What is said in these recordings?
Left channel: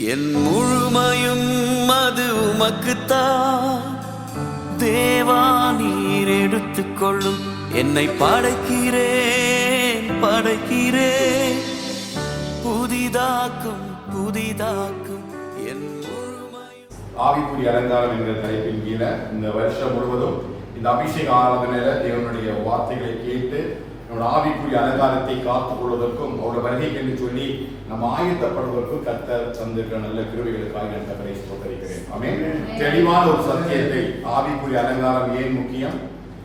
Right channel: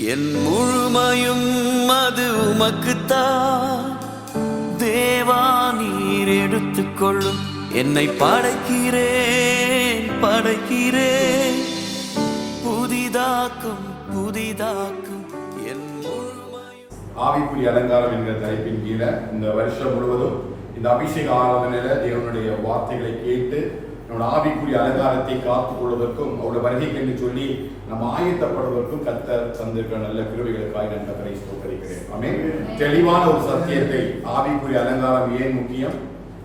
என் முழுமையும் அது உமக்குத்தான் தேவா, நீர் எடுத்துக்கொள்ளும். என்னை படைக்கிறேன் புதிதாக்கும் என் முழுமையும். ஆவிக்குரிய அலங்காரம் என்கிற தலைப்பின் கீழே இந்த வருஷம் முழுவதும் இந்த அபிஷேக ஆராதனையில தேவனுடைய வார்த்தைகளை கேட்டு நம்முடைய ஆவிக்குரிய அலங்காரத்தை காத்துக் கொள்வதற்கும் அவருடைய வருகைக்கு என்று சொல்லி நம்ம ஆயத்தப்படுவதற்கும் கர்த்தர் தந்திருக்கிற நல்ல கிருபைகளுக்காக நான் கர்த்தரை ஸ்தோத்திரிக்கிறேன். ஆமென். தெளிவான ஒரு சத்தியத்தை, ஆவிக்குரிய அலங்காரம் ஏன் முக்கியம்,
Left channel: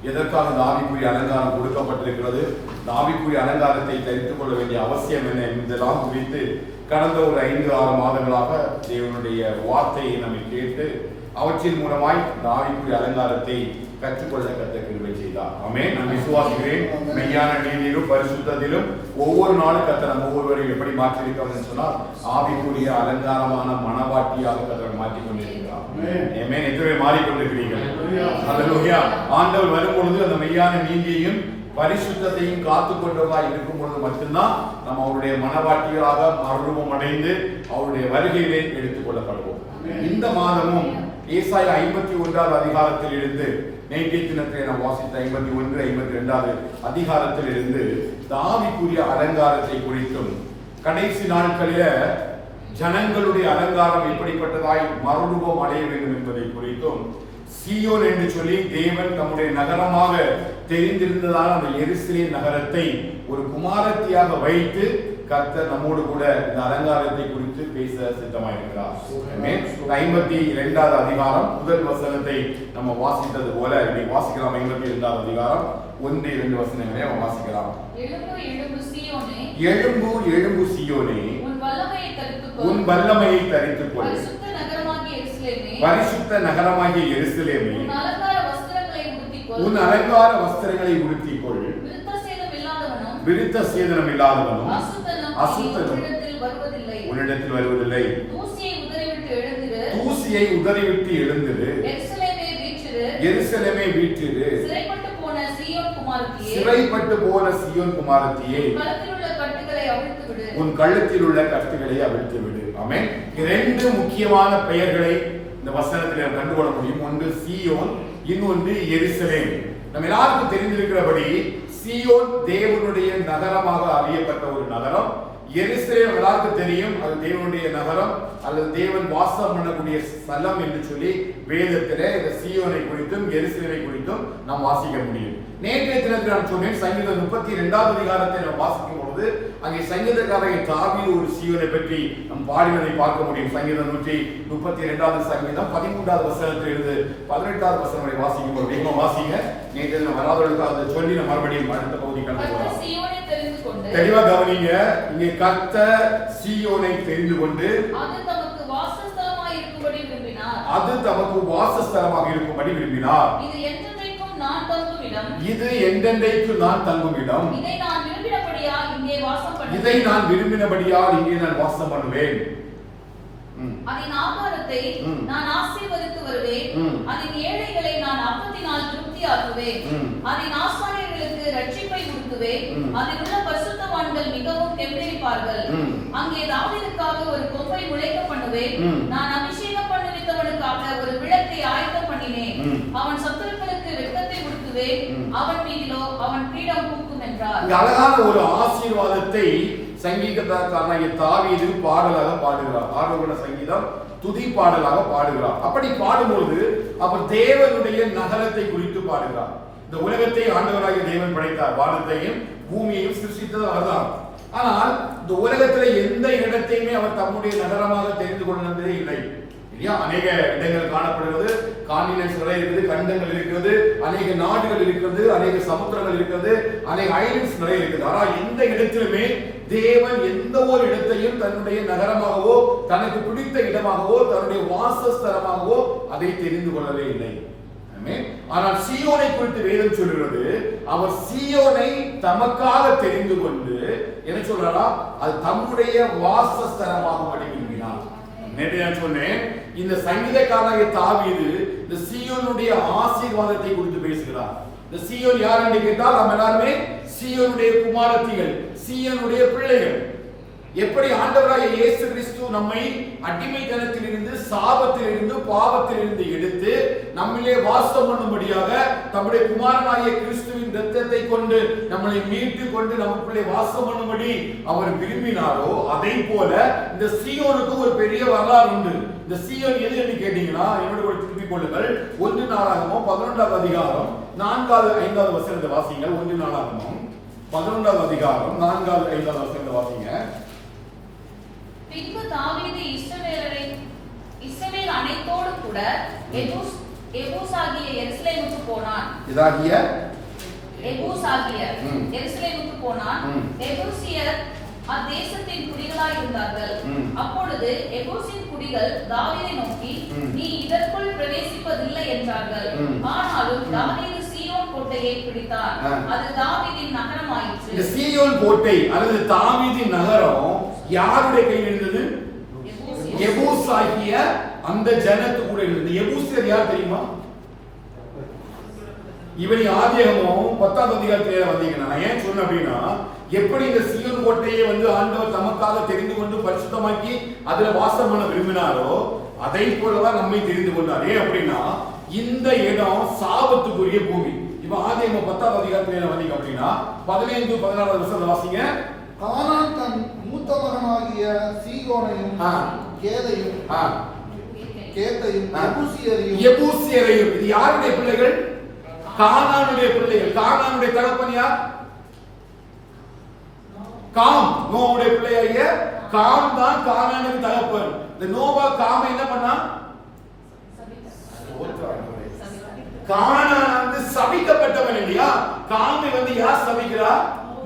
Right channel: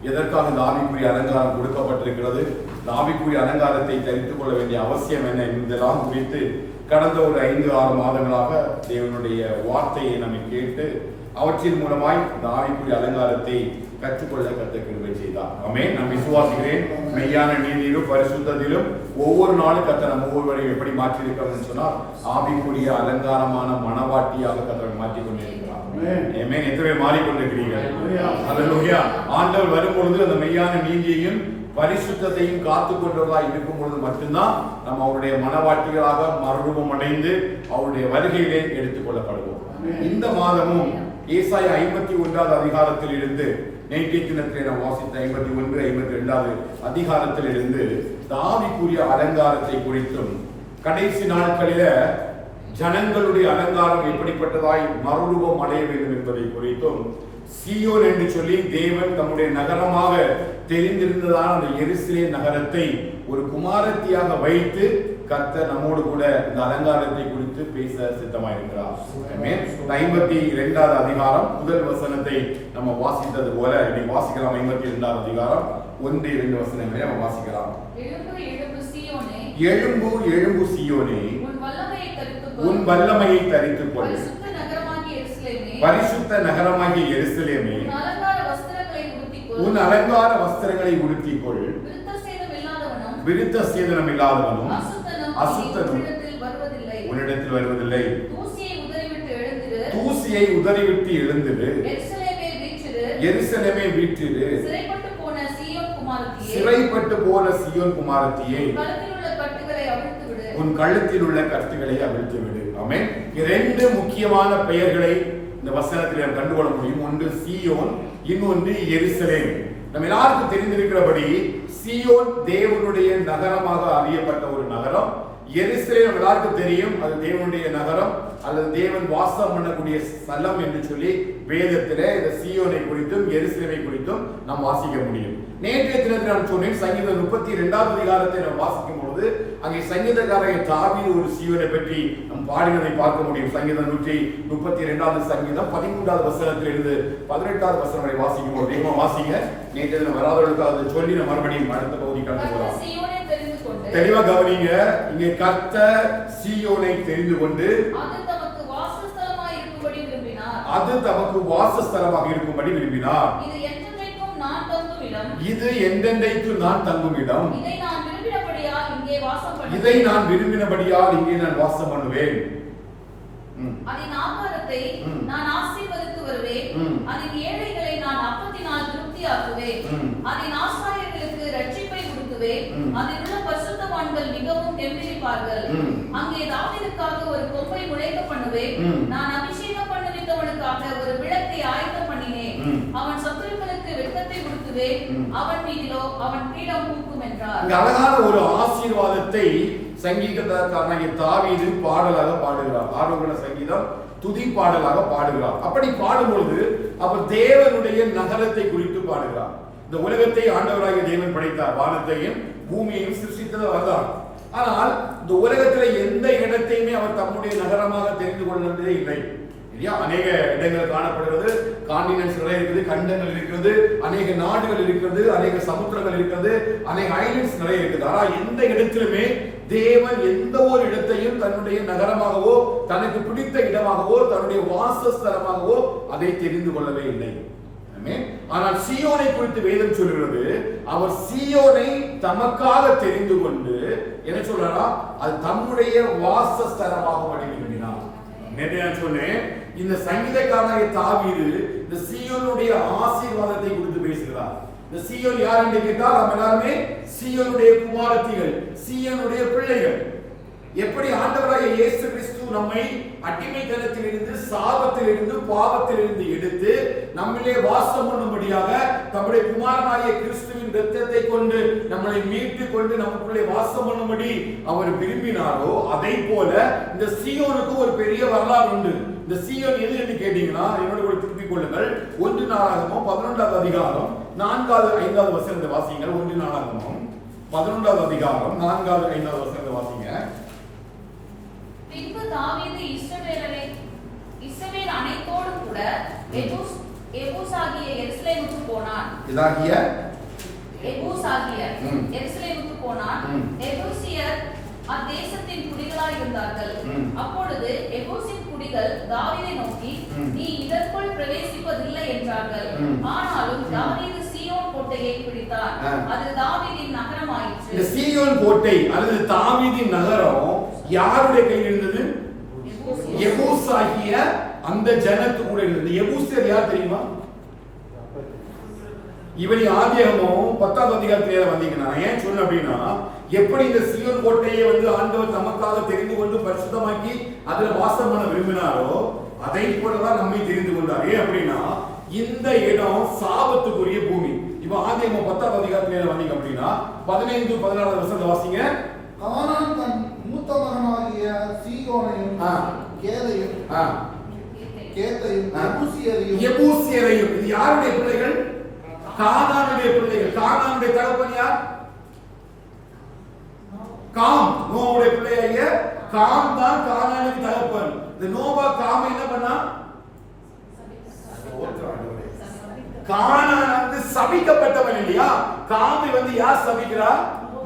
எதற்காக இந்த ஆவிக்குரிய அலங்காரம் கொடுக்கப்பட்டிருக்கிறது, இந்த ஆவிக்குரிய அலங்காரத்தை தரித்துக் கொள்ள வேண்டிய அவசியம் என்ன என்பதெல்லாம் குறித்து கடந்த ஒரு 5-6 மாதங்களாக தேவனுடைய வார்த்தையை நம்மை கேட்டு அவற்றின் மூலமாய் இந்த ஆவிக்குரிய அலங்காரத்தை கற்றுக்கொள்ள கர்த்தர் கிருபை செய்தார். ஆமென். நான் விசுவாசிக்கிறேன், மெய்யான நீதியிலும் பரிசுத்தத்திலும் ஒவ்வொரு நாளும் கர்த்தர் நம்ம ஒவ்வொருவரையும் எப்படி மாற்றியிருக்கிறோம்னு சொன்னால் ஆவிக்குரிய அலங்காரமான மனவாட்டியாக கர்த்தர் மாற்றிக் கொண்டிருக்கிறார். ஆமென். எத்தனை பேர் மாறிக்கொண்டிருக்கிறீர்கள்? ஹல்லேலூயா. ஆண்டவர் வரும் பொழுது அந்த மெய்யான நீதியையும் பரிசுத்தத்தையும் காத்துக் கொண்டவர்களாக இருக்கும் பொழுது மட்டும்தான் நம்ம அவருடைய மனவாட்டிகளாக மறுரூபம் அடைந்து அவருடைய வருகையிலே எடுத்துக் கொள்ளப்படுவோம். இந்த மாதமும் ஏசாயா 51வது அதிகாரத்தில் இருந்து நேற்றைய தினத்திலே நாம் வாசித்த 51, 52வது அதிகாரத்தில் இருந்து ஆவிக்குரிய அலங்காரத்தை குறித்தும் கடைசி நாட்களில ஜனங்களுடைய அலங்காரம் எப்படிப்பட்டதாய் மறுரூபம் அடைய வேண்டும் என்பதை குறித்தும் சீயோன் என்று சொல்லி தேவன் தம்முடைய நகரமாக தெரிந்திருந்ததான அந்த எருசலேம் நகரத்தை ஒரு குமாரத்தியாக வைத்து கர்த்தர் நம்மோடு கூட இந்த அலங்காரத்தை குறித்து பேச சித்தமாயிருக்கிறார். 52வது அதிகாரம் முதல் வசனத்தை நம்ம வாசித்தது போல இன்னைக்கு வாசிக்கலாம். 52வது அதிகாரம் 1-2 வசனங்களை நம்ம வாசிக்கலாம். எழும்பு எழும்பு சீயோனே, உன் வல்லமையை தரித்துக் கொள். பரிசுத்த நகரமாகிய எருசலேமே, உன் அலங்கார வஸ்திரங்களை உடுத்திக் கொள். விருத்த சேதனம் இல்லாதவனும் அசுத்தனும் உன்னிடத்தில் வருவதில்லை. தூசியை உதறிவிட்டு எழுந்திரு, எருசலேமே வீற்றிரு. சிறைப்பட்டு போன சீயோன் குமாரத்தியே, உன் கழுத்தில் உள்ள கட்டுகளை அவிழ்த்து விடு. ஆமென். இரண்டு முக்கியமான பெயர்களை இந்த வசனத்தில் நாம் கண்டுகொள்ள முடியும். ஒன்று சீயோன், இன்னொன்று எருசலேம். நம்ம எல்லாருக்கும் தெரிந்திருக்கிறபடி சீயோன் தேவனுடைய நகரமாக அறியப்பட்ட ஒரு நகரம். எருசலேம் எல்லாருக்கும் தெரியும், அது தேவனுடைய நகரம் அல்லது தேவன் வாசம் பண்ணக்கூடிய ஸ்தலம் என்று சொல்லி வேதத்திலே இந்த சீயோனை குறித்தும் எருசலேமை குறித்தும் நாம் வாசிக்க முடியும். நேற்றைய தினத்தில் நான் சொன்னேன், சங்கீதம் 32வது அதிகாரத்தை நாம் வாசிக்கும் பொழுது அங்கே சங்கீதக்காரன் தாவீது ஒரு சீயோனை பற்றி நாம் பாடினதை பார்க்க முடியும். சங்கீதம் 132வது சங்கீதம் 13வது வசனத்தில் இருந்து 18வது வசனம் வரை வாசிக்கும் போது வேகமா வாசிங்க. நேற்றைய தினம் வராதவர்களுக்கு சொல்லி நம்ம மறுபடியும் அடுத்த பகுதி கடந்து போகலாம். தெளிவா கவனிங்க. இங்கே கர்த்தர் சீயோனை தெரிந்து கொண்டு அது தமக்கு வாசஸ்தலமாக இருக்கும்படி விரும்பினார். இது என்றென்றைக்கு நான் தங்கும் இடம். இதை நான் விரும்பினபடியால் இங்கே நான் வாசம் பண்ணுவேன். அதன் ஆகாரத்தை நான் ஆசீர்வதித்து வருவேன். அதன் ஏழைகளை நான் அப்பத்தினால் திருப்தியாக்குவேன். அதன் ஆசாரியர்களுக்கு ரட்சிப்பை கொடுத்துவேன். அதில் உள்ள பரிசுத்தவான்கள் மிகவும் கெம்பீரிப்பார்கள். அங்கே தாவீதுக்காக ஒரு கொம்பை முளைக்க பண்ணுவேன். நான் அபிஷேகம் பண்ணுவித்தவனுக்காக ஒரு விளக்கை ஆயத்தம் பண்ணினேன். அவன் சத்துருக்களுக்கு வெட்கத்தை கொடுத்துவேன். அவன் மீதிலோ அவன் பீடம் பூக்கும் என்றார். அழகான ஒரு ஆசீர்வாதத்தை சங்கீதக்காரனாகிய தாவீது பாடலாக பாடுகிறார். ஆரோகண சங்கீதம் துதி பாடலாக பாடுகிறார். அப்படி பாடும்போது அவர் தேவனுடைய நகரத்தை குறித்து பாடுகிறார். இந்த உலகத்தை ஆண்டவராகிய தேவன் படைத்தார், வானத்தையும் பூமியையும் சிருஷ்டித்தது அவர்தான். ஆனால் இந்த உலகத்தில் எந்த இடத்தையுமே அவர் தம்முடைய நகரமாக தெரிந்து கொண்டதே இல்லை. அநேக இடங்கள் காணப்படுகிறது, கான்டினென்ட்ஸ் நிறைய இருக்குது, கண்டங்கள் இருக்கிறது, அநேக நாடுகள் இருக்கிறது, அநேக சமுத்திரங்கள் இருக்கிறது, அநேக ஐலண்ட்ஸ் நிறைய இருக்குது. ஆனால் எந்த இடத்திலுமே தேவன் எந்த ஒரு இடத்தையும் தன்னுடைய நகரமாகவோ தனக்கு பிடித்த இடமாகவோ தன்னுடைய வாசஸ்தலமாகவோ அதை தெரிந்து கொள்ளவே இல்லை. ஆனால் சீயோனை குறித்து வேதம் சொல்கிறது, அவர் சீயோனை தமக்காக தெரிந்து கொண்டு என்ன சொல்றாரா, அது தம்முடைய வாசஸ்தலமாக விரும்பினார். நேற்று நான் சொன்னேன், இந்த சங்கீதக்காரனாகிய தாவீது இந்த சீயோனுடைய ஆசீர்வாதத்தை குறித்து பேசுகிறார். இந்த சீயோன் யார் என்று கேட்டால் நம்ம எல்லாருமே சீயோனுடைய குமாரத்திகள், சீயோனுடைய பிள்ளைகள். எப்படி ஆண்டவராகிய இயேசு கிறிஸ்து நம்மை அடிமைத்தனத்திலிருந்து, சாபத்திலிருந்து, பாவத்திலிருந்து எடுத்து நம்மிலே வாசம் பண்ணும்படியாக தம்முடைய குமாரனாகிய கிறிஸ்துவின் இரத்தத்தை கொண்டு நம்மளை மீட்டு கொண்டு நமக்குள்ளே வாசம் பண்ணும்படி அவர் விரும்பினாரோ, அதை போல இந்த சீயோனுக்கு ஒரு பெரிய வரலாறு உண்டு. இந்த சீயோன் எது என்று கேட்டீங்கன்னா, என்னோட கூட திருப்பிக் கொள்ளுங்கள். 1 நாளாகமம் 11வது அதிகாரம் 4வது 5வது வசனத்தை வாசிங்கள். 1 நாளாகமம் 11வது அதிகாரம் 4வது 5வது வசனத்தை வாசிங்க. பின்பு தாவீது இஸ்ரவேல் அனைத்தோடு கூட எபூசாகிய எருசலேமுக்கு போனான். எருசலேமுக்கு போனான். எபூசியர் அத்தேசத்தின் குடிகளாய் இருந்தார்கள். அப்பொழுது எபூசின் குடிகள் தாவீதை நோக்கி, நீ இதற்குள் பிரவேசிப்பதில்லை என்றார்கள். ஆனாலும் தாவீது சீயோன் கோட்டையை பிடித்தார். அது தாவீதின் நகரமாயிற்று. இந்த சீயோன் கோட்டை அல்லது தாவீதின் நகரம் யாருடைய கையில் இருந்தது? எபூசாகிய அந்த ஜனத்து கூட இருந்தது. எபூசியர் யார் தெரியுமா? இவனி ஆதியாகமம் 10வது அதிகாரத்திலே வந்தீங்கன்னா, ஏன் சொல்ல அப்படின்னா, எப்படி இந்த சீயோன் கோட்டையை ஆண்டவர் தமக்காக தெரிந்து கொண்டு பரிசுத்தமாக்கி அதுல வாசம் பண்ண விரும்பினாரோ, அதை போலதான் நம்மை தெரிந்து கொண்டார். ஏன் அப்படின்னா, இந்த இடம் சாபத்துக்குரிய பூமி. இப்ப ஆதியாகமம் 10வது அதிகாரத்திலே வந்தீங்க அப்படின்னா 15 16வது வசனத்தை வாசிங்க. கானான் தன் மூத்த மகனாகிய சீயோனையும் கேதையும் எபூசியரையும், இது யாருடைய பிள்ளைகள்? கானானுடைய பிள்ளைகள். கானானுடைய தகப்பன் யார்? காம். நோவுடைய பிள்ளையாகிய காம் தான் கானானுக்கு தகப்பன். இந்த நோவா காம என்ன பண்ணா? கானான் சபிக்கப்பட்டவன் இல்லையா? காமி யார் சபிக்கிறா?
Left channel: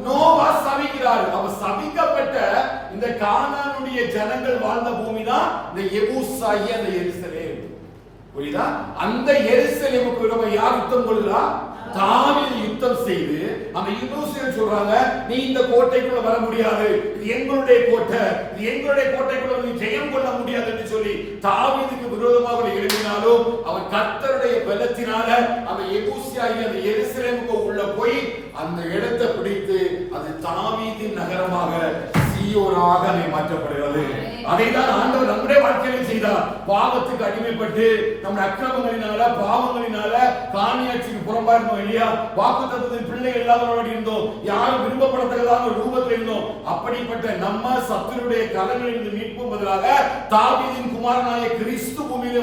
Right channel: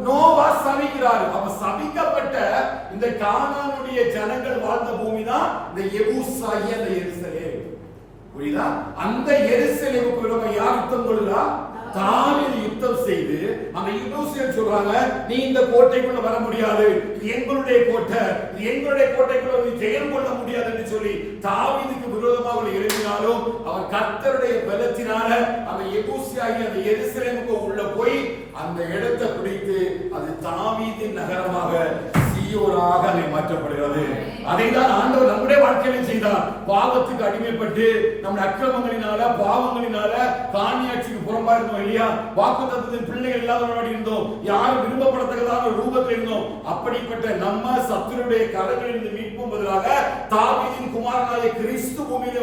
நோவா சபிக்கிறார். அவ சபிக்கப்பட்ட இந்த கானானுடைய ஜனங்கள் வாழ்ந்த பூமி தான் இந்த எபூசாகிய அந்த எருசலேம். புரியுதா? அந்த எருசலேமுக்கு நம்ம யார் யுத்தம் கொள்ளுறா? தாவீது யுத்தம் செய்து அந்த எபூசியர் சொல்றாங்க, நீ இந்த கோட்டைக்குள்ள வர முடியாது, இது எங்களுடைய கோட்டை, இது எங்களுடைய கோட்டைக்குள்ள நீ ஜெயம் கொள்ள முடியாது என்று சொல்லி தாவீதுக்கு விரோதமாக எழுப்பினாலும் அவர் கர்த்தருடைய பலத்தினால அந்த எபூசியாகிய அந்த எருசலேமுக்கு உள்ள போய் அந்த இடத்தை பிடித்து அது தாவீதின் நகரமாக சீயோனாக அதை மாற்றப்படுகிறது. அதைதான் ஆண்டவர் நம்முடைய வாழ்க்கையிலும் செய்தார். பாவத்துக்கு அடிமைப்பட்டு நம்முடைய அக்கிரமங்களினால, பாவங்களினால, காணியாட்சிக்கு புறம்பா இருந்தோம் இல்லையா? வாக்குத்தத்தத்தின் பிள்ளைகள் இல்லாதவர்களாக இருந்தோம். யாரும் விரும்பப்படத்தக்கதான ரூபத்தில் இருந்தோம். அப்படிப்பட்ட நம்ம சத்துருடைய கரங்களிலிருந்து மீட்பும் பதிலாக தாவீதின் குமாரனாகிய கிறிஸ்து பூமியில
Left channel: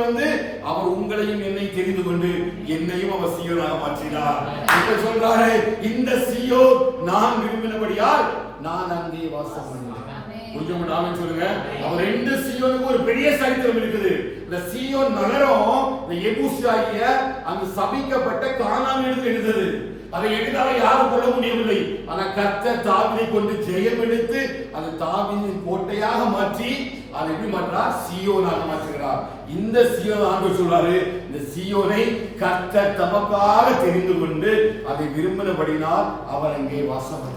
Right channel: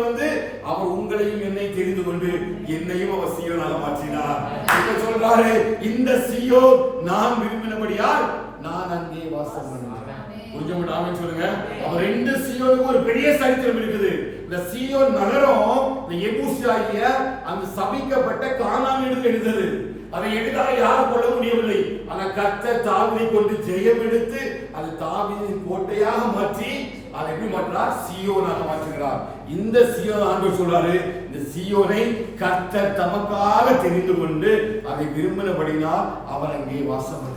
அவர் உங்களையும் என்னை தெரிந்து கொண்டு என்னையும் அவர் சீயோனாக மாற்றினார். இப்ப சொல்றாரு, இந்த சீயோன் நான் விரும்பினபடியால் நான் அங்கே வாசம் பண்ணேன். புரிஞ்சுங்க, ஆமென் சொல்லுங்க. அவர் ரெண்டு சீயோனுக்கு ஒரு பெரிய சரித்திரம் இருக்குது. இந்த சீயோன் நகரம் இந்த எபூசியாகிய அந்த சபிக்கப்பட்ட கானானியருக்கு இருந்தது. அதை எடுத்தால யாரும் கொள்ள முடியவில்லை. ஆனால் கர்த்தர் தாவீதை கொண்டு ஜெயம் எடுத்து அது தாவீதின் கோட்டையாக மாற்றி அதை எப்படி மாற்றார்? சீயோனாக மாற்றுகிறார். இந்த சீயோன் ஆண்டவர் சொல்றாரு, இந்த சீயோனை கர்த்தர் தமக்காக தெரிந்து கொண்டு அதை விரும்பினபடினால் அவர் அங்கே வாசம் பண்ணுகிறார்.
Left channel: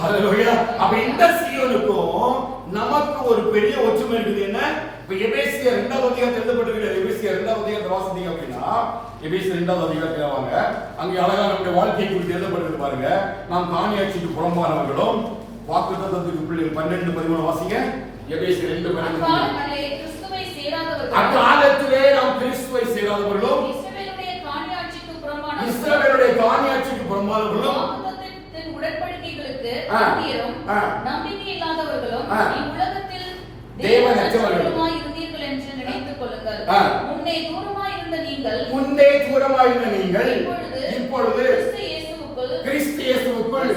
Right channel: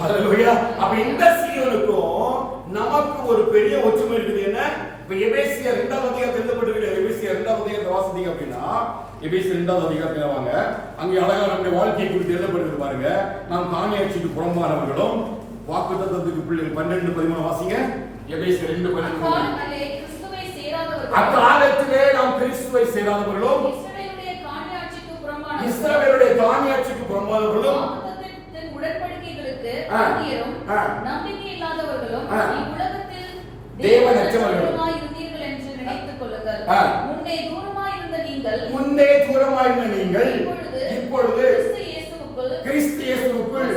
ஹல்லேலூயா. அப்ப இந்த சீயோனுக்கும் நமக்கு ஒரு பெரிய ஒற்றுமை இருக்குது. என்ன? இப்ப எபேசியர் 2வது அதிகாரத்தில் எழுதப்பட்டிருக்கிற எபேசியர் 2வது அதிகாரத்தை வாசித்தீங்க அப்படின்னா, எபேசியர் 2வது அதிகாரத்தில் வாங்க, அங்கே அழகா நம்முடைய வாழ்க்கையை குறித்து எழுதப்பட்டிருக்கு பாருங்க. நாம் காணியாட்சிக்கு புறம்பானவர்களும் வாக்குத்தத்தத்துக்கு பிள்ளைகள் 12:13 வாசிங்க. எபேசியர் 2:12. அக்காலத்திலே நாம் கிறிஸ்துவை சேராதவர்களும் இஸ்ரவேலுடைய காணியாட்சிக்கு புறம்பானவர்களும் நம்பிக்கை இல்லாதவர்களும் உலகத்தில் தேவனற்றவர்களும் இருந்தீர்கள் என்று நினைத்துக் கொள்ளுங்கள். முன்னே தூரமாயிருந்த நீங்கள் இப்பொழுது கிறிஸ்து இயேசுவுக்குள்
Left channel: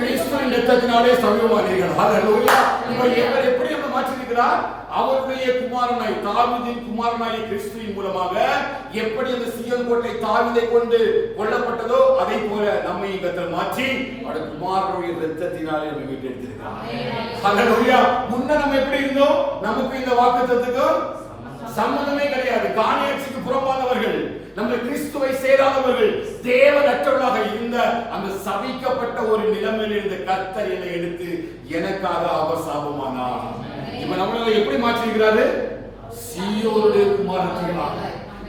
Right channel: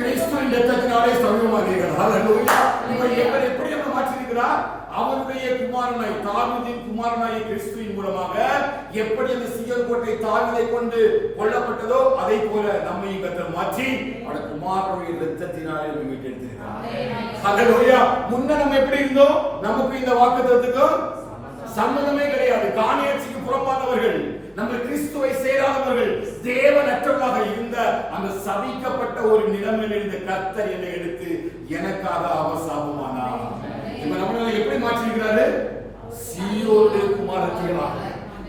கிறிஸ்துவின் இரத்தத்தினாலே சமீபமானீர்கள். ஹல்லேலூயா. இவர் எப்படி நம்ம மாற்றிருக்கிறார்? அவருடைய குமாரனாய் தாவீதின் குமாரனாய் கிறிஸ்துவின் மூலமாக எப்படி அந்த சீயோன் கோட்டை தாவீதை கொண்டு கொல்லப்பட்டதோ அதை போல நம்மை கர்த்தர் மாற்றி அவருடைய குமாரனுடைய இரத்தத்தினாலே நம்மை மீட்டெடுத்திருக்கிறார். ஹல்லேலூயா. முன்ன நம்ம எப்படி இருந்தோம்? நமக்கு இந்த வாக்குத்தத்தத்துக்கும் சம்பந்தமே கிடையாது. காணியாட்சிக்கு புறம்பானவர்கள், நம்ம கிறிஸ்துவை சேராதவர்கள், தேவனற்றவர்களாக இருந்த அந்த சபிக்கப்பட்ட ஒரு நிலைமையில் இருந்த கர்த்தர் என்னை எடுத்து எனக்காக அவர் சாபமானார். இப்ப நம்மளை எப்படி மாற்றிருக்கிறாரு? சீயோனுடைய குமாரத்திகளாக.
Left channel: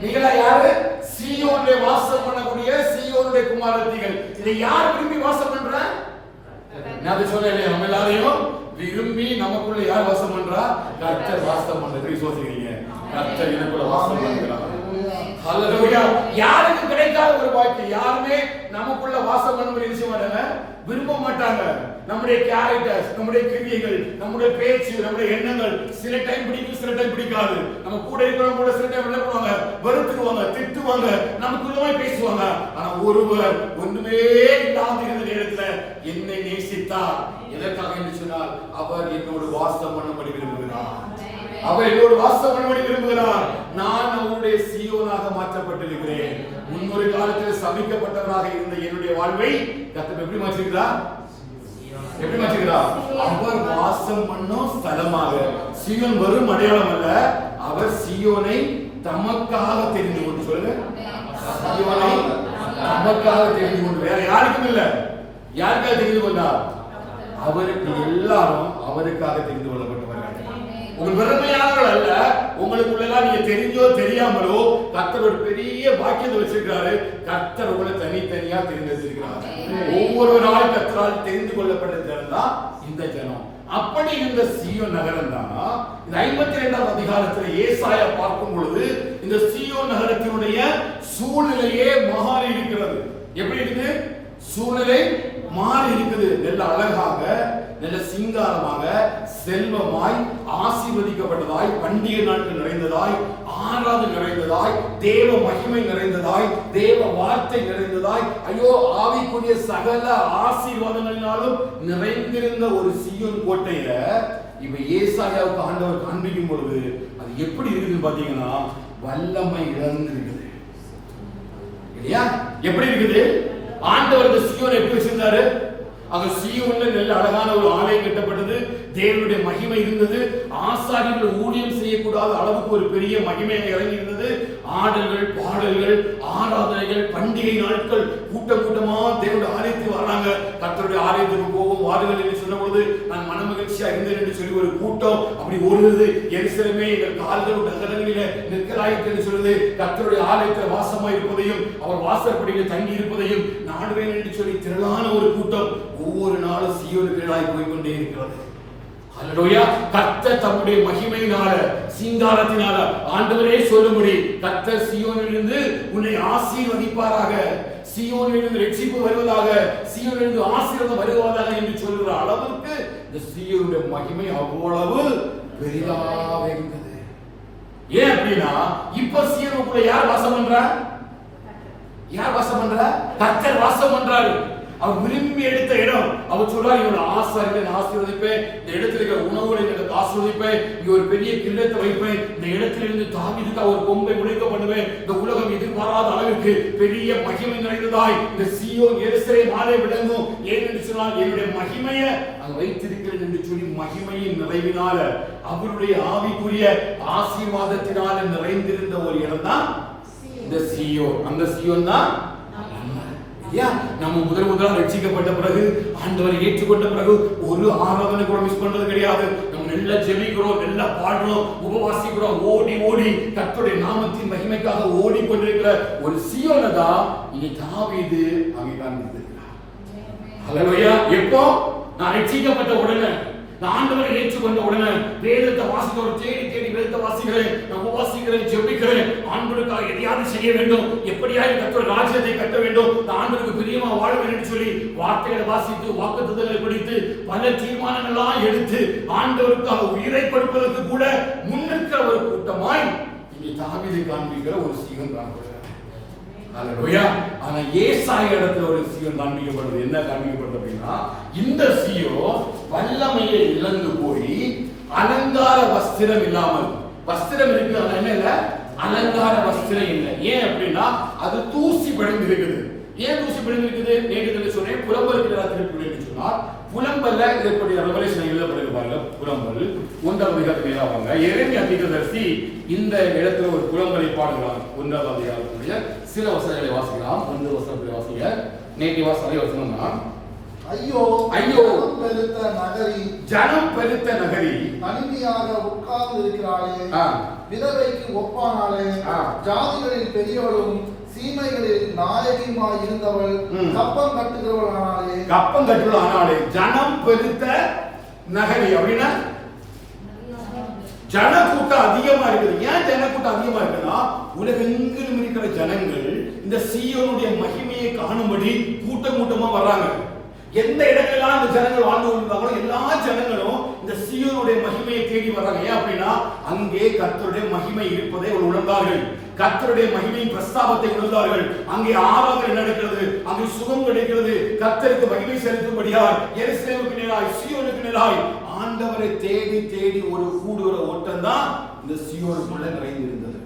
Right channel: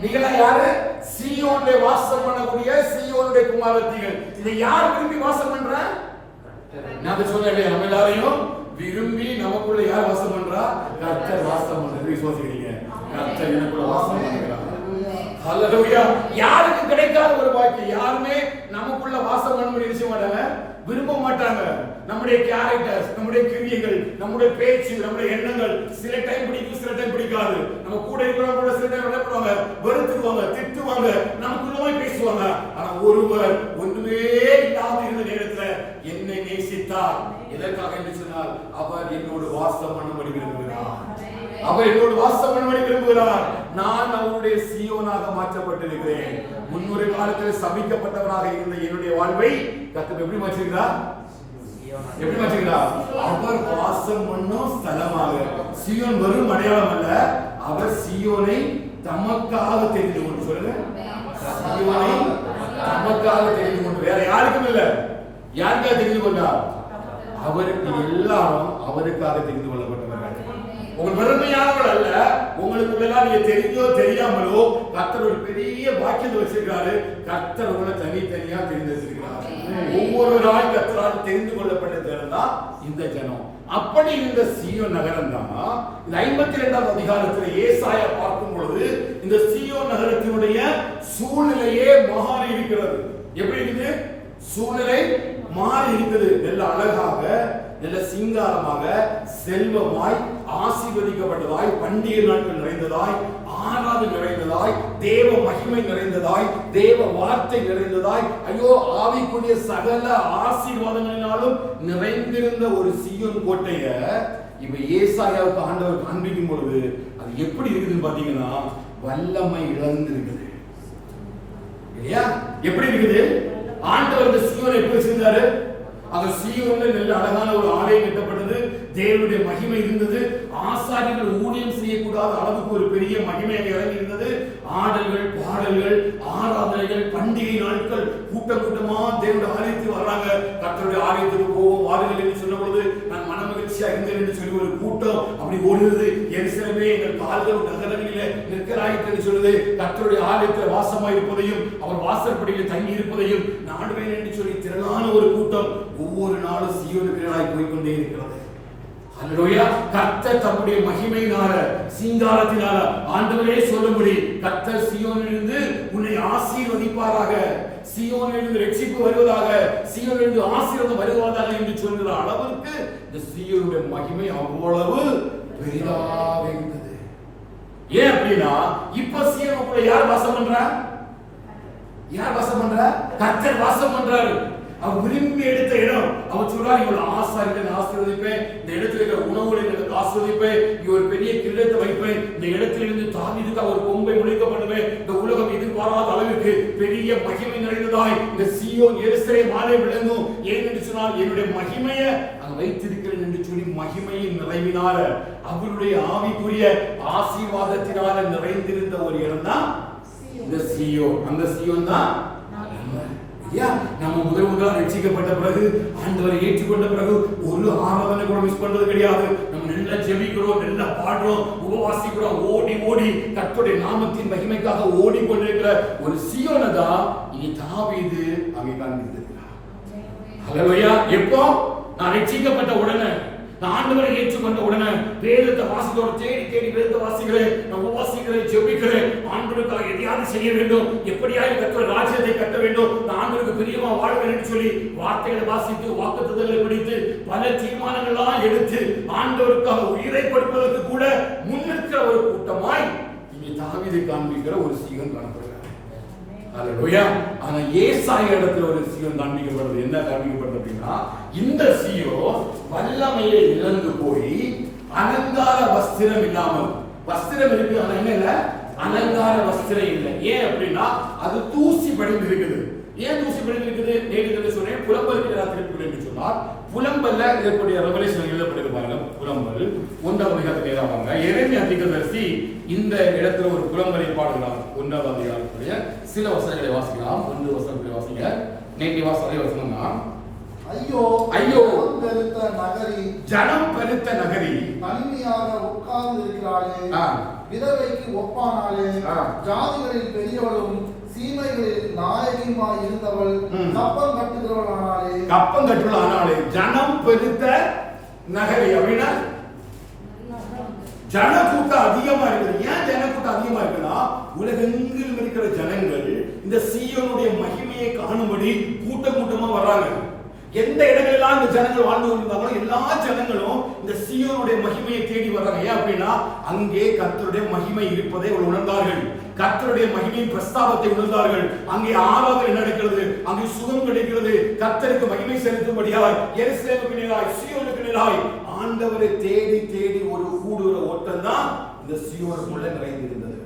நீங்களா யாரு? சீயோனுடைய வாசம் பண்ணக்கூடிய சீயோனுடைய குமாரத்திகள். இதை யார் விரும்பி வாசம் பண்ற? நான் சொல்றேன், நம்ம எல்லாரையும் விரும்பி நமக்குள்ள யார் வாசம் பண்றா? கர்த்தர் வாசம் பண்றது விசுவாசிக்கிறீங்க? கர்த்தர் எனக்குள்ள வாசம் பண்றார். ஹல்லேலூயா. யாருக்கு கிடைக்காத ஒரு பாக்கியம்? யாருமே நமக்குள்ள வாசம் பண்ண முடிய விஷயம் மாட்டாங்க, விரும்ப மாட்டாங்க. நம்முடைய கேரக்டர்ஸ், நம்முடைய கிரியைகள், நம்முடைய பேச்சு, நம்முடைய எண்ணங்கள் சில டைம் பிடிக்கும், சில டைம் பிடிக்காது. நம்ம கூட இருக்கிறவங்க கூட சில டைம் என்ன பண்ணுவாங்க? வெறுத்துடுவாங்க, திட்டுவாங்க, நமக்குள்ளமாய் பேசுவாங்க. ஆனா ஒருவர் ஒண்ணுமே இல்லாத இருந்த நேரத்துல என்னை நேசித்தார். எதற்காக என்று சொன்னால், அவர் என்னோடு வாசம் பண்ணும்படி விரும்புகிறார். அவர் என்னோடு வாசம் பண்ணும்படி விரும்புகிறார். நான் அவருடைய சீயோனாக மாற்றப்பட்டிருக்கிறேன். முன்னொரு காலத்தில் சபிக்கப்பட்டவராக இருந்த என்னுடைய வாழ்வை கர்த்தர் எப்படி மாற்றிருக்கிறார்? எப்படி மாற்றிருக்கிறார்? அவர் வாசம் பண்ணும் ஸ்தலமாக. சீயோன் வெறும் அடையாளம் அல்ல, அவர் சீயோனை தமக்காக தெரிந்து கொண்டு, சொல்லுங்க, சீயோனை தமக்காக தெரிந்து கொண்டு. வேற யாருக்கும் இல்ல. யாருக்காக தெரிந்து கொண்டார்? அவருக்கு. எல்லாரும் அவருக்காக தெரிந்து கொள்ளப்பட்டவர்கள். உங்கள் பெருமையானவர்கள் அல்ல, உங்களுக்குள்ளதான் நீங்க தெரிஞ்சோ தெரியாமலோ கர்த்தர் ஒரு பெரிய பாக்கியத்தை வச்சிருக்காரு. கர்த்தர் உங்களை தனித்தனியா தெரிந்திருக்கிறார். ஒவ்வொருவரால் கர்த்தரால் தெரிந்து கொள்ளப்பட்ட ஜனம் தான் இந்த ஜனம். அப்படி இருந்த சீயோன் நகரம் தான் இந்த 52ஆம் அதிகாரத்தில் ஏசாயா பார்க்கும் பொழுது இந்த சீயோன் நகரத்தினுடைய சூழ்நிலையே மாறி இருக்கிறது. எப்படி இருக்குது? சூழ்நிலை மாறி இருக்குது. நல்ல அழகாக, நல்ல சிங்காரமாக, செல்வமாய், ஆசீர்வதிக்கப்பட்டதாய், பண்டிகை நாட்கள் நிறைந்ததாய், ஆராதனை நிறைந்ததாய், தேவ மகிமை நிறைந்ததாய், தேவ வார்த்தை நிறைந்ததாய், ஐயோ ஆவிக்குரிய சகல ஆசீர்வாதங்களினாலும் நிறைந்திருந்த ஒரு சீயோன் கோட்டைய இப்ப ஏசாயாவுக்கு ஆண்டவர் காண்பிக்கும் பொழுது அது எப்படி இருக்குதுன்னு பாத்தீங்கன்னா வல்லமை இழந்திருக்குது. இல்லையா? எப்படி இருக்குது? ஆண்டவருக்கு சீயோனை எப்படி வச்சிருந்தாரு? அங்க சீயோன்ல நல்ல அழகான ஒரு ஆலயம் கட்டப்பட்டது. தேவனுடைய மகிமை இருந்தது. ஆசாரியர்கள் ஊழியம் செய்யக்கூடாத அளவுக்கு ஒரு பெரிய மகிமை இறங்கி இருந்தது. ஆடல்கள், பாடல்கள், ஆராதனைகள், பண்டிகை நாட்கள், கூட்டம் கூட்டமா தேவனுடைய ஆலயத்துக்கு வர்றாங்க. கர்த்தருடைய ஆலயத்துக்கு போவோம் வாருங்கள் என்று சொன்ன பொழுது நான் மனமகிழ்ச்சியா இருந்தேன் என்று சொல்லி ஒரு கூட்டம் அப்படி ஓடுது. எருசலேமே எங்கள் கால்கள் நகரங்களிலே நிற்கிறாயிற்று என்று சொல்லுது. கர்த்தருடைய ஆலயத்தில் வாசமாய் இருப்பதையும் அவர் வாசற்படியில் தங்கி இருப்பதையும் நாடுவேன் என்று சொல்லி திரளான ஒரு கூட்டம் ஒவ்வொரு நாளும் சீயோனுக்கு போய்கொண்டே இருக்கிறது. ஹல்லேலூயா. கர்த்தர் தம்முடைய மகிமையினால, சிங்காரத்தினால ஆண்டவரே சொல்லும்படி கர்த்தர் சீயோனிலிருந்து உன்னை ஆசீர்வதிப்பாராக, சீயோனிலிருந்து ரட்சிப்பு வருவதாக, சீயோனிலிருந்து ஆசீர்வாதம் வருவதாக என்று சொல்கிற அளவுக்கு இந்த சீயோனுடைய மகிமை அவ்வளவு பெரிதாக இருந்தது. ஏன் அப்படின்னா இப்ப சீயோனுக்குள்ள யார் வாசம் பண்றா? யார் வாசம் பண்றா? கர்த்தர் வாசம் பண்றாரு. அவர் விரும்பி எடுத்த இடம். அவர் சொல்றாரு, இவளை ஆசாரிகளை ஆசீர்வதிப்பேன், இந்த இடத்துல இருக்கிற உணவுகளை எனக்கு ஆசீர்வதிப்பேன், இங்க ஒரு பெரிய கில்லத்தை வைப்பேன், இந்த இடத்திலிருந்து தாவீதுக்கு ஒரு கொம்பை முளைக்க பண்ணுவேன், இந்த உலகம் எதிர்பாராத அளவுக்கு பெரிய மகிமை நிறைந்ததாய் இந்த சீயோன் எருசலேம் ஆலயம் விளங்கும். ஏனென்று சொன்னால் என்னுடைய மகிமையை அங்க வைத்திருக்கிறேன் என்று சொல்லி மகிமையின் நிறைவினால அவருடைய ஆவிக்குரிய ஆசீர்வாதத்தினால நிறைந்திருந்த ஒரு இடம் தான் இந்த சீயோன். அந்த சீயோன் தான் நம்ம முதலாக ரட்சிக்கப்பட்ட பிறகு, ஆண்டவரை ஏற்றுக்கொண்ட பிறகு ஒரு ஆராதனை கூட மிஸ் பண்றது கிடையாது. நம்ம நல்லா ஜெபிக்கிறோம், நல்லா பாடுறோம், உபவாசிக்கிறோம், ஓடி ஓடி கர்த்தருடைய நாமத்தின் மகிமைக்காக ஓடிக்கொண்டிருக்கிற ஒரு சீயோனை தான் இங்க தாவீது அங்கே காண்பித்திருக்கிறார். ஹல்லேலூயா. எப்போ? நான் ரட்சிக்கப்பட்ட உடனே, நான் ஆண்டவரை ஏற்றுக்கொண்ட உடனே வேதத்தை வாசித்தோட தேடி தேடி வேதத்தை வாசிக்கிறேன், நான் உபவாசிக்கிறேன், ஜெபிக்கிறேன், ஆண்டவருக்காக எதையாவது செய்ய வேண்டும், எப்படியாவது கர்த்தருடைய ராஜ்யத்தை கட்ட வேண்டும், நான் ஆண்டவருக்கு பிரியமா வாழ்வேன் என்று சொல்லி வார்த்தைகளை வாசித்து வாக்குத்தத்தங்களை படித்து பல தீர்மானங்கள்லாம் எடுத்து ஆண்டவருக்காக உயிரை கொடுப்பதற்கு கூட முன்னிற்கிற ஒரு கூட்டமாய் இங்கே தாவீதை காண்பிக்கிற ஒரு சீகன் காண்பிக்கிறார். ஹல்லேலூயா. ஆனா ஏசாயா இடத்துல ஒரு சீயோன் காண்பிக்கப்படுது. என்ன காண்பிக்கப்படுது அப்படின்னா, இந்த சீயோன் வல்லமையை இழந்து போய் அலங்கார வஸ்திரம் இல்லாமல், வஸ்திரம் இருக்கு ஆனா என்ன இல்ல, அலங்கார வஸ்திரம் இல்லை. ஏன் அப்படின்னா அது தூசி படிந்து இருக்குது. ஏன் தூசி படிந்து இருக்குது? நேரத்தில் சொன்னேன், புலம்பலுக்கு திருப்பி என்று சொன்னால் புலம்பல்ல இதற்குரிய ரெவலேஷன் எழுதப்படுகிறது பாருங்க. புலம்பல் 1ஆம் அதிகாரத்தில் ஏறாங்க. எரேமியா தீர்க்கதரிசி இந்த இடத்துல ஒரு புலம்பலை பாடுகிறார். 1ஆம் அதிகாரத்துடைய சில வசனங்களை வாசிக்கலாம். 1 வசனத்தை வாசிங்க. நேற்று வாசனை வசனம் தான், ஐயோ ஐயோ பெருத்த நகரி, ஜனம் பெருத்த நகரி, தனிமையாக உட்கார்ந்து இருக்கிறாளே, விதவைக்கு ஒப்பானாலே, ஜாதிகளில் பெரியவளும் சீமைகளில் நாயகியுமாய் இருந்தவள், கப்பம் கட்டுகிறவள் ஆனாலே, கப்பம் கட்டுகிறவள் ஆனாலே. ஜனம் பெருத்த நகரி அப்படின்னா ஜனக்கூட்டம் அதிகமா இருக்குது. ஏன் ஜனக்கூட்டம் அதிகமா இருக்குன்னா உலகெங்கிலும் இருக்கிற ஜனங்கள் இந்த சீயோனுடைய மகிமையை காணும்படி கூட்டம் கூட்டமா வர்றாங்க. எந்த இடங்களெல்லாம் இந்த ஜனங்கள் வாழ்ந்து கொண்டிருந்தாங்களோ எல்லா ஜனங்களும் இந்த சீயோனுடைய மகிமையை தேடி வர்றாங்க. ஏன் அப்படின்னா அங்கே கர்த்தருடைய மகிமை இருப்பதை அவர்கள் உணர்ந்தார்கள். கர்த்தருடைய மகிமையின் பிரஸ்தாபத்தை உணர்ந்தார்கள். அங்கே ஆராதனை நடக்கிறது, அங்கே சுகம் கிடைக்கிறது. கர்த்தருக்கு மகிமை செலுத்தும்படியாய் எருசலேமுக்கு நேராய் சீயோனுக்கு நேராய் ஆண்டவரை தேடி தேடி ஒரு கூடுற ஓட்டம் தான் இந்த சீயோனுக்குள்ள நிறைந்திருந்தது.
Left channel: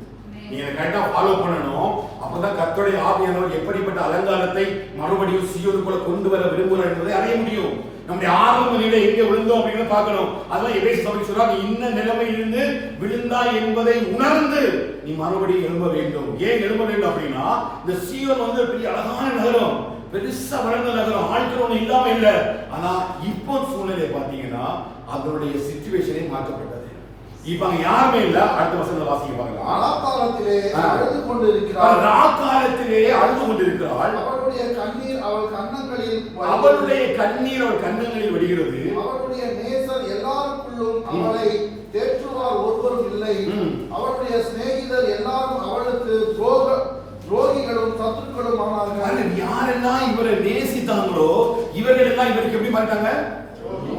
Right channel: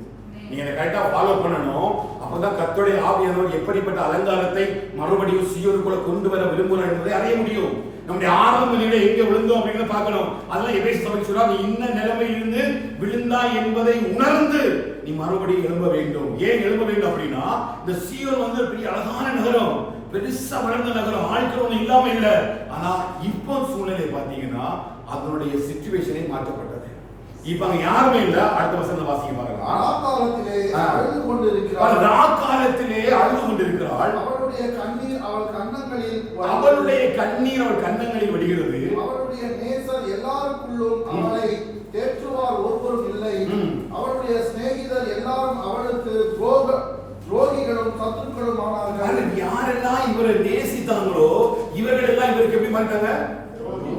நீங்க கரெக்டா ஃபாலோ பண்ணணும். அப்பதான் கர்த்தருடைய ஆவியானவர் எப்படிப்பட்ட அலங்காரத்தை மறுபடியும் சீயோனுக்குள்ள கொண்டு வர விரும்புகிறார் என்பதை அறிய முடியும். நம்முடைய ஆரம்ப நிலை எங்கே விழுந்தோம் அப்படின்னு பார்க்கணும். அதெல்லாம் எபேசு சபை சொல்றா, நீ இன்ன நிலைமையிலிருந்து விழுந்தாய் என்பதை உணர்ந்து நீ மறுபடியும் எழும்ப வேண்டும். ஏன் எழும்ப வேண்டும் அப்படின்னா இந்த சீயோன் வந்து பெரிய அழகான நகரம், பெருசா வளர்ந்த நகரம், ஆட்கள் இல்லாம இல்ல. ஆனா இப்போ சூழ்நிலை பாத்தீங்கன்னா அதனுடைய சிச்சுவேஷனே மாற்றப்பட்டது. இப்ப அங்க யாருமே இல்ல. அடுத்த வசனம் வாசிக்க பார்க்கலாம். ராக்காலத்திலே அழுது கொண்டிருக்கிறாள். ராக்காலத்திலே அழுது கொண்டிருக்கிறாள். அவளுடைய கண்ணீர் அவள் கன்னங்களில் வடிகிறது. அவளுடைய நேசர் எல்லாருக்குள்ளும் அவளை தேற்றுவார் ஒருவரும் இல்லை. அவளுடைய சிநேகிதர் எல்லாரும் அவளுக்கு துரோகிகளும் சத்துருக்களும் ஆனார்கள். யாரெல்லாம் இவரை நேசித்தாங்களோ இவர்கள் எல்லாம் இவருக்கு எப்படி மாறிட்டாங்க?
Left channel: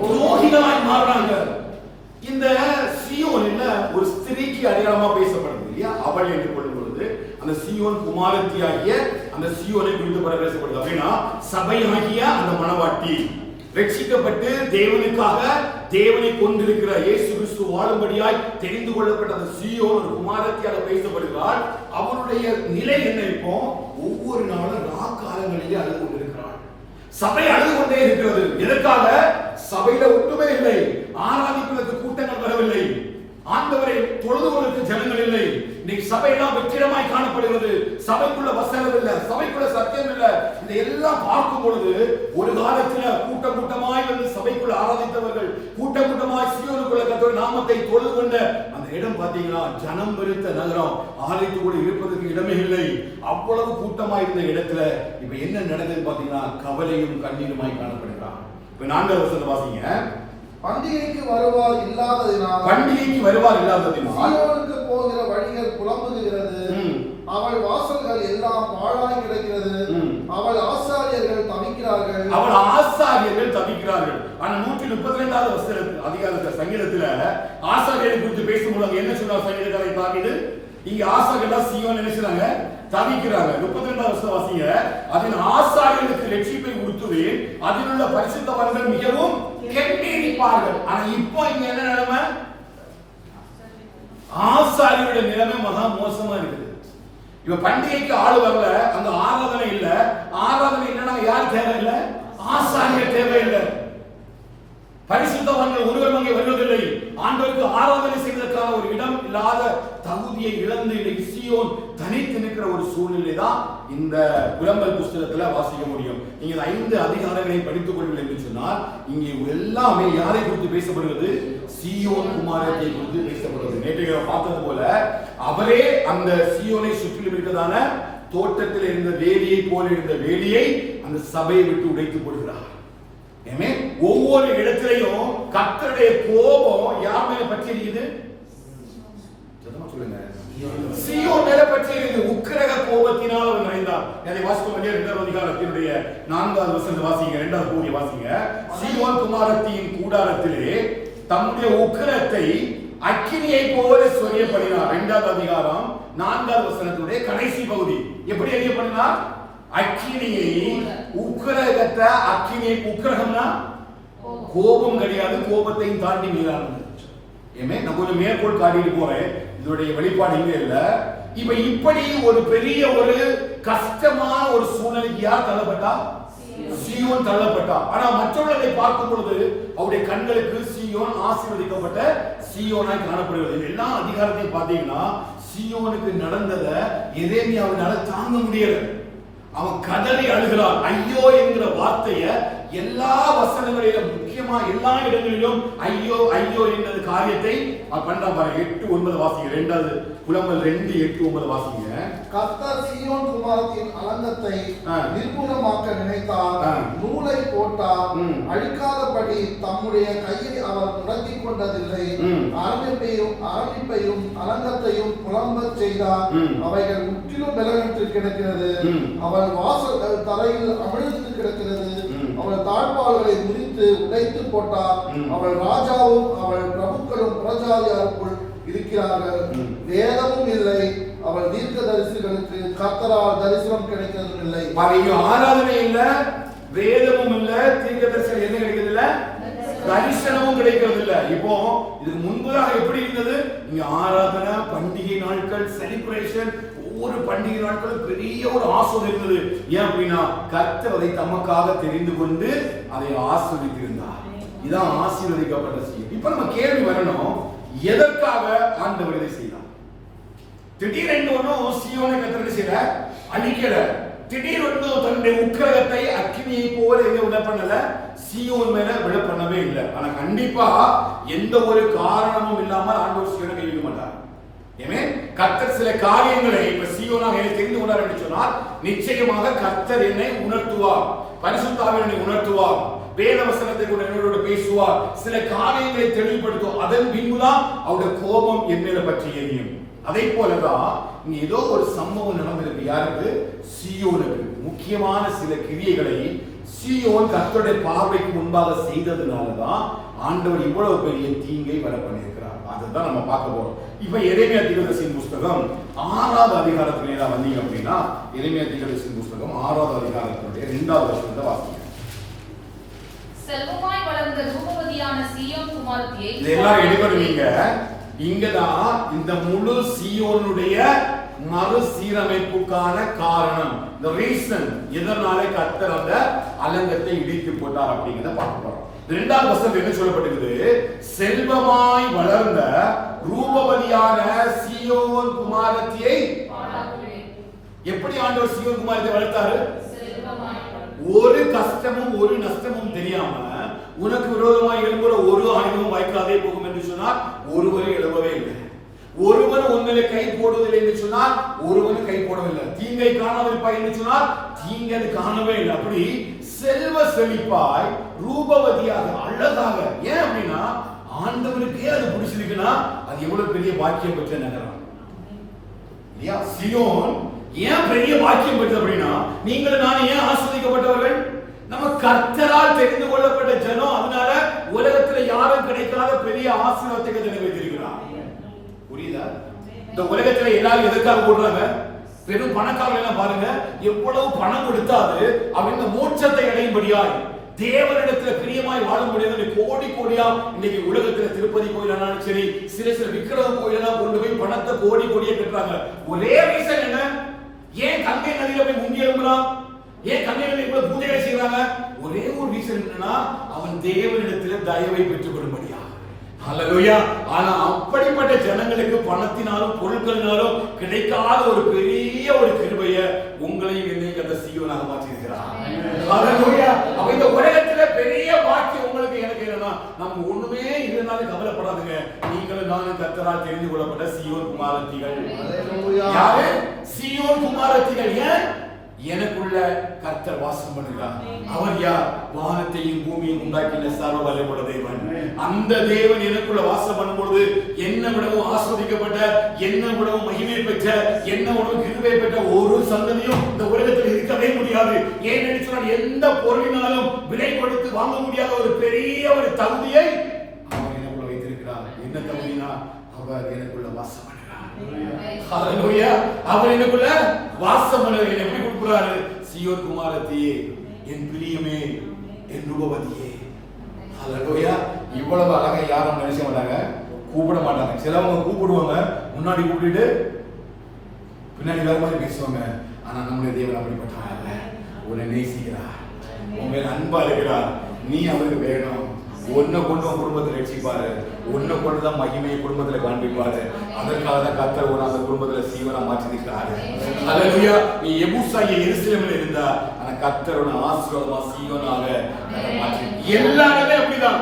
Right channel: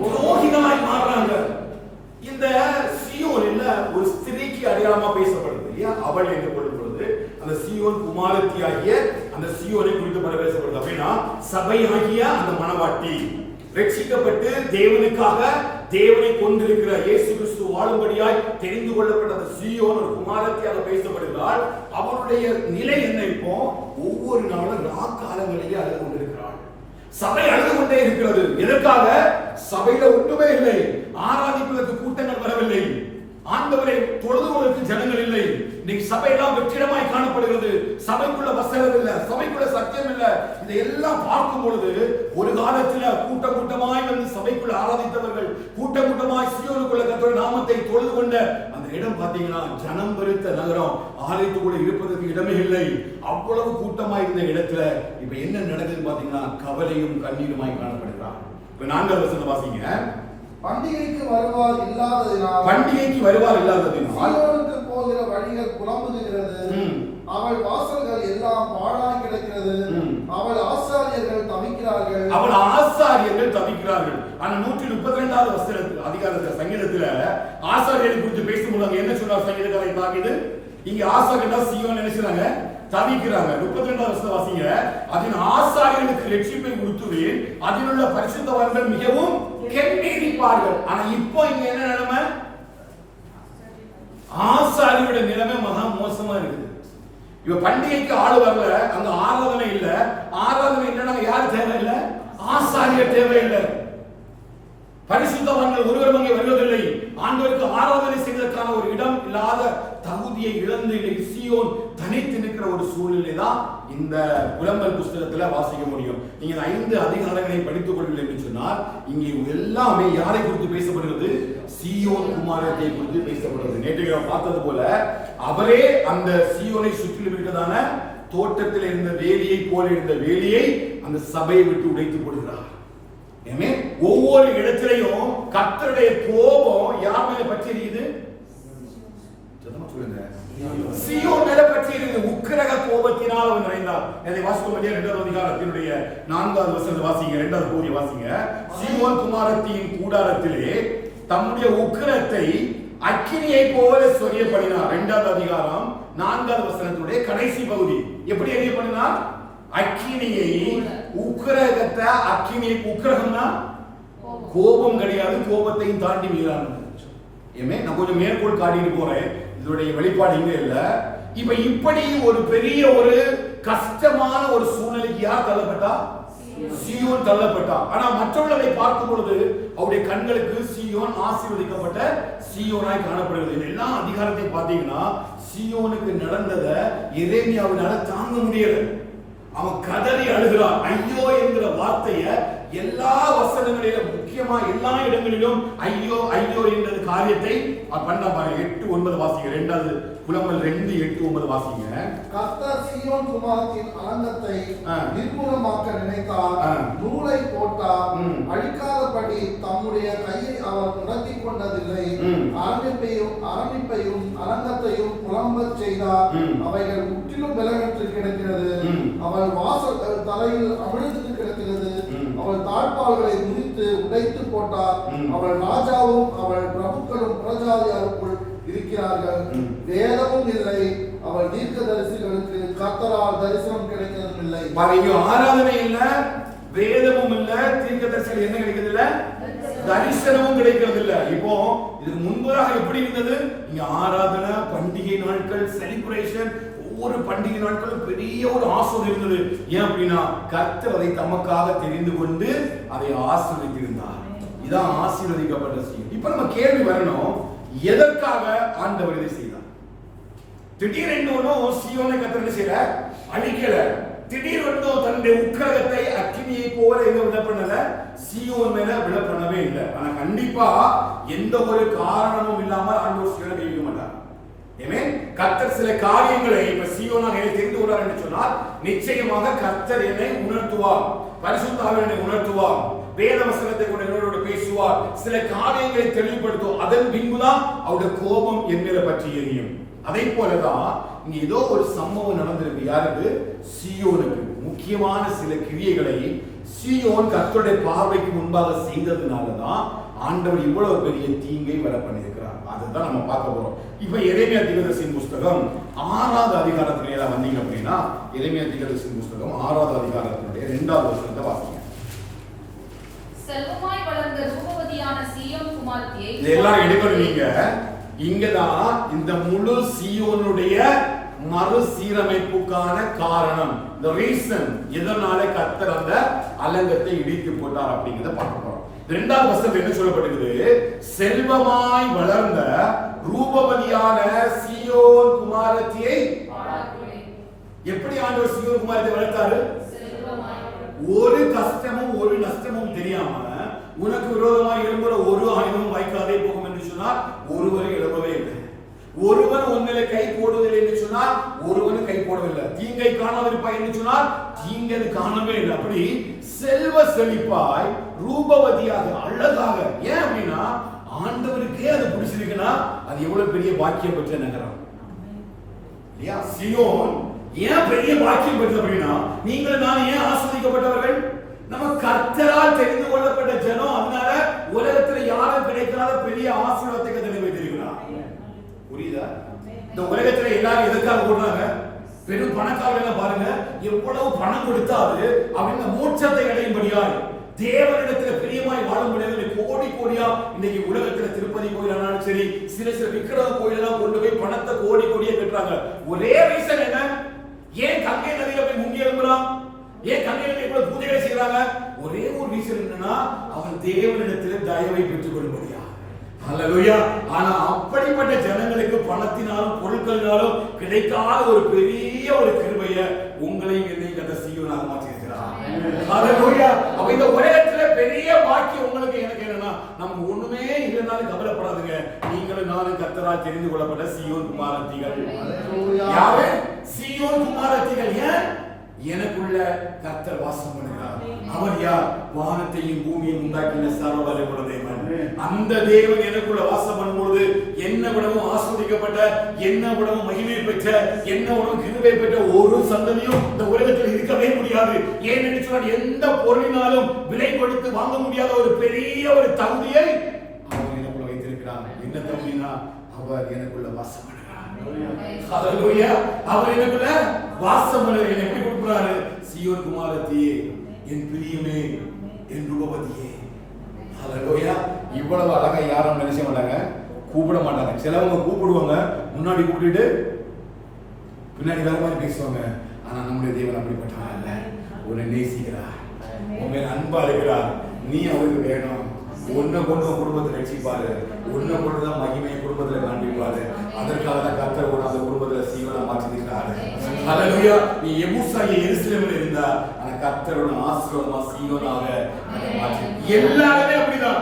துரோகிகளாய் மாறுறாங்க. இந்த சீயோன் ஒரு ஸ்திரீக்கு அடையாளமா பேசப்படுது இல்லையா? அவள் என்று கொள்ளும் பொழுது அந்த சீயோன் குமாரத்தியாகிய அந்த சீயோனை குறித்து பேசப்படுது. அப்படின்னா சபையாகிய அந்த மணவாட்டி ரட்சிக்கப்பட்டு தேவனுக்காக தேவனை கொண்டிருக்கிற இயேசு கிறிஸ்து வாழும்படியாய் தெரிந்து கொள்ளப்பட்ட அந்த சீயோன் ஒரு குமாரத்தியாக பேசப்படுகிறாள். அவருடைய நிலை என்ன? இப்போ ஒவ்வொரு நாளும் ராக்காலங்களிலேயே அழுது கொண்டிருக்கிறாள். சபை அழுது கொண்டே இருக்கிறது. எதற்காக? சபையில ஒன்றுமே இல்லை. ஆராதிப்பதற்கு கூட்டங்கள் வரவில்லை. ஆண்டவரை தொழுதுவதற்கு ஜனங்கள் இல்லை. இன்னைக்கு சபையெல்லாம் வெற்றிடமாய் காணப்படுகிறது. சபைக்குள்ள வசனம் இல்ல, சபைக்குள்ள சத்தியம் இல்ல. இதெல்லாம் பார்க்கும் பொழுது ஒரு காலத்துல கூட்டம் கூட்டமாய் வந்து சபைக்குள்ள ஆராதித்தவர்கள், கூட்டம் கூட்டமாய் சீயோனுக்குள்ள கர்த்தருடைய நாமத்தை தொழுது கொண்ட அந்த இடம் பாத்தீங்கன்னா ஜனம் பெருத்த நகரம். ஆலயத்துக்குள்ள இருப்பதற்கு இடமே இல்லை. அவ்வளவு கூட்டமாய் இருந்த இடத்துல இப்ப என்ன நடக்குதுன்னு பாத்தீங்கன்னா கவலையும் கண்ணீருமாய் காணப்படுகிறார். இப்ப 4வது வசனம் வாசிங்க. பண்டிகைக்கு வருவார் இல்லாததினால் சீயோனுக்கு போகிற வழிகள் புலம்புகிறது. அவள் வாசல்கள் எல்லாம் பாழாய் கிடக்கிறது. அவள் ஆசாரியர்கள் தவிக்கிறார்கள். ஆனா 132வது வசனத்துல அதிகாரத்துல சங்கீதத்துல ஆசாரியரை குறித்து பேசும்போது என்ன சொல்றார் சங்கீதக்காரை தாவீது? இங்க ஆசாரியர்கள் சீயோன் நினைச்சாங்க தவிக்கிறாங்க. 32வது வசனம் வாசிங்க. அதன் ஆசாரியர்களுக்கு ரட்சிப்பை உறுத்துவேன், அதில் உள்ள பரிசுத்தவான்கள் மிகவும் கெம்பீரிப்பார்கள். ஆனா இப்போ இங்க என்ன நிலைமை? ஆசாரியோட நிலைமை மகா மோசமா இருக்குது. இப்ப பண்டிகைக்கு ஆளு வரல, அங்க ஆராதனை இல்ல. ஆராதனை இல்லைன்னா யார் தேவையில்லை? ஆசாரியர் தேவையில்லை. பரிசுத்தவான்கள் ஒருவரும் அங்கே வருவதில்லை. ஆண்டவருக்கு ஆராதனை செய்வதற்கான ஒரு இடம் இல்லாத தகுதியை இழந்து இன்னைக்கு சீயோன் தனித்து நிற்கிற ஒரு சூழ்நிலை தான் இந்த புலம்பல் புஸ்தகத்துல வாசிக்க முடியும். நீங்க 5 அதிகாரங்களை படித்துக் கொள்வீர்கள் என்று சொன்னால் இங்கே எல்லாமே யாரை குறித்து பேசப்படுகிறது? சீயோன் குமாரத்தை குறித்து பேசப்படுகிறது. நேற்று பார்த்தது போல அவரே அந்த சீயோனை சுற்றிலும் இருக்கிறதான தோட்டத்தில் இருந்த வேலியை போல இருந்த வேலியை அந்த சபையை விட்டு உடைத்து போடுகிறார். ஒவ்வொரு இடத்திலையும் கர்த்தருடைய கோபம் யார் மேல பற்றி இருக்குது? சொல்லுங்க. சீயோன் மேல பற்றி இருக்குது. உக்கிரக கோபத்தினால் அவன் நிறைந்தார். அதை வாசிக்கும் 2வது அதிகாரத்தினுடைய 4வது வசனத்தை வாசிங்க. 2வது பகுதியை வாசிங்க. சீயோன் குமாரத்தின் கூடாரத்திலே தம்முடைய உக்கிரத்தை அக்கினியை போல சொரியப்படினார். 2வது அதிகாரம் 4வது வசனத்தினுடைய கடைசி பகுதி. எப்படி அறியப்படினார்? அக்கினியை, உக்கிரகத்தை, அக்கினியை, உக்கிரகம்னா கோபம் கிடையாது, கோபத்தையும் தாண்டி மீறானது. நான் கொஞ்சம் மேற்கோள் காட்டிட்டு போறேன், இதனுடைய வெளிப்பாடு இங்க இல்ல. இப்ப இப்படி ஒரு பெரிய ஒரு கஷ்டமான ஒரு சூழ்நிலைக்கு யார் தள்ளப்பட்டா? சீயோன் தள்ளப்பட்டா. ஆனா மற்றவர்களை பார்க்கும் பொழுது அவருடைய கண்களுக்கு சீயோன் ஆசீர்வதிக்கப்பட்ட சீயோனாய் காணப்படுகிறது. எல்லா அதிகாரத்தையும் பார்த்தீங்கன்னா சீயோனுக்கு நடந்ததை எரேமியாவினால தாங்க முடியல. அவன் கதறி அழுகிறான். ஐயோ என்கிற வார்த்தையை எல்லா வசனங்களிலும் முக்கியமா எல்லா இடங்களிலும் ஐயோ ஐயோ என்ற காரியத்தை பண்ற பாருங்க. 8:9 வாசிங்க. இரண்டாவது புலம்பல் 2:8-9 வாசிங்க. கர்த்தர் சீயோன் குமாரத்தின் அலங்கத்தை நிர்மூலமாக்க நினைத்தார், நூலை போட்டார், அழிக்காதபடி தம்முடைய கையை அவர் முடக்கிக் கொண்டதில்லை. ஆரம்பிப்பையும் அலங்கத்தையும் புலம்பச் செய்தார், அவைகள் முற்றிலும் பலனற்று கிடக்கிறது. அவள் வாசல் தரையில் அமிழ்ந்து கிடக்கிறது. அவள் தாழ்பால்களை முறித்து உடைத்து போட்டார். அவள் ராஜாவும் அவள் பிரபுக்களும் புறஜாதியாருக்குள் இருக்கிறார்கள். வேதமும் இல்லை, அவள் தீர்க்க தரிசிகளுக்கு கர்த்தரால் தரிசனம் கிடைக்கிறதும் இல்லை. ஆராதனை இல்ல, வேதமும் இல்ல, தீர்க்க தரிசனம் என்ன கிடைக்கிறது இல்ல, தரிசனமும் கிடைக்கிறது இல்ல. இப்போ இதுக்கு முன்பதாக எப்படி இருந்தது? இங்க ஆராதனை, பண்டிகை நாட்கள், செலிப்ரேஷன், ஒவ்வொரு பண்டிகை நாட்களும் பெரிய ஒரு ஆசீர்வாதம் இருந்தது. ஏன் அப்படின்னா கர்த்தர் அதை தமக்காக தெரிந்து கொண்டு அதை ஆசீர்வதித்திருந்தார். இதான் ஆசீர்வதிக்கப்பட்ட செய்தி. இப்ப நம்ம கேள்வி வரணும், எதற்காக ஆண்டவர் இதை செய்தார்? திடீரென்று ஒன்றும் சீயோனை கர்த்தர் செய்யல, அழிக்கல. திடீரென்று தன்னுடைய உக்கிரகத்தை அக்கினியை போல எங்க விட பண்ணல, சீயோன் மேல விட பண்ணவே இல்லை. ஆனா கண்டிப்பா எந்த ஒரு காரணமும் இல்லாமல் ஆண்டவர் சீயோனை கைவிட மாட்டார். கர்த்தர் சில காரியங்களை இப்ப சீயோனாக தெரிந்து கொண்டார் என்று சொன்னால் நிச்சயமாக கர்த்தர் என்னை உணர்த்துவார், பரிசுத்த ஆவியானவர் என்னை உணர்த்துவார், வேத வசனத்தை கொண்டு என்னோட பேசுவார், சில காரியங்களை தெளிவுபடுத்தும். அதன் பின்புதான் அவருடைய கோபம் என் மேல பற்றி எரியும். அதே போலதான் இங்க ஏதோ ஒரு சம்பவம் நடந்திருக்கு. யாருக்கு? சீயோனுக்கு. முக்கியமான சில கிரியைகளை சீயோன் கர்த்தருடைய பார்வைக்கு முன்பாக செய்ததுனாலதான் ஆண்டவர் இவ்வளவு பெரிய தீங்கை வர பண்ணியிருக்கிறார். அதுதான் நம்ம பார்க்க போறோம். இப்ப எரேமியா தீர்க்கதரிசியின் புஸ்தகம் 6வது அதிகாரத்துல வந்தீங்க அப்படின்னா, எரேமியா தீர்க்கதரிசியின் புஸ்தகம் 6வது அதிகாரத்தினுடைய 2வது வசனத்தை வாசிங்க. செல்வமாய் வளர்ந்த ரூபவதியான சீயோன் குமாரத்தியை, இது எல்லாரும் எடுக்கணும். நீங்க இங்கதான் இந்த முழு சீயோனுடைய மறுசீரமைப்புக்கான காரணம், the reason எதனால கர்த்தர் அந்த அலங்கத்தை இடித்து போட்டார் அப்படிங்கறத பார்க்க போறோம். 2வது வசனத்துல என்ன சொல்லப்பட்டிருக்குது? செல்வமாய் வளர்ந்த ரூபவதியான சீயோன் குமாரத்தியை. எப்படி ஆண்டவர் சீயோன் குமாரத்தை வளர்த்தாரு? ஒரு கஷ்டமும் ஒரு நஷ்டமும் தெரியாம உனக்கு விரோதமாக எழும்புற ஒரு ஆயுதமும் வாய்க்காதே போகும் என்று சொன்னால் ஒருவரை எழும்பவே இல்லை. ஒருவன் உன்னிலே கை போடுவதில்லை என்று சொன்னால் ஒருவனும் கை போடவில்லை. தீங்கை காணாதிருப்பாய் என்று சொன்னால் தீங்கை காணவே இல்லை. அப்படி செல்வ செழிப்பாய் ரூபவதியாக அழகாக. ஏன் அப்படின்னா ஆண்டவருக்கே அது பிடிச்சிருக்குன்னா அது எவ்வளவு பெரிய பாக்கியம் பெற்ற நகரம் இல்லையா? சீயோன் ஏன் பெரிய பாக்கியம் பெற்றது அப்படின்னா, நீங்களும் நானும் ஏன் ஆசீர்வதிக்கப்பட்டவர்கள்? நம்ம கர்த்தரால் தெரிந்து கொள்ளப்பட்ட ஜனம். அதனால உலகத்துல யாரும் கிடைக்காத பெரிய ஆசீர்வாதத்தை நிறைவேற்றிருக்கிறார். புரியுதா? இந்த உலகத்துல எல்லாரும் எதற்காக போடுறாங்க? பெரும் பணக்காரர்கள் எல்லாம் பாருங்க, எவ்வளவு பணம் கொடுத்தாது அவங்க மோட்சத்தை அடையும்படியாய் தேவனிடத்துல பிரியமாய் வாழும்படியாக கோடி கோடியா இன்னைக்கு உலகத்துல திருப்பதி கோயிலானாலும் சரி, சில விக்கிரக கோயிலெல்லாம் கொண்டு போய் பணத்தை கோடி கோடியா கட்டுறாங்க. ஒரே ரீசன் என்ன? ஏன் கங்கை நதியில போய் முங்கி எழும்பலாம்? ஏன் கங்கை நதியில இவ்வளவு பூஜைகளை செய்யறாங்க? ஒரே ஒரு ரீசன் என்னன்னா, அவன் தேவனிடத்துல தயவை பெற்றுக் கொள்ளும்படியா. ஹல்லேலூயா. ஆனா அப்படிப்பட்ட ஜனங்களுக்கு பணத்தினாலும் பொருட்களினாலும் கிடைக்காத ஒரு பெரிய ஒரு கிருபையை உங்களையும் என்னையும் அந்த சீயோனாக மாற்றியிருக்கிறார். ஹல்லேலூயா. அப்ப இந்த உலகத்துல பெரிய பாக்கியம் உங்களுக்கு எனக்கு என்னன்னா, நமக்கு ஒண்ணுமே இல்லைனாலும் கவலைப்படாதுங்க. நீங்களும் நானும் கர்த்தரால் தெரிந்து கொள்ளப்பட்ட சீயோன் குமாரத்திகள். யாரு? சீயோன் குமாரத்திகள். ஏன்? எனக்குள்ள கர்த்தர் வாசம் பண்ணுகிறார். அவர் யார்? வானத்தையும் பூமியையும் உண்டாக்கின சர்வ வல்லமையுள்ள தேவன். அந்த தேவன் எனக்குள்ள வாசம் பண்ணும்போது என்ன விடவும் ஆஸ்வதிக்கப்பட்ட, என்ன விடவும் மகிமை பெற்ற, என்ன விடவும் கிருபை பெற்ற ஒரு சந்ததியும் இந்த உலகத்தில் இருக்கவே முடியாது. ஏனென்று சொன்னால் எந்த பொருளினாலும் விலை கொடுத்து வாங்க முடியாத ஒரு பெரிய ஒரு தகுதியை அவர் எனக்குள்ள வைத்திருக்கிறார். என்ன தகுதினா, அவர் எனக்குள்ள வாசம் பண்ணுகிறார். ஹல்லேலூயா. அவர் எனக்குள்ள வாசம் பண்ணுகிறார். என்னை எப்படி கூப்பிடுறாரு? சீயோன் குமாரத்தியே, என் பிரியமே, என் ரூபவதியே. ஹல்லேலூயா. இவ்வளவு அழகா யாரும் நினைச்ச மாட்டாங்க, கூப்பிட மாட்டாங்க. சிலவங்க கூப்பிடுவாங்க, முன்னாடி கூப்பிட்டு பின்னாடி வேற மாதிரி பேசுவாங்க. ஆனா நம்முடைய தேவன் அப்படிப்பட்டவன் அல்ல. உன்னை நேசிக்கிறார், உன் மேல அன்பா இருக்கிறார். நீ அவருக்கு வேணும். உன்னை கொண்டு உன் குடும்பத்தை ரட்சிப்பாரு, உன்னை கொண்டுதான் மகிமையை குடும்பத்துல காண்பிப்பாரு. அதற்காக தான் கர்த்தர் உன்னை அந்த குடும்பத்துல சீவனா மாற்றிருக்கிறாரு. ஹல்லேலூயா. நீ எபூசாகிய எருசலேமில் இருந்தா, ஆனா கர்த்தரோட ஆசீர்வாதமா சீயோனாக மாற்றி. எல்லாருமே அப்படிதான்.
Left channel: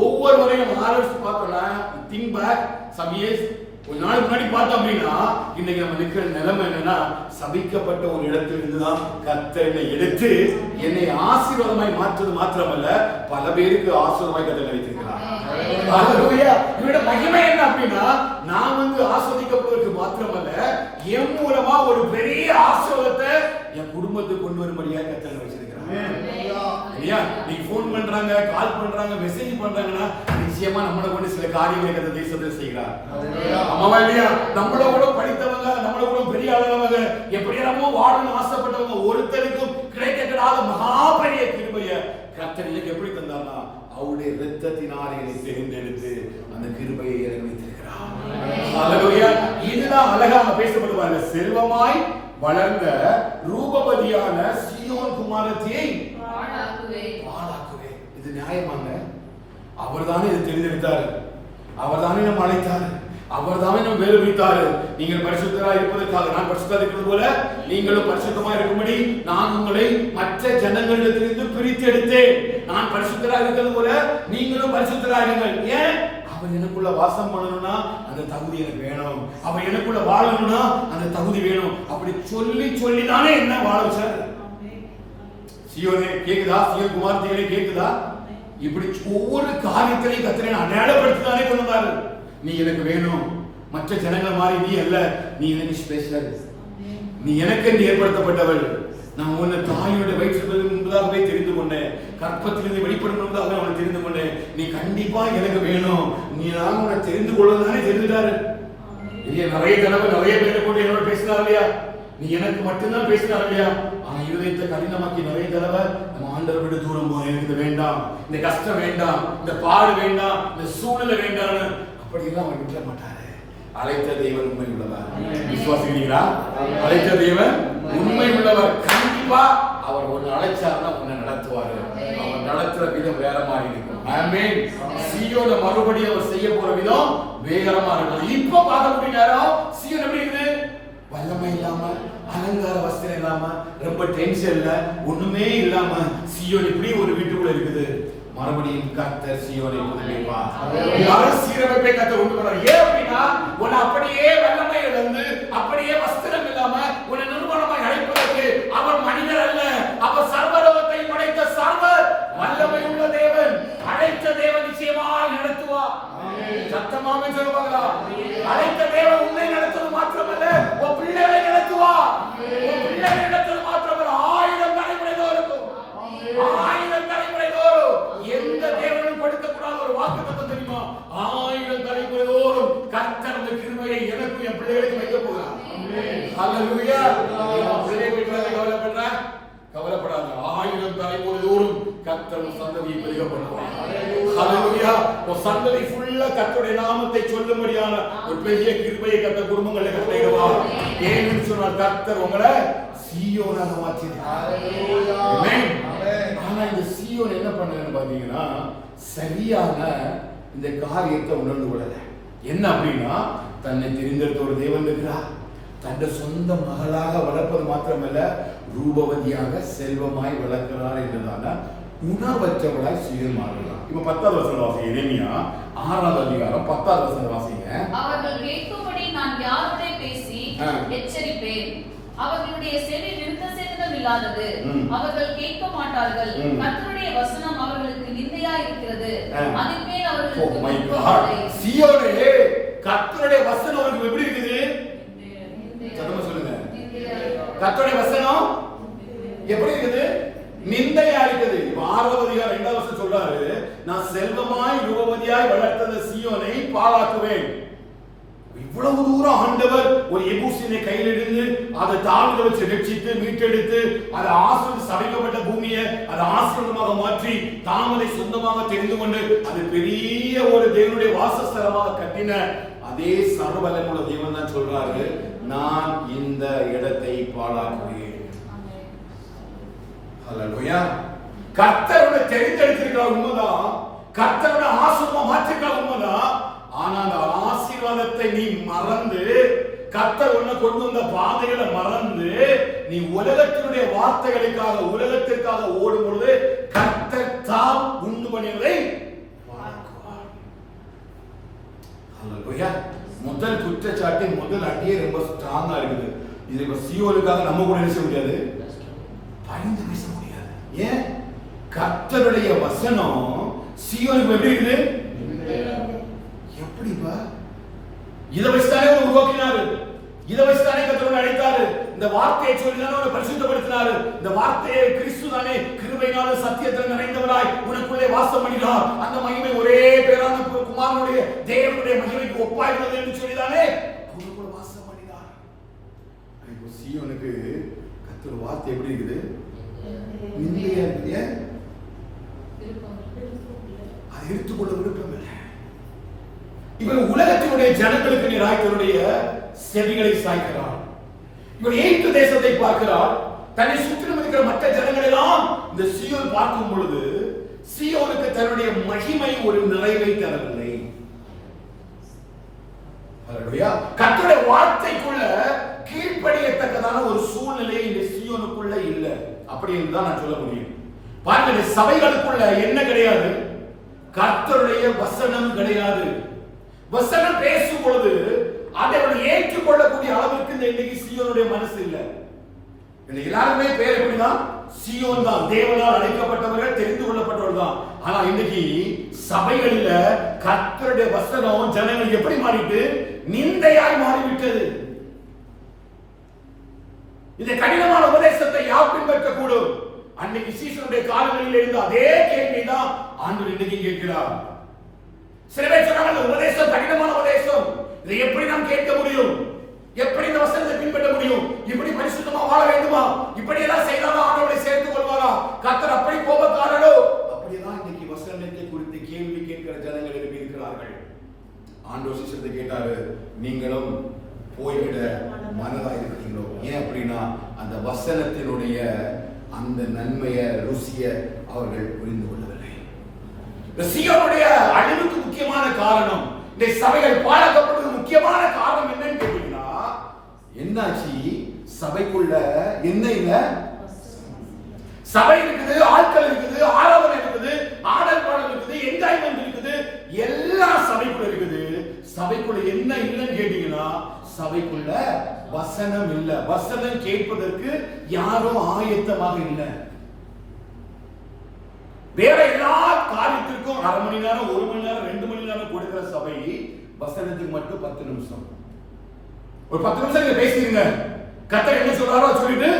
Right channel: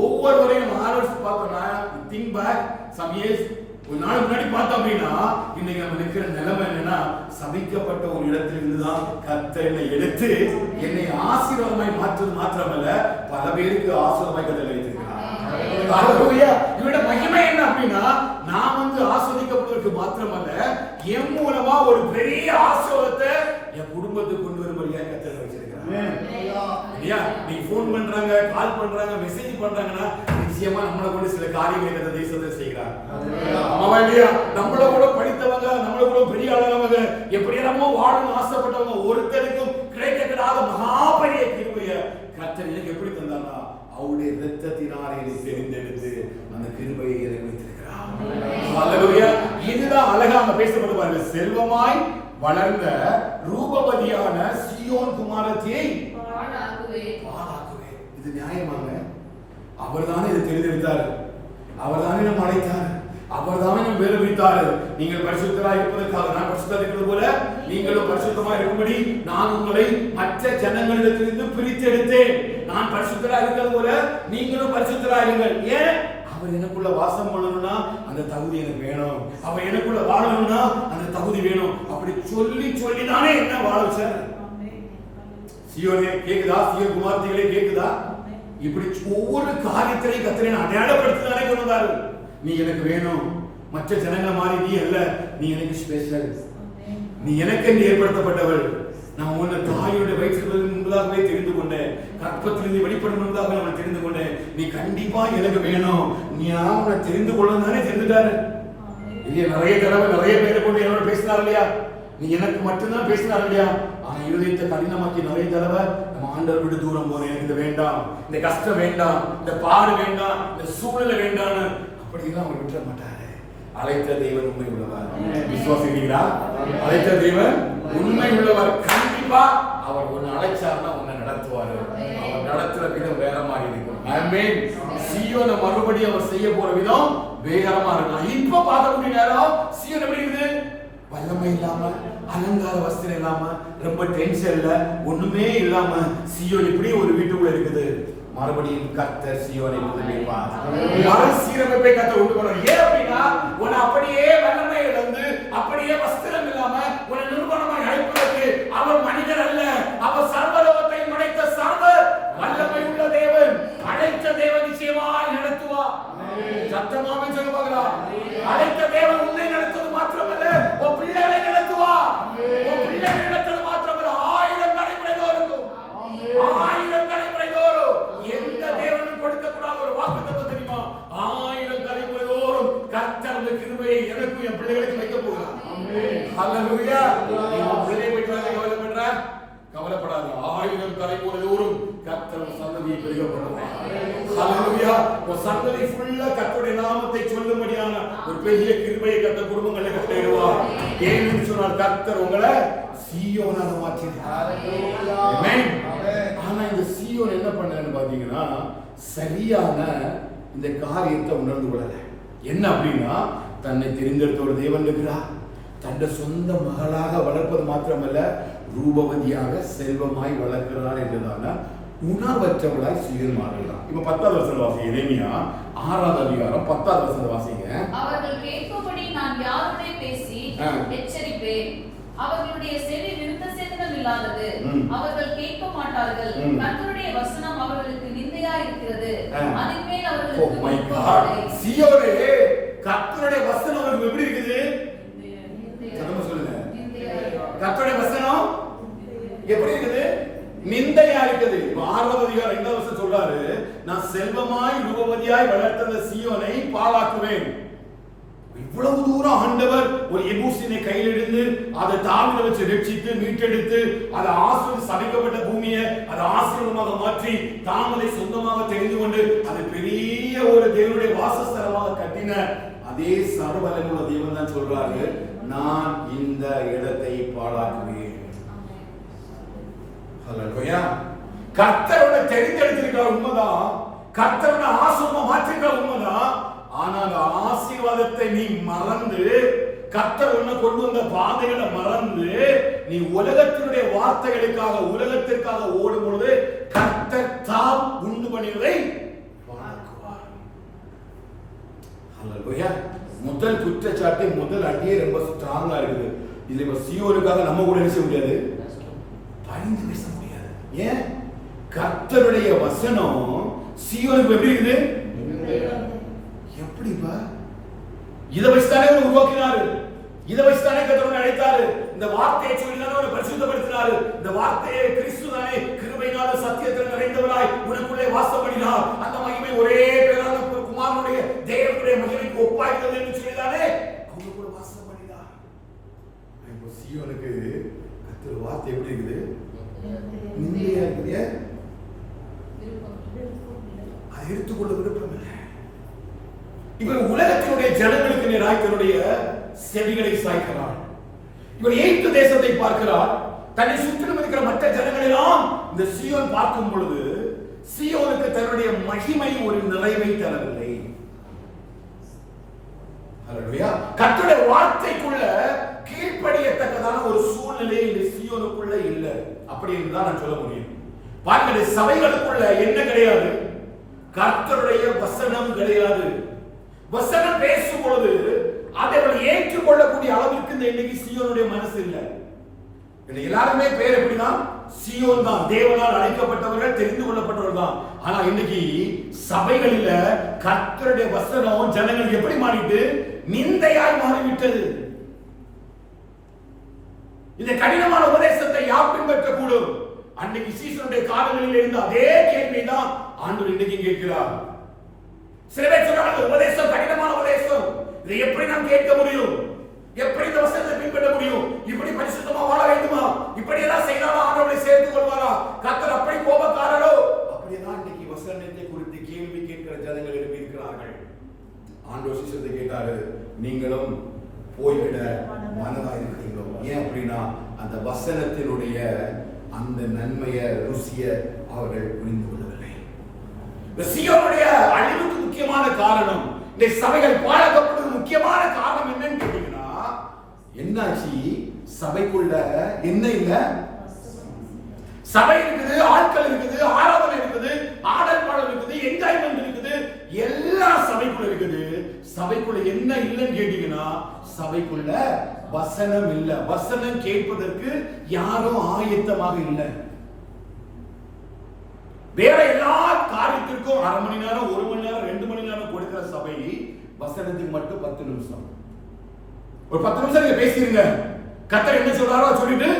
ஒவ்வொரு முறையும் ஆர்டர்ஸ் பார்த்தோம்னா திங்க் பேக் சம் இயர்ஸ் ஒரு நாள் முன்னாடி பார்த்தோம் அப்படின்னா இன்னைக்கு நம்ம இருக்கிற நிலைமை என்னன்னா, சபிக்கப்பட்ட ஒரு இடத்துல இருந்துதான் கர்த்தர் என்னை எடுத்து என்னை ஆசீர்வாதமாய் மாற்றுவது மாத்திரமல்ல, பல பேருக்கு ஆசீர்வாதமாய் கர்த்தர் வைத்திருக்கிறார். இவரோட மகிமை என்ன அப்படின்னா, நான் ஆஸ்வதிக்கப்படுவதற்கு மாத்திரமல்ல, என் மூலமா ஒரு பெரிய ஆசீர்வாதத்தை என் குடும்பத்துக்கு கொண்டு வரும்படியாக கர்த்தர் வச்சிருக்கிறார். நீ போன் பண்றாங்க, கால் பண்றாங்க, மெசேஜ் பண்றாங்கன்னா நிச்சயமா நம்மள கொண்டு சில காரியங்களை இந்த தேசத்துல செய்கிறார். ஆமாவா இல்லையா? நம்மள கூட படித்தவங்க, நம்மள கூட பெரிய ஆளவங்க, எப்படியெல்லாமோ வாழணும்னு ஆசைப்பட்டவங்க ஒருத்தருக்கும் கிடைக்கப்படாத மகா பெரிய கிருபையை கர்த்தர் எனக்கு எப்படி தந்தார்னா, அவருடைய இரத்தத்தினாலே தெரிந்தெடுத்து அந்த கிருபையை எனக்கு வைத்திருக்கிறார். ஹல்லேலூயா. இதுதான் அழகாக பேசப்படுவாங்க. செல்வமாய் வளர்ந்த ரூபவதியான சீயோன் குமாரத்தியை பாழாக்குவேன். இது நியாயமாங்க? அவர்தானே இதை தெரிந்தெடுத்தார், அவர்தானே நம்ம அழைத்தார், அவர்தானே நம்ம வேறு வைத்தார். நீங்கள் பரிசுத்தராய் இருப்பதற்காக நான் பரிசுத்தராய் இருக்கிறது போல நீங்களும் பரிசுத்தமாய் இருக்கும்படி நான் உங்களை மற்ற ஜனங்களிடத்திலிருந்து பிரித்து எடுத்தேன். நான் பரிசுத்தராய் இருக்கிறது போல நீங்களும் பரிசுத்தராய் இருங்கள். ஏன்? அவர் எனக்குள்ள வாசம் பண்ணணும்னா அந்த தகுதி எனக்கு வேணும், அவர் எனக்குள்ள வாழணும்னா அந்த தகுதி வேணும். அப்படி சொல்லி சொல்லி தானே என்ன வாழ சார். சீயோனே கேக்குதா? சீயோன் குமாரத்திகளே கேக்குதா? இப்படி ஒவ்வொரு காரியத்திலையும் கர்த்தரை அடையாளப்படுத்தினாலே கொண்டு வந்தாரு. நீ எனக்கு வேணும், மற்ற ஜனங்கள் மாதிரி நீ அல்ல, நீ எனக்கு ஸ்பெஷல், நீ எனக்கு என்று ஏற்படுத்தப்பட்டவள். நான் உன்னை தாயோட வயிற்றிலிருந்து முன்பதாகவே தெரிந்து கொண்டேன், கற்பத்திலிருந்து வெளிப்படும் முன்பதாக நான் தெரிந்து கொண்டேன். நீ கண்டிப்பா எனக்கு வேணும், நீ நான் உன்னை தெரிந்து கொள்ளதானே தெரிஞ்சுட்டாரு. இல்லையா? நிறைய தடவை நிறைய பேரை கொண்டு என்னோட பேசினார் இல்லையா? நீ எனக்கு மட்டும்தான் பேசினார் இல்லையா? ஆனா இருதயத்தை கடினமாக்கி நிறைய தடவை நம்ம ஆண்டவர் விட்டு தூரம் போறோம். எனக்கு இது வேண்டாம், இந்த கஷ்டம் வேண்டாம், இந்த பாடு வேண்டாம், இந்த சூழ்நிலை வேண்டாம்னு அப்படியெல்லாம் அவர் விட்டுற மாட்டாரு. அழைத்த தேவன் உண்மை உள்ளவர். விசுவாசிக்கிறீங்களா? அழைத்த தேவன் உண்மை உள்ளவர். கண்டிப்பா அவர் ஒன்னு அழைச்சாருன்னா ஒன்னு நடத்துவாரு. அவர் நடத்துற விதம் வேற மாதிரி இருக்கும். ஆமென். சீயோனை மறுபடியும் அவர் செய்ய போற விதம் வேகரமா இருக்கும். இப்ப பார்க்கக்கூடிய நேரம் சீயோன் எப்படி இருக்குது? வல்லமை இல்லாம, அலங்கார வஸ்திரம் இல்லாம, ரொம்ப டென்ஷன்ல, ஒண்ணுமே இல்லாம சீயோன் இப்படி ஒரு வீட்டுக்குள்ள இருக்குது. மறுபடியும் கர்த்தர் சீயோனை புதுப்பிப்பார். மறுசீரமைப்பை கர்த்தர் உண்டு பண்ணுவார். ஏன் அப்படின்னா, உன்னை அப்படியே வல்லமை இழந்து, அப்படியே வஸ்திரம் இல்லாம உன்னை நிர்மலமாய் அழைப்பதற்கு அவர் மனிதர் அல்ல, அவர் சர்வலோகத்தை படைத்த சர்வ வல்லமை உள்ள தேவன். அழைத்த தேவன் நிச்சயமாய் நடத்துவார். சத்தமாவே சொல்லுவாங்களா? அழைத்த தேவன் உன்னை நடத்துவது மாத்திரமல்ல, உன் பிள்ளைகளை நடத்துவார். உன் பிள்ளைகளை நடத்துவது மாத்திரமல்ல, 1000 தலைமுறை தோறும், 1000 தலைமுறை தோறும் எந்த தேவனும் கொடுக்கக்கூடாத ஒரு வாக்குத்தத்தம் தெரியுமா? 1000 தலைமுறை தோறும் கர்த்தர் அந்த கிருபையை எனக்கும் என் பிள்ளைகளுக்கு வைக்க போகிறார். ஹல்லேலூயா. பிள்ளையை வைத்து கவலைப்படுற கவலைப்படாத. 1000 தலைமுறை தோறும் கர்த்தர் சந்ததியை பெருக பண்ணுவார். ஹல்லேலூயா. ஒரு சந்ததி ஃபுல்லா கர்த்தருடைய நாமத்தை சொல்லும்படியான ஒரு பெரிய கிருபையை கர்த்தர் குடும்பங்களை கட்டளையிடுவார். ஏன்னு சொன்னால் கர்த்தர் உங்களை சீயோனாக மாற்றியிருக்கிறார். ஆமென். ஆனா இந்த சீயோன் என்ன பண்ணான்னு பாத்தீங்கன்னா, சரியான இந்த காரியத்தை உணர்ந்து கொள்ளல. என்ன அப்படின்னா, தன்னை தெரிந்தெடுத்த ஒரு தேவன் இருக்கிறார், தன்னை சொந்த மகளாக வளர்ப்பது மாத்திரமல்ல, ரூபவதியாக செல்வமாய் வளர்க்கிறார் என்றுதான உணர்வற்றவளாய் சீயோன் மாறுகிறார். இப்ப 10வது வசனம் வாசிங்க. எரேமியா 6வது அதிகாரம் 10வது வசனம் வாசிங்க. அவர்கள் கேட்கும்படி நான் யாரோடே பேசி எச்சரிப்பேன், அவர்களுடைய செவி விருத்த சேதனம் இல்லாதது, அவர்கள் கேட்க மாட்டார்கள். கர்த்தருடைய வசனம் அவர்களுக்கு நிந்தையா இருக்கிறது, அதின் மேல் அவர்களுக்கு சீயோனே கர்த்தருடைய வசனம் அவங்களுக்கு எப்படி இருக்குது? சத்தமா சொல்லுங்க. கர்த்தருடைய வசனம் எப்படி இருக்குது? நிந்தையா இருக்குது. 6வது அதிகாரம் 2வது வசனம் சொல்றாரு, நான் செல்வமாய் ரூபவதியாய் வளர்த்த சீயோனை பாழாக்குவேன். இவ்வளவு தூரம் ஆண்டவர் ஒரு எபூசினை கையில் எடுத்து அதை தாழ்ந்து வச்சு ரட்சித்து மீட்டெடுத்து அதை ஆசீர்வாத சபிக்கப்பட்ட பூமியை அதை ஆசீர்வாதமாக மாற்றி தாமதை சொந்தமாக தெரிந்து கொண்டு அது பெரிய ஒரு தேவனுடைய வாசஸ்தலமாக கட்டின அதே சர்வவல்லமையுள்ள தேவன் தான் சொல்றாரு, நான் இந்த இடத்தை பாழாக்குவேன். ஹல்லேலூயா. கர்த்தரோட தெரிந்தெடுத்திருக்கிற உண்மைதான், கர்த்தரோட ஆசீர்வாதம் மாற்றிருக்கிற உண்மைதான். ஆனா அந்த ஆசீர்வாதத்தை நீ மறந்து கர்த்தர் உன்னை கொண்டு வந்த பாதைகளை மறந்து நீ உலகத்தினுடைய வார்த்தைகளுக்காக உலகத்திற்காக ஓடும் பொழுது கர்த்தர் தாம் உண்டு பண்ணியதை வணங்குவார். ஹல்லேலூயா. முதல் குற்றச்சாட்டு முதல் அடியே ரொம்ப ஸ்ட்ராங்கா இருக்குது. இது இப்ப சீயோனுக்காக நம்ம கூட என்ன செய்ய முடியாது, பயந்து பேச முடியாது. ஏன்? கர்த்தருடைய வசனம் சீயோனுக்கு எப்படி இருக்குது? எப்படிப்பா? இதை வச்சுதானே உருவாக்கினாரு, இதை வச்சுதானே கர்த்தர் அழைத்தாரு, இந்த வார்த்தையை சொல்லிதானே அவரை பரிசுத்தப்படுத்தினாரு, இந்த வார்த்தையை கிறிஸ்து தானே கிருபையினால சத்தியத்தில் நிறைந்தவராய் உனக்குள்ளே வாசம் பண்ணினார். அந்த மகிமை ஒரே பேரான குமாரனுடைய தேவனுடைய மகிமைக்கு ஒப்பாயிருந்தது என்று சொல்லிதானே அவருக்குள்ள வாசம் பண்ணினார். இப்போ சீயோனுக்கு கர்த்தர் வார்த்தை எப்படி இருக்குது? நிந்தையா இருக்குது. அதை எடுத்துக்கொள்ள விருப்பம் இல்லை. இவன் உலகத்தினுடைய ஜனங்களுக்கு நேராய்களுடைய செவிகளை சாய்க்கிறான். இவன் எகிப்து தேசத்தை பார்க்கிறான். தன்னை சுற்றிலும் இருக்கிற மற்ற ஜனங்களெல்லாம் இந்த சீயோன் பார்க்கும் பொழுது சீயோனுக்கு தன்னுடைய மகிமை ஒரு நிறைவை தரவில்லை. கர்த்தருடைய வார்த்தைக்குள்ள கீழ்ப்படியத்தக்கதான ஒரு சூழ்நிலை இந்த சீயோனுக்குள்ள இல்லை. அப்படி என்றுதான் நான் சொல்ல முடியும். பாருங்க, சபைகளுக்குள்ள என்ன கிடையாது? கர்த்தருடைய வசனம் கிடையாது. வசனம் பேசும் பொழுது அதை ஏற்றுக்கொள்ளக்கூடிய அளவிற்கு இந்த இன்னைக்கு சீயோனுடைய மனசு இல்லை. எல்லாருமே பேர் எப்படின்னா சீயோன் தான், தேவனால் அழைக்கப்பட்டவர்கள், தெரிந்து கொள்ளப்பட்டவர்கள் தான். ஆனா இன்னைக்கு சபைகளில கர்த்தருடைய வசனம் ஜனங்கள் எப்படி மாறிட்டு நிந்தையாய் மாறிவிட்டது. இந்த கடினமான உபதேசத்தை யார் பின்பற்றக்கூடும்? அன்னைக்கு சீசனுடைய காலங்களில் இருந்த அதே கேள்விதான் ஆண்டவர் இன்னைக்கு கேட்கிறார். சில பேர் சொன்னாங்க உபதேசம் கடினமான உபதேசம், இதை எப்படி நான் கேட்க முடியும், எப்படி இந்த வசனத்தை பின்பற்ற முடியும், இப்படி பரிசுத்தமா வாழ வேண்டுமா, இப்படி எல்லாம் செய்தாலும் ஆண்டவரை சேர்த்துக் கொள்வாரா, கர்த்தர் அப்படி கோபக்காரரோ? அப்படியேதான் இன்னைக்கு வசனத்தை குறித்து கேள்வி கேட்கிற ஜனங்கள் இருக்கிறார்கள். ஆண்டவர் சீசத்தை கேட்டாரு, நீங்களும் போய்விட மனதா இருக்கிறீங்களோ? ஏன் அப்படின்னா அந்த வசனத்தினுடைய அந்த நன்மையை ருசிய அவர்கள் புரிந்து கொள்ளவில்லை. சீயோனுடைய அழிவுக்கு முக்கியமான காரணம், இந்த சபைகள் பாழாக்கப்படுவதற்கு முக்கியமான காரணம் என்னன்னு கேட்டீங்கன்னா, என்னாச்சு? சபைக்குள்ள என்ன இல்ல? சபை இருக்குது, ஆட்கள் இருக்குது, ஆராதனை இருக்குது, ஆடல் பாடல் இருக்குது, என்ஜாய்மெண்ட் இருக்குது, எல்லா சபைக்குள்ள இருக்குது. சபைக்குள்ள என்ன இல்லைன்னு கேட்டீங்கன்னா, சபைக்குள்ள வசனம் இல்ல. வசனம் கேட்பதற்கு யாரும் ஆயத்தமாக இல்லை. வேற எல்லா காரியத்திற்கும் 1/2 மணி நேரம், 1 மணி நேரம், 2 மணி நேரம் கொடுக்கிற சபை வசனத்துக்கு மட்டும் 10 நிமிஷம். ஒரு 10 நிமிஷம் நீங்க பேசிருங்க, கர்த்தர் என்ன சொல்றாரோ சொல்லிட்டு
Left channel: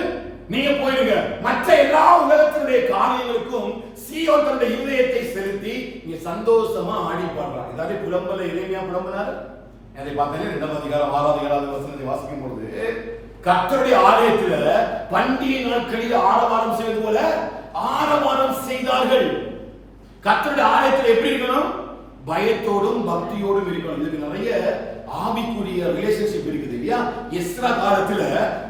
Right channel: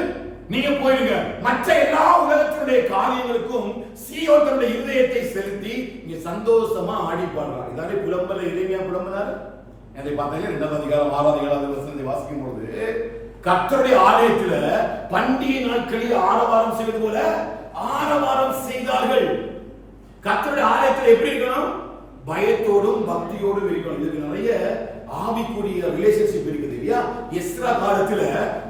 நீங்க போயிருங்க. மற்ற எல்லா உலகத்தினுடைய காரியங்களுக்கும் சீயோன் தன்னுடைய இருதயத்தை செலுத்தி இங்க சந்தோஷமா ஆடி பாடுறார். இதாலே புலம்பல இறைமையா புலம்பினார். அதை பார்த்தீங்கன்னா 2ஆம் அதிகாரம் 6ஆம் அதிகாரம் வசனத்தை வாசிக்கும் பொழுது கர்த்தருடைய ஆலயத்துல பண்டிகை நாட்களில் ஆரவாரம் செய்வது போல ஆரவாரம் செய்தார்கள். கர்த்தருடைய ஆலயத்தில் எப்படி இருக்கணும்? பயத்தோடும் பக்தியோடும் இருக்கணும். இதுக்கு நிறைய ஆவிக்குரிய ரிலேஷன்ஷிப் இருக்குது இல்லையா? எஸ்ரா காலத்துல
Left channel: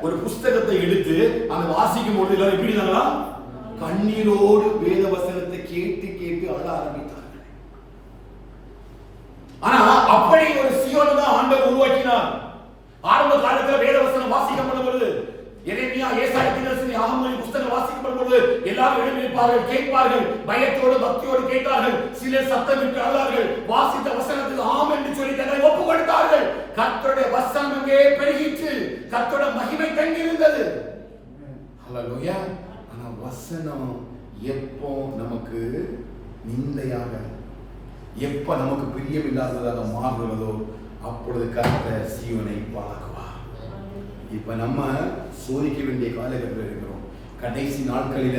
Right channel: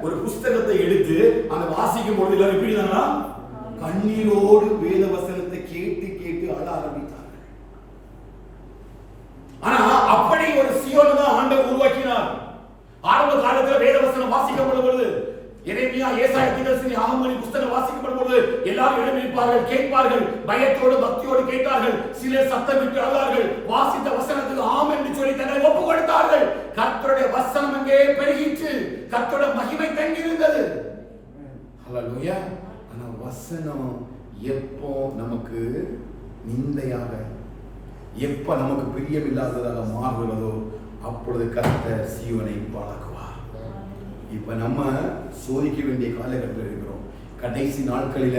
ஒரு புஸ்தகத்தை எடுத்து அந்த வாசிக்கும் பொழுது எல்லாரும் எப்படி இருந்தாங்களா? கண்ணீரோடு வேத வசனத்தை கேட்டு கேட்டு அழ ஆரம்பித்தார்கள். ஆனா அப்படி ஒரு சீயோனை தான் ஆண்டவர் உருவாக்கினார். ஆரம்ப காலத்துல வேத வசனம் வாசிக்கப்படும் பொழுது, எரேமியா, ஏசாயா, தீர்க்கதரிசி, ஆகமொழி புத்தகம் வாசிக்கப்படும் பொழுது எல்லாரும் எழுந்திருப்பார்கள், கேட்பார்கள், பயத்தோடு பக்தியோடு கேட்டார்கள். சிலர் சத்தமிட்டு அழுதார்கள். வாசித்த வசனத்துக்கு ஆம் என்று சொல்லி தன்னை ஒப்பு கொடுத்தார்கள். கர்த்தருடைய வசனம் அங்கே பெருகிற்று. கர்த்தருடைய மகிமை தங்கியிருந்தது. ஹல்லேலூயா. ஆனா வசனம் எப்போ நமக்கு நிந்தையாக, எப்ப நமக்கு பிரியமில்லாததாக மாறுகிறதோ அப்பொழுது கர்த்தர் சீயோனை பாழாக்குவார். இப்ப நம்ம சோதிக்க வேண்டிய காலகட்டத்தில் இருக்கிறோம். கடைசி நாட்களில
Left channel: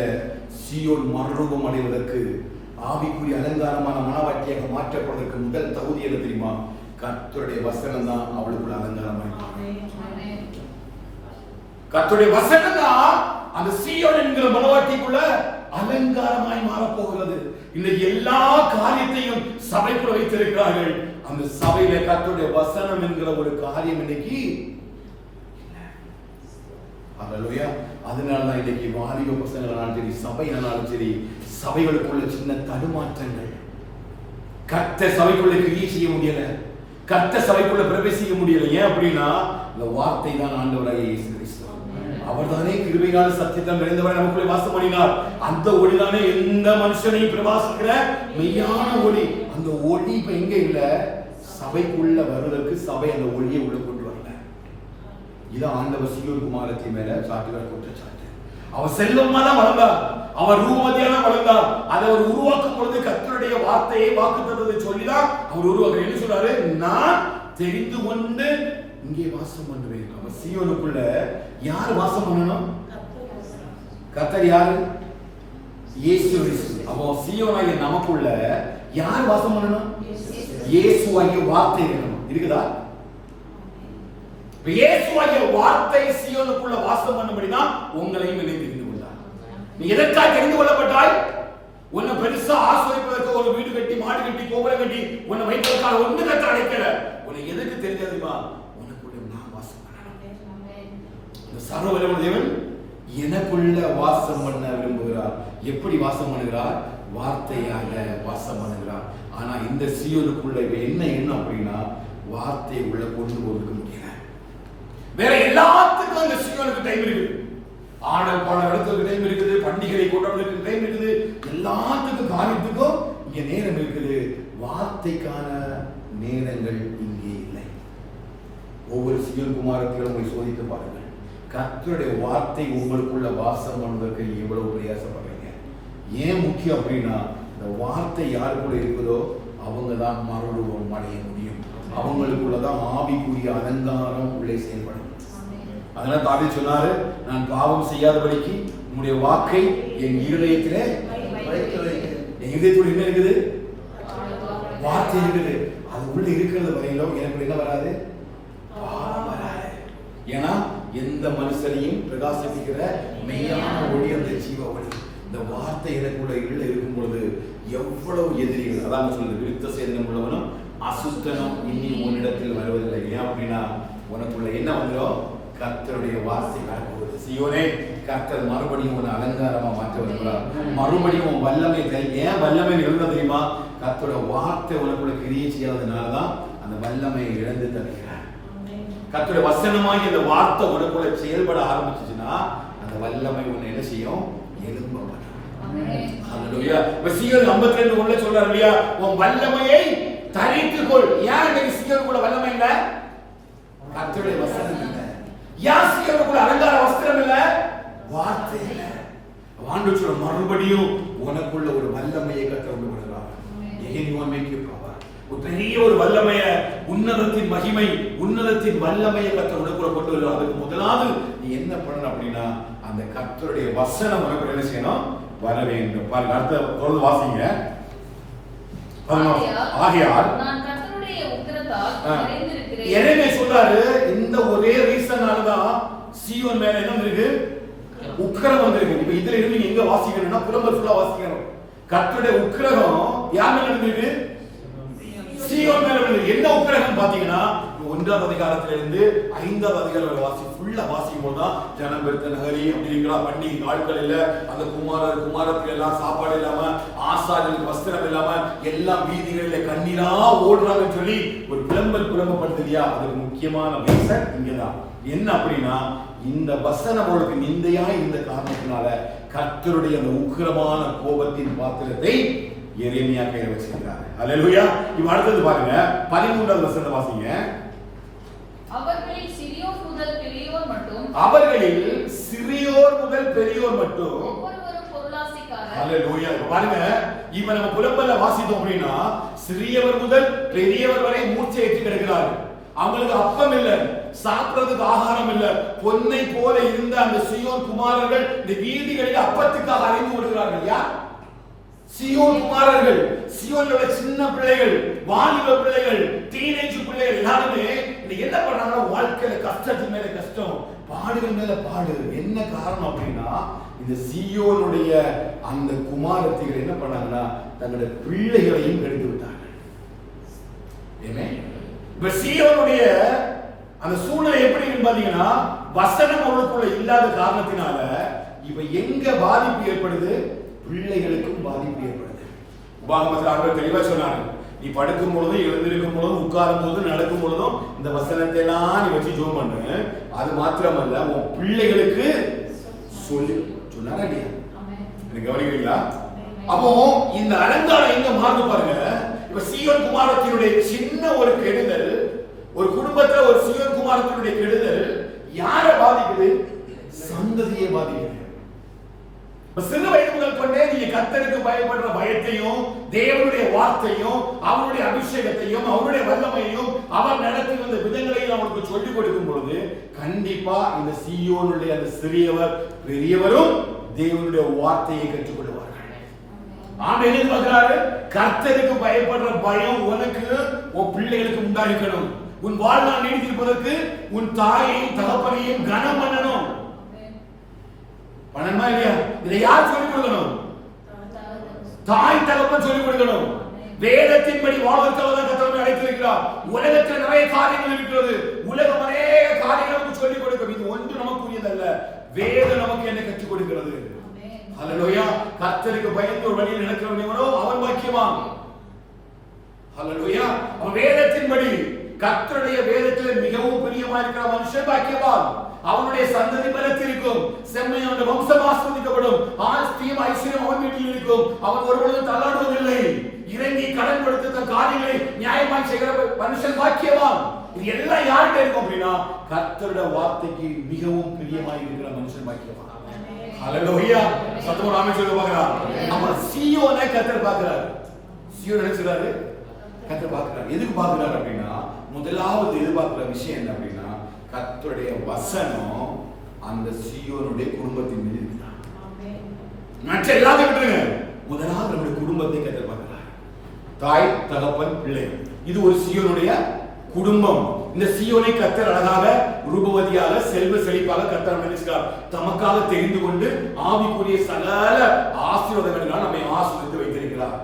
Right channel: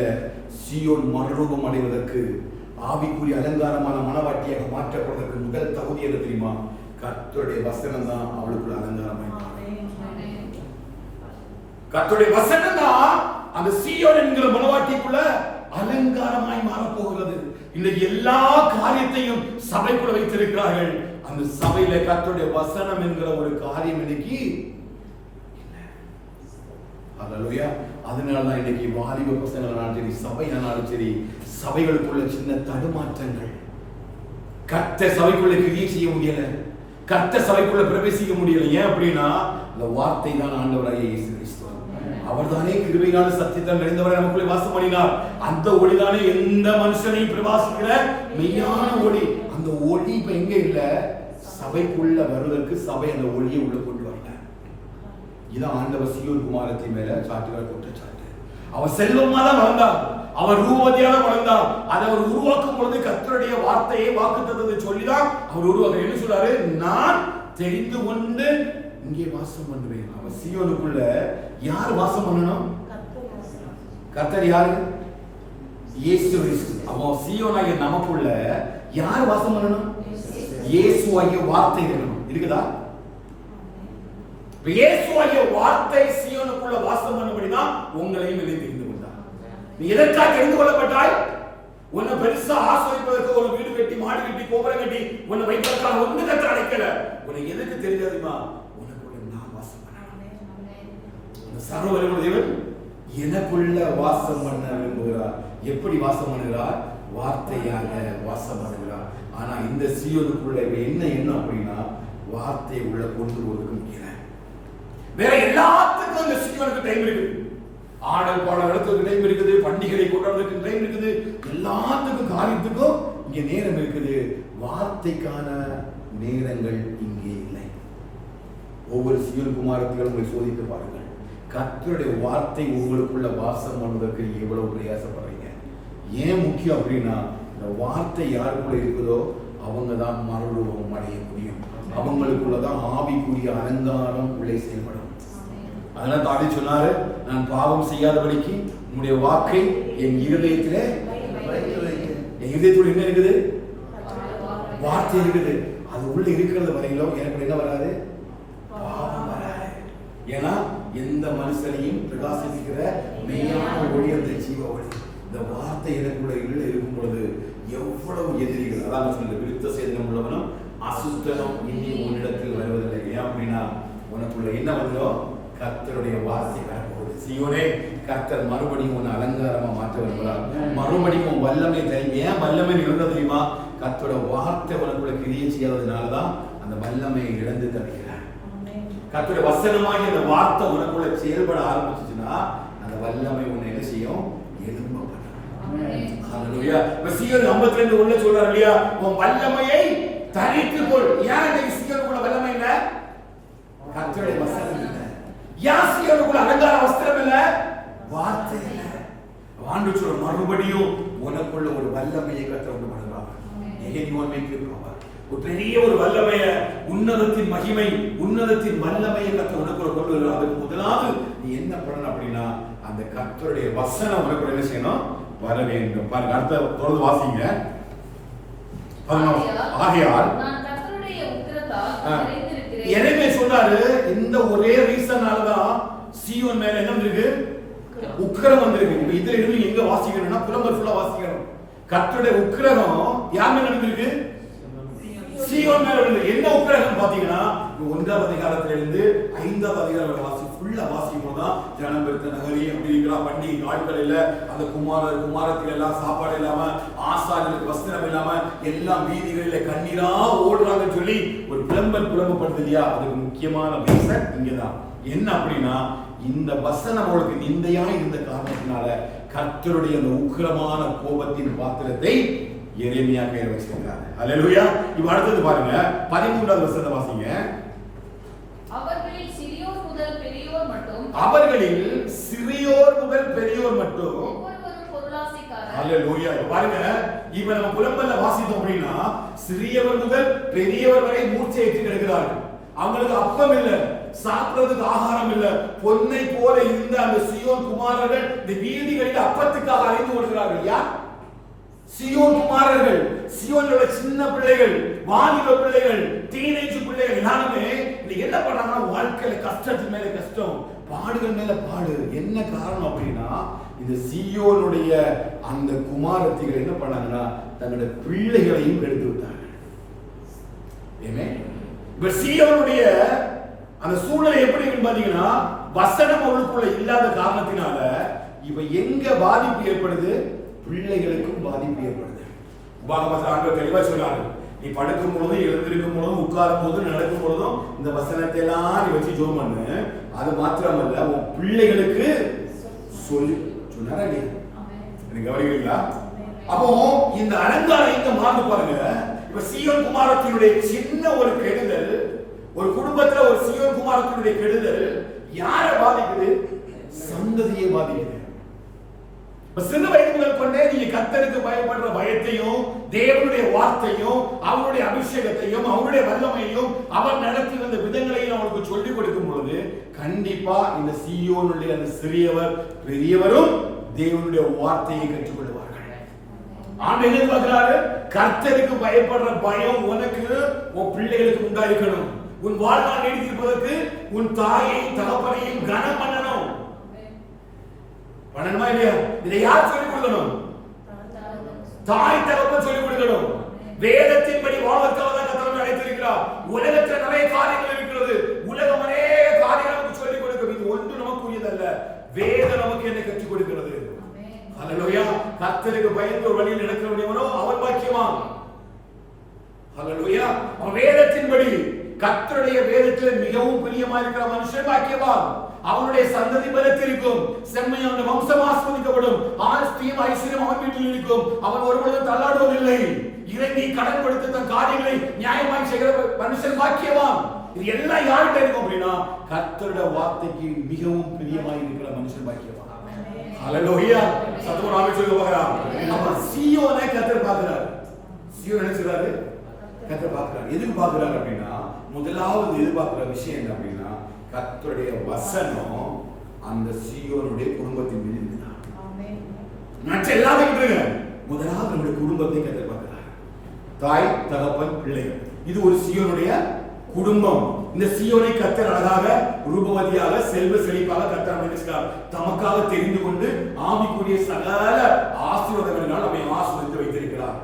சீயோன் மறுரூபம் அடைவதற்கு, ஆவிக்குரிய அலங்காரமான மனவாட்டியாக மாற்றப்படுவதற்கு முதல் தகுதி என்ன தெரியுமா? கர்த்தருடைய வசனம் தான் அவளுக்குள்ள அலங்காரமாய் மாறும். கர்த்தருடைய வசனம் தான் அந்த சீயோன் என்கிற மனவாட்டிக்குள்ள அலங்காரமாய் மாறப் போகிறது. இன்னைக்கு எல்லா காரியத்தையும் சபைக்குள்ள வைத்திருக்கிறார்கள். அந்த சபையில கர்த்தருடைய வசனம் என்கிற ஒரு காரியம் இன்னைக்கு. ஹல்லேலூயா. அதனாலதான் இன்னைக்கு வாலிப பசங்களானாலும் சரி, சபையானாலும் சரி, சபைகளுக்குள்ள சின்ன தடுமாற்றங்கள். கர்த்தர் சபைக்குள்ள கிரியை செய்ய முடியல, கர்த்தர் சபைக்குள்ள பிரவேசிக்க முடியல. ஏன் அப்படின்னா இந்த வார்த்தை தான் ஆண்டவராகிய இயேசு கிறிஸ்து. அவர்தானே கிருபையான சத்தியத்தை நிறைந்தவரை நமக்குள்ளே வாசம் பண்ணினார். அந்த ஒளிதானே எந்த மனுஷனையும் பிரகாசிக்கிற மெய்யான ஒளி. அந்த ஒளி இப்ப எங்க இல்ல? சபைக்குள்ள வருவதற்கு சபை அந்த ஒளியை உள்ள கொண்டு வரல. இதான் ஆண்டவர் சீயோன் குமாரத்தின் மேல சாட்டுகிற குற்றச்சாட்டு. அவர் செல்வமா தான் வளர்ந்தார், அவர் ரூபவதியா தான் வளர்ந்தார். அதை அவர் உருவாக்கும் பொழுது கர்த்தருடைய வார்த்தையை வாக்குத்தத்தத்தை சொல்லிதான் அவர் உருவாக்க. என்ன சொல்றாரு? நான் தெரிந்து கொண்டு இங்கே வாசம் பண்ணுவேன். அவர் சீயோனுக்குள்ள யார் வாசம் பண்ணணும்? கர்த்தர் யாரு? இயேசு கிறிஸ்து. அப்போ சீயோனாகிய நமக்குள்ள யார் வாசம் பண்ணணும்? இயேசுவாகிய வார்த்தை இருக்கணும். இருக்குதா? இயேசுவாகிய வார்த்தை சீயோனுக்குள்ள வாசம் பண்ணும்படிதான் உங்களையும் என்னை தெரிந்து கொண்டார். நீ எதற்காக தெரிந்து கொள்ளப்பட்டாய்? உன்னை பெருசா ஆசிரியப்பதற்கு ஒரு வீடு கட்டி, மாடு கட்டி, கோபுரம் கட்டி உன்னை வைப்பதற்காக ஒன்று கட்ட அடைக்கல. உன்னை எதுக்கு தெரியாதுமா? உனக்குள்ள நான் வாசம் பண்ணணும். அந்த சர்வவல்லமை தேவன் எனக்குள்ள வாசம் பண்ண விரும்புகிறார். எப்படி வாசம் பண்ணுகிறார்? வார்த்தையாக வாசம் பண்ணுகிறார். ஆனா இந்த சீயோனுக்குள்ள என்ன எண்ணம் அப்படின்னா வார்த்தையை உள்ள கொண்டு போறதுக்கு முடியல. வேற எல்லாத்துக்கும் அந்த சீயோனுக்கு டைம் இருக்குது. ஆடல் பாடல் நடத்துறதுக்கு டைம் இருக்குது, பண்டிகை கொண்டாடுறதுக்கு டைம் இருக்குது, எல்லாத்துக்கும் காரியத்துக்கும் இங்க நேரம் இருக்குது. வார்த்தைக்கான நேரங்கள் இங்கே இல்லை. ஒவ்வொரு சீயோன் குமாரத்திலும் உங்களை சோதித்து பாருங்கள். கர்த்தருடைய வார்த்தை உங்களுக்குள்ள வாசம் பண்ணுவதற்கு எவ்வளவு பிரயாசப்படுறீங்க? ஏன் முக்கியம் அப்படின்னா இந்த வார்த்தை யாருக்குள்ள இருக்குதோ அவங்க தான் மறுரூபம் அடைய முடியும். அவங்களுக்குள்ளதான் ஆவிக்குரிய அலங்காரம் உள்ளே செயல்படும். அதனால தாவீது சொன்னாரு, நான் பாவம் செய்யாதபடிக்கு உம்முடைய வாக்கை என் இருதயத்திலே என் இருதயத்தோடு என்ன இருக்குது? வார்த்தை இருக்குது. அது உள்ள இருக்கிறது வரையிலும் எனக்கு என்ன வராது? பாவம் வராது. ஏன்னா எந்த மனுஷனையும் பிரகாசிக்கிற மெய்யான ஒளி அந்த ஜீவ ஒளி. இந்த வார்த்தை எனக்குள்ள இருக்கும் பொழுது எவ்வளவு எதிரிகள், அதான் சொல்லுது, விருத்த சேதனம் உள்ளவனும் அசுத்தனம் இனி உன்னிடத்தில் வருவதில்லை. ஏன் அப்படின்னா உனக்குள்ள என்ன வந்துடும்? கர்த்தருடைய வார்த்தை வரப்போகுது. சீயோனே, கர்த்தர் மறுபடியும் உன்னை அலங்காரமா மாற்ற வருகிறார். மறுபடியும் உன் வல்லமை ஏன் வல்லமை இழந்த தெரியுமா? கர்த்தரோட வார்த்தை உனக்குள்ள கிரியை செய்யாததுனாலதான் அந்த வல்லமை இழந்து தருகிறார். கர்த்தருடைய வசனமாய் இந்த வார்த்தை உனக்குள்ள செயல்பட ஆரம்பிச்சுச்சுன்னா அந்த வல்லமை உன்னை என்ன செய்யும்? எழும்ப பண்ணும். ஹல்லேலூயா. சீயோன் 52 உள்ள சொல்றாரு இல்லையா, உன் வல்லமையை தரித்துக்கொள். ஏன் இந்த சீயோனுக்குள்ள வல்லமை இல்ல? கர்த்தருடைய வசனம் இல்ல. ஏன் சீயோனுக்குள்ள அலங்கார வஸ்திரம் இல்ல? வார்த்தை இல்ல. ஆண்டவர் சொல்ற மறுபடியும் உனக்குள்ள ஒரு வல்லமையை கர்த்தர் கொண்டு வருவார். ஒரு பெரிய ஒரு வல்லமைய, உன்னதத்தின் மகிமை, உன்னதத்தின் வல்லமையை கர்த்தர் உனக்குள்ள கொண்டு வருவார். அதுக்கு முதலாவது நீ என்ன பண்ணணும் அப்படின்னா அந்த கர்த்தருடைய வசனம் உனக்குள்ள என்ன செய்யணும்? வர வேண்டும். பாருங்க, அடுத்த தொடர்ந்து வாசிங்க. ஆகையால் எரேமியா சொல்றாரு, இந்த ஒரே ரீசனாலதான் சீயோன் மேல என்ன இருக்கு? உக்கிரம் வந்திருக்கு. இப்ப இதுல இருந்து எங்க வாசிக்கணும்னா புலம்பல் ஃபுல்லா வாசிக்கணும். கர்த்தருடைய உக்கிரம் யார் மேல இருக்கு? சீயோன் மேல இருந்து. என்ன உக்கிரம் பாத்தீங்கன்னா 1ஆம் அதிகாரத்திலிருந்து 5ஆம் அதிகாரம் வாசி ஃபுல்லா வாசிக்கும் போதுதான் ஜனம் பெருத்த நகரி அப்படிங்கிற பண்டிகை நாட்கள் இல்ல, அந்த குமாரத்துல எல்லாம் சாப்பாடு இல்லாம, ஆசாரியர்களுக்கு வஸ்திரம் இல்லாம, எல்லாம் வீதிகளில கண்ணீரா ஓடுறாங்கன்னு சொல்லி ஒரு புலம்பப்படுது இல்லையா? அதுக்கு முக்கியமான ரீசன் இங்கதான். என்ன அப்படின்னா இந்த வசனம் அவளுக்கு நிந்தையா இருந்த காரணத்தினால கர்த்தருடைய அந்த உக்கிரமான கோபத்தின் பாத்திரத்தை எரேமியா கையில் வச்சிருக்காரு. அல்லேலூயா. இப்ப அடுத்தது பாருங்க, 13வது வசனத்தை வாசிங்க. அவர்களில் சிறியோர் முதல் பெரியோர் மட்டும் ஒவ்வொருவரும் பொருளாசைக்காரர். அல்லேலூயா. பாருங்க, இப்ப நம்ம புலம்பல்ல வாசித்தோம் அப்படின்னா சிறியவர் முதல் பெரியவர் வரை மூர்ச்சையற்று கிடக்கிறார்கள். அவங்களுக்கு அப்பம் இல்ல, சாப்பிடுறதுக்கு ஆகாரம் இல்ல. பொன்னை போல இருந்த அந்த சீயோன் குமாரர்கள் இந்த வீதிகளில் அப்பத்துக்காக அலைந்து ஓடுகிறார்கள். யார்? சீயோன் குமாரர்கள். சீயோன்ல சின்ன பிள்ளைகள், வாலிப பிள்ளைகள், டீனேஜ் பிள்ளைகள் எல்லாருமே என்ன பண்றாங்கன்னா வாழ்க்கையில கஷ்டத்துக்கு மேல கஷ்டம், பாடுகள் மேல பாடு. என்ன காரணம் அப்படின்னா இந்த சீயோனுடைய அந்த குமாரத்திகள் என்ன பண்ணாங்கன்னா தங்களுடைய பிள்ளைகளையும் எடுத்து விட்டார்கள். ஆமென். இப்ப சீயோனுடைய அந்த சூழ்நிலை எப்படி இருக்குன்னு பாத்தீங்கன்னா வசனம் அவளுக்குள்ள இல்லாத காரணத்தினால இப்ப எங்க பாதிப்பு ஏற்படுது? பிள்ளைகளுக்கும் பாதிப்பு ஏற்படுது. உபாகமத்தில் ஆண்டவர் தெளிவா சொன்னாரு, நீ படுக்கும் பொழுதும் எழுந்திருக்கும் பொழுதும் உட்காரும் போதும் நடக்கும் பொழுதும் இந்த வசனத்தை எல்லாம் நீ வச்சு ஜெபம் பண்ணு. அது மாத்திரமல்ல உன் பிள்ளைகளுக்கு சொல்லி சொன்னாரா இல்லையா? எனக்கு கவனிக்கிறீங்களா? அப்போ இந்த அலங்காரம் எங்க மாறுது பாருங்க. இப்ப சீயோன் குமாரத்தினுடைய சின்ன ஒரு கெடுதல், ஒரு குடும்பத்துல ஒரு சீயோன் குமாரத்தினுடைய கெடுதல் யாரை பாதிக்குது? சந்ததியை பாதிக்குது. சிறு வயது முதல் கொண்டே நீங்க கர்த்தருக்கு பயப்படுற பயத்தையும் தேவனுடைய வார்த்தையும் அவருடைய அபிஷேகத்தையும் அவருடைய வல்லமையையும் அவர் நடத்தி வந்த விதங்களையும் அவனுக்கு சொல்லிக் கொடுக்கும் பொழுது கண்டிப்பா இந்த சீயோனுடைய அந்த சிறியவர் பெரியவரும் தேவனுடைய வார்த்தையை கற்றுக்கொள்வார்கள். ஆண்டு என்ன பார்க்கிறாரு? கர்த்தருக்கு பயப்படுற பயம் உனக்கு உன் பிள்ளைகளுக்கு உண்டாயிருக்கணும். உன் வாழ்நாள் நீடித்திருப்பதற்கு உன் தாயையும் தகப்பனையும் கனம் பண்ணணும். பண்ணணுமா இல்லையா? இதை யார் சொல்லிக் கொடுக்கணும்? தாய் தகப்பன் சொல்லிக் கொடுக்கணும். வேதத்தின்படி வாழ்வதற்காக தான் கர்த்தர் நம்மை அழைத்திருக்கிறார். உலகத்தில் நிறைய காரியங்கள் இருக்கிறது. உலகம் நிறைய காரியங்கள் நமக்கு சொல்லிக் கொடுக்கும். இது ஒன்று நமக்குரியதல்ல. வேதம் நமக்கு என்ன கற்றுக் கொடுக்கிறது? ஹல்லேலூயா. கர்த்தருக்கு பயந்து ஒரு வழியில் நடக்கிறவனோ அவன் பாக்கியவான். ஹல்லேலூயா. வேதத்தின்படி கர்த்தருடைய வேதத்தில் மிகவும் பிரியமா இருக்கிற மனுஷன் பாக்கியவான். அவனுடைய சந்ததி பலத்திருக்கும். செம்மையான வம்சம் ஆஸ்வதிக்கப்படும். ஆஸ்தியும் ஐஸ்வர்யம் அவன் வீட்டில் இருக்கும். அவன் ஒருபொழுதும் தள்ளாடுவதில்லை. இறங்கி கடன் கொடுத்து தன் காரியங்களை நியாயமாய் செய்கிற மனுஷன் பாக்கியவான். இது எல்லாம் யார்கிட்ட இருக்கும் அப்படின்னா கர்த்தருடைய வார்த்தைக்கு மிகவும் பிரியமாய் இருக்கிற மனுஷன் பாக்கியவான். ஹல்லேலூயா. சத்தமா ஆமென் சொல்லுங்க பார்க்கறார். அப்ப சீயோனை கர்த்தர் பார்க்கறார். சீயோன் என்ன சொல்றாரு? கர்த்தர் பார்க்கறார். எதுக்கு பார்க்கறார் அப்படின்னா முதலாவது எதிர்பார்க்கிற விஷயம் என்ன அப்படின்னா கர்த்தருடைய வசனம் அந்த சீயோனுடைய குடும்பத்தின் மீது இருந்தார். மற்ற எல்லாத்தையும் விட்டுருங்க. முதலாவது நம்முடைய குடும்பத்தை கர்த்தர் பார்க்கிறார். தாய் தகப்பன் பிள்ளைகள். இது ஒரு சீயோனுடைய குடும்பம். இந்த சீயோனை கர்த்தர் அழகாக ரூபவதியாக செல்வ செழிப்பாக கர்த்தர் நினைச்சார். தமக்காக தெரிந்து கொண்டு ஆவிக்குரிய சகல ஆசீர்வாதங்களால் நம்மை ஆசீர்வதித்து வைத்திருக்கிறார்.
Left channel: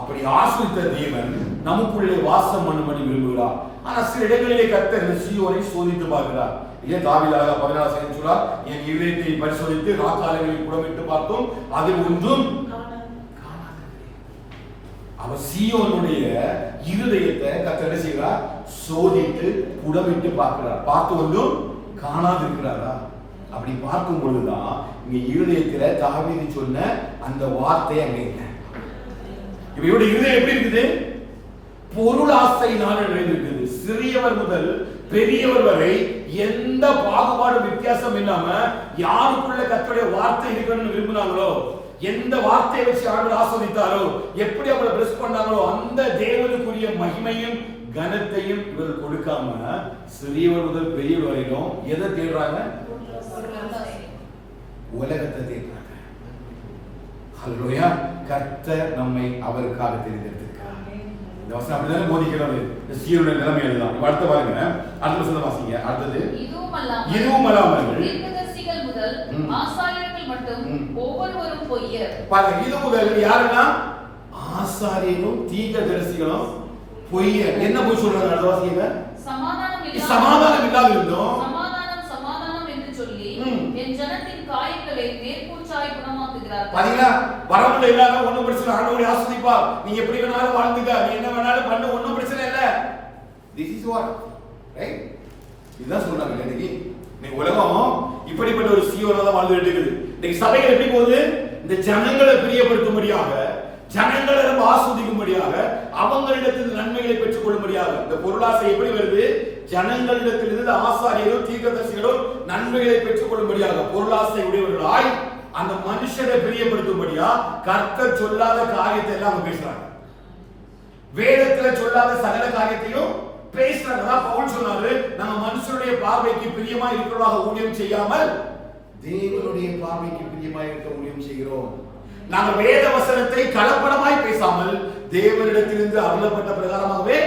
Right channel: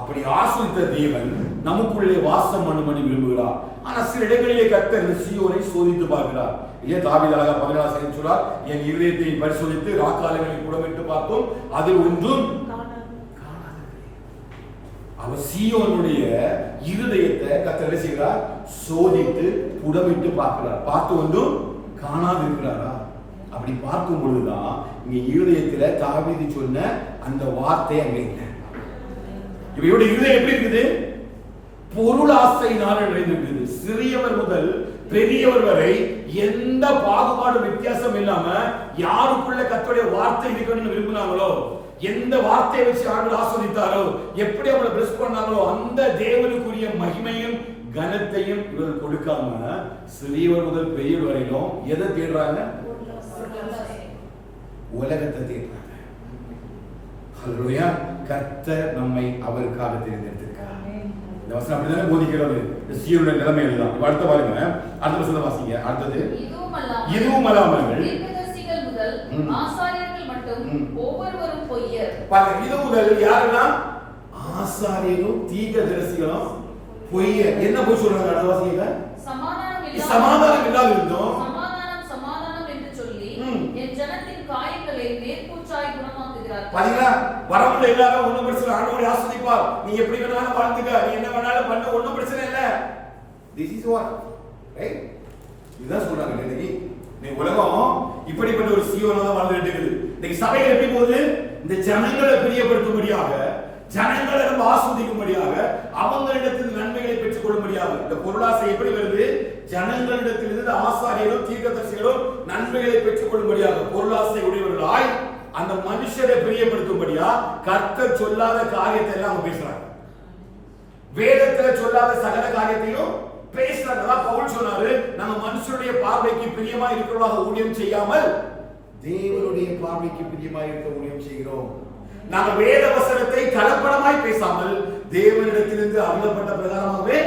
அப்படி ஆசீர்வதித்த தேவன் நமக்குள்ளே வாசம் பண்ணும்படி விரும்புகிறார். ஆனா சில இடங்களிலே கர்த்தர் இந்த சீயோனை சோதித்து பார்க்கிறார். இல்லையா? தாவீதாக 14 சொல்றார், என் இருதயத்தை பரிசோதித்து ராக்காலங்களில் புடமிட்டு பார்த்தோம், அதில் ஒன்றும் காணாதது. அவர் சீயோனுடைய இருதயத்தை கர்த்தர் செய்கிறார், சோதித்து புடமிட்டு பார்க்கிறார். பார்த்து ஒன்றும் காணாது இருக்கிறாரா? அப்படி பார்க்கும் பொழுதுதான் இங்க இருதயத்துல தாவீது சொன்ன அந்த வார்த்தை அங்க இல்லை. இவருடைய இருதயம் எப்படி இருக்குது? பொருளாசையினால் நிறைந்திருக்கிறது. சிறியவர் முதல் பெரியவர் வரை எந்த பாகுபாடு வித்தியாசம் இல்லாம யாருக்குள்ள கர்த்தருடைய வார்த்தை இருக்கணும்னு விரும்பினாங்களோ, எந்த வார்த்தையை வச்சு ஆண்டவர் ஆஸ்வதித்தாரோ, எப்படி அவங்களை பிளஸ் பண்ணாங்களோ அந்த தேவனுக்குரிய மகிமையும் கனத்தையும் இவர் கொடுக்காம சிறியவர் முதல் பெரியவர் வரையிலும் எதை தேடுறாங்க? உலகத்தை தேடுறாங்க. ஹல்லேலூயா. கர்த்தர் நம்மை அவருக்காக தேர்ந்தெடுத்திருக்கிறார். இந்த வசனம் அப்படிதானே போதிக்கிறது. இந்த சீயோனுடைய நிலைமை இதுதான். இப்ப அடுத்து பாருங்க, அடுத்த வசனம் வாசிங்க. அடுத்தது இதுவும் அல்லாமல் தீர்க்கதரிசிகள் முதல் ஆசாரியர்கள் மட்டும் ஒவ்வொருவரும் பொய்யர். பாருங்க, இது முதல் யாருன்னா ஆசாரியரும் தீர்க்கதரிசிகளும் பொய்யர். என்ன போய் சொல்றாங்க? அடுத்த வாசிங்க. சமாதானம் இல்லாத இருந்தோம். சமாதானம் என்று சொல்லி என் ஜனத்தின் காயங்களை மேற்பூச்சாய் குணமாக்குகிறார். பாத்தீங்களா? வரவுல எல்லாரும் ஒண்ணும் பிரச்சனை, ஆண்டவரை ஆசீர்வதிப்பார். நீங்க எப்படி வேணாலும் வாழ்ந்துக்க, நீ என்ன வேணாலும் பண்ண, ஒண்ணும் பிரச்சனை இல்ல. This is what, right? இதுதான் சொல்றாங்க. இன்னைக்கு நீ உலகம் இப்படிப்பட்ட ஒரு சீயோனா தான் வாழ்ந்துட்டு இருக்குது. இன்னைக்கு சபைகள் எப்படி போகுது? இந்த ஜனங்களை பிரியப்படுத்தும்படியாக, ஜனங்களை நம்ம ஆஸ்வதிக்கும்படியாக, அவங்களிடத்தில் நன்மைகளை பெற்றுக் கொள்ளும்படியாக இந்த பொருளாசை எப்படி வருது? ஜனங்களிடத்திலிருந்து ஆசாரியரும் தீர்க்கதரிசிகளும் நன்மைகளை பெற்றுக் கொள்ளும்படியாக பொருளாசை உடையவர்களாய் அந்த மனுஷரை பிரியப்படுத்தும்படியா கர்த்தர் சொல்லாத காரியத்தை எல்லாம் பேசுறாங்க. வேதத்துல சொல்லாத சகல காரியத்தையும் பேசுறாங்க. பவுல் சொன்னாரு, நம்ம மனுஷருடைய பார்வைக்கு பிரியமா இருக்கிறவர்களாக ஊழியம் செய்யாமல் தேவனுடைய பார்வைக்கு பிரியமா இருக்க ஊழியம் செய்கிறோம். நாங்க வேத வசனத்தை கலப்படமாய் பேசாமல் தேவனிடத்திலிருந்து அருளப்பட்ட பிரகாரமாகவே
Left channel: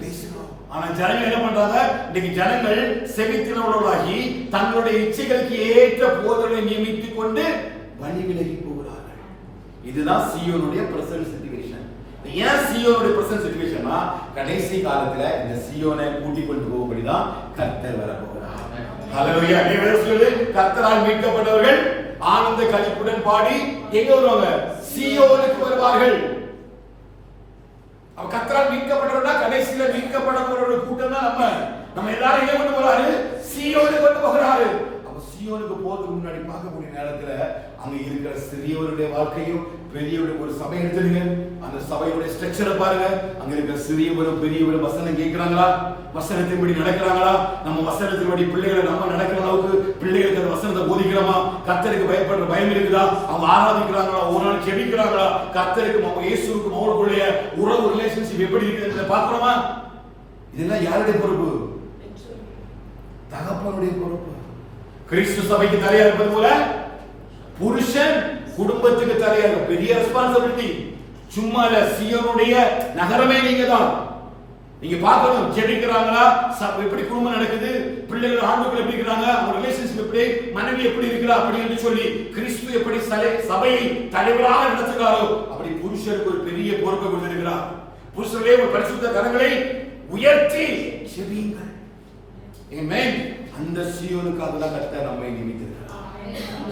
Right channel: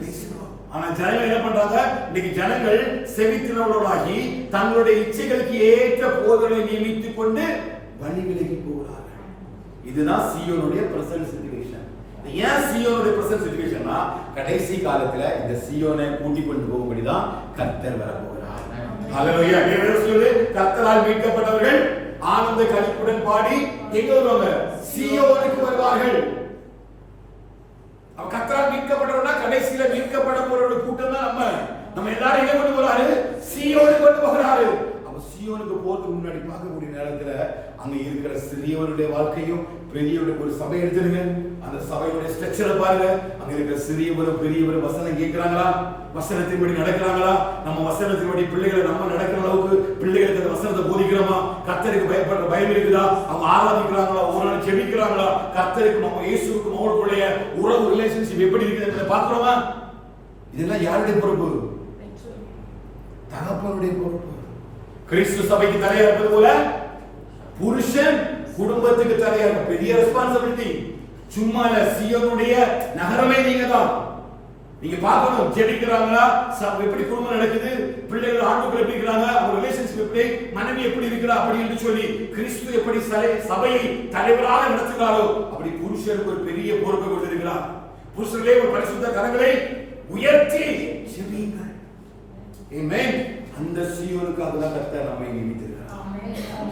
பேசுகிறோம். ஆனா ஜனங்கள் என்ன பண்றாங்க? இன்னைக்கு ஜனங்கள் செவித்தினவர்களாகி தங்களுடைய இச்சைகளுக்கு ஏற்ற போதனை நியமித்துக் கொண்டு வழி விலகி போகிறார்கள். இதுதான் சீயோனுடைய பிரசன்ட் சிச்சுவேஷன். ஏன் சீயோனுடைய பிரசன்ட் சிச்சுவேஷன்னா கடைசி காலத்துல இந்த சீயோனை கூட்டிக் கொண்டு போகும்படிதான் கர்த்தர் வர போகிறார். ஹல்லேலூயா. கர்த்தரால் மீட்கப்பட்டவர்கள் ஆனந்த களிப்புடன் பாடி எங்க வருவாங்க? சீயோனுக்கு வருவார்கள். அவ கர்த்தரால் மீட்கப்படுறோம்னா கடைசியில மீட்கப்பட போற ஒரு கூட்டம் தான் நம்ம எல்லாரும் எங்க கொண்டு போறாரு? சீயோனுக்கு கொண்டு போகிறாரு. அப்ப சீயோனுக்கு போறதுக்கு முன்னாடி பார்க்கக்கூடிய நேரத்துல அங்க இருக்கிற சிறியவருடைய வாழ்க்கையும் பெரியவருடைய ஒரு சபை எடுத்துருங்க. அந்த சபையுடைய ஸ்ட்ரக்சரை பாருங்க. அங்க இருக்கிற சிறியவரும் பெரியவரும் வசனம் கேட்கிறாங்களா? வசனத்தின்படி நடக்கிறாங்களா? நம்ம வசனத்தின்படி பிள்ளைகளை நம்ம நடக்கிற அளவுக்கு பிள்ளைகளுக்கு அந்த வசனத்தை போதிக்கிறோமா? கர்த்தருக்கு பயப்படுற பயம் இருக்குதா? அவங்க ஆராதிக்கிறாங்களா? ஒரு நாள் ஜெபிக்கிறாங்களா? கர்த்தருக்கும் அவங்க இயேசுவுக்கும் அவங்களுடைய உறவு ரிலேஷன்ஷிப் எப்படி இருக்குதுன்னு பாக்குறோமா? இதெல்லாம் யாருடைய பொறுப்பு? தகப்பனுடைய பொறுப்பு. கிறிஸ்து சபைக்கு தலையா இருப்பது போல புருஷன் குடும்பத்துக்கு தலையா இருக்க பெரிய ரெஸ்பான்சிபிலிட்டி. சும்மா இல்ல, சீயோனுடைய நகரமே நீங்க தான். நீங்க பார்க்கணும், ஜெபிக்கிறாங்களா? எப்படி குடும்பம் நடக்குது? பிள்ளைகள் ஆண்டுகள் எப்படி இருக்கிறாங்க? அவங்க ரிலேஷன்ஷிப் எப்படி? மனைவி எப்படி இருக்கிறா? அப்படி என்று சொல்லி கிறிஸ்து எப்படி சபையை தலைவராக நடத்துகிறாரோ அப்படி புருஷருக்கு ஒரு பெரிய பொறுப்பை கொடுத்திருக்கிறார். புருஷர்களே, ஒரு பரிசுத்த கரங்களை உயர்த்தி ஜெபியுங்கள். ஆமென். அந்த சீயோனுக்காக தான் கர்த்தர் நம்மை நியமித்திருக்கிறார்.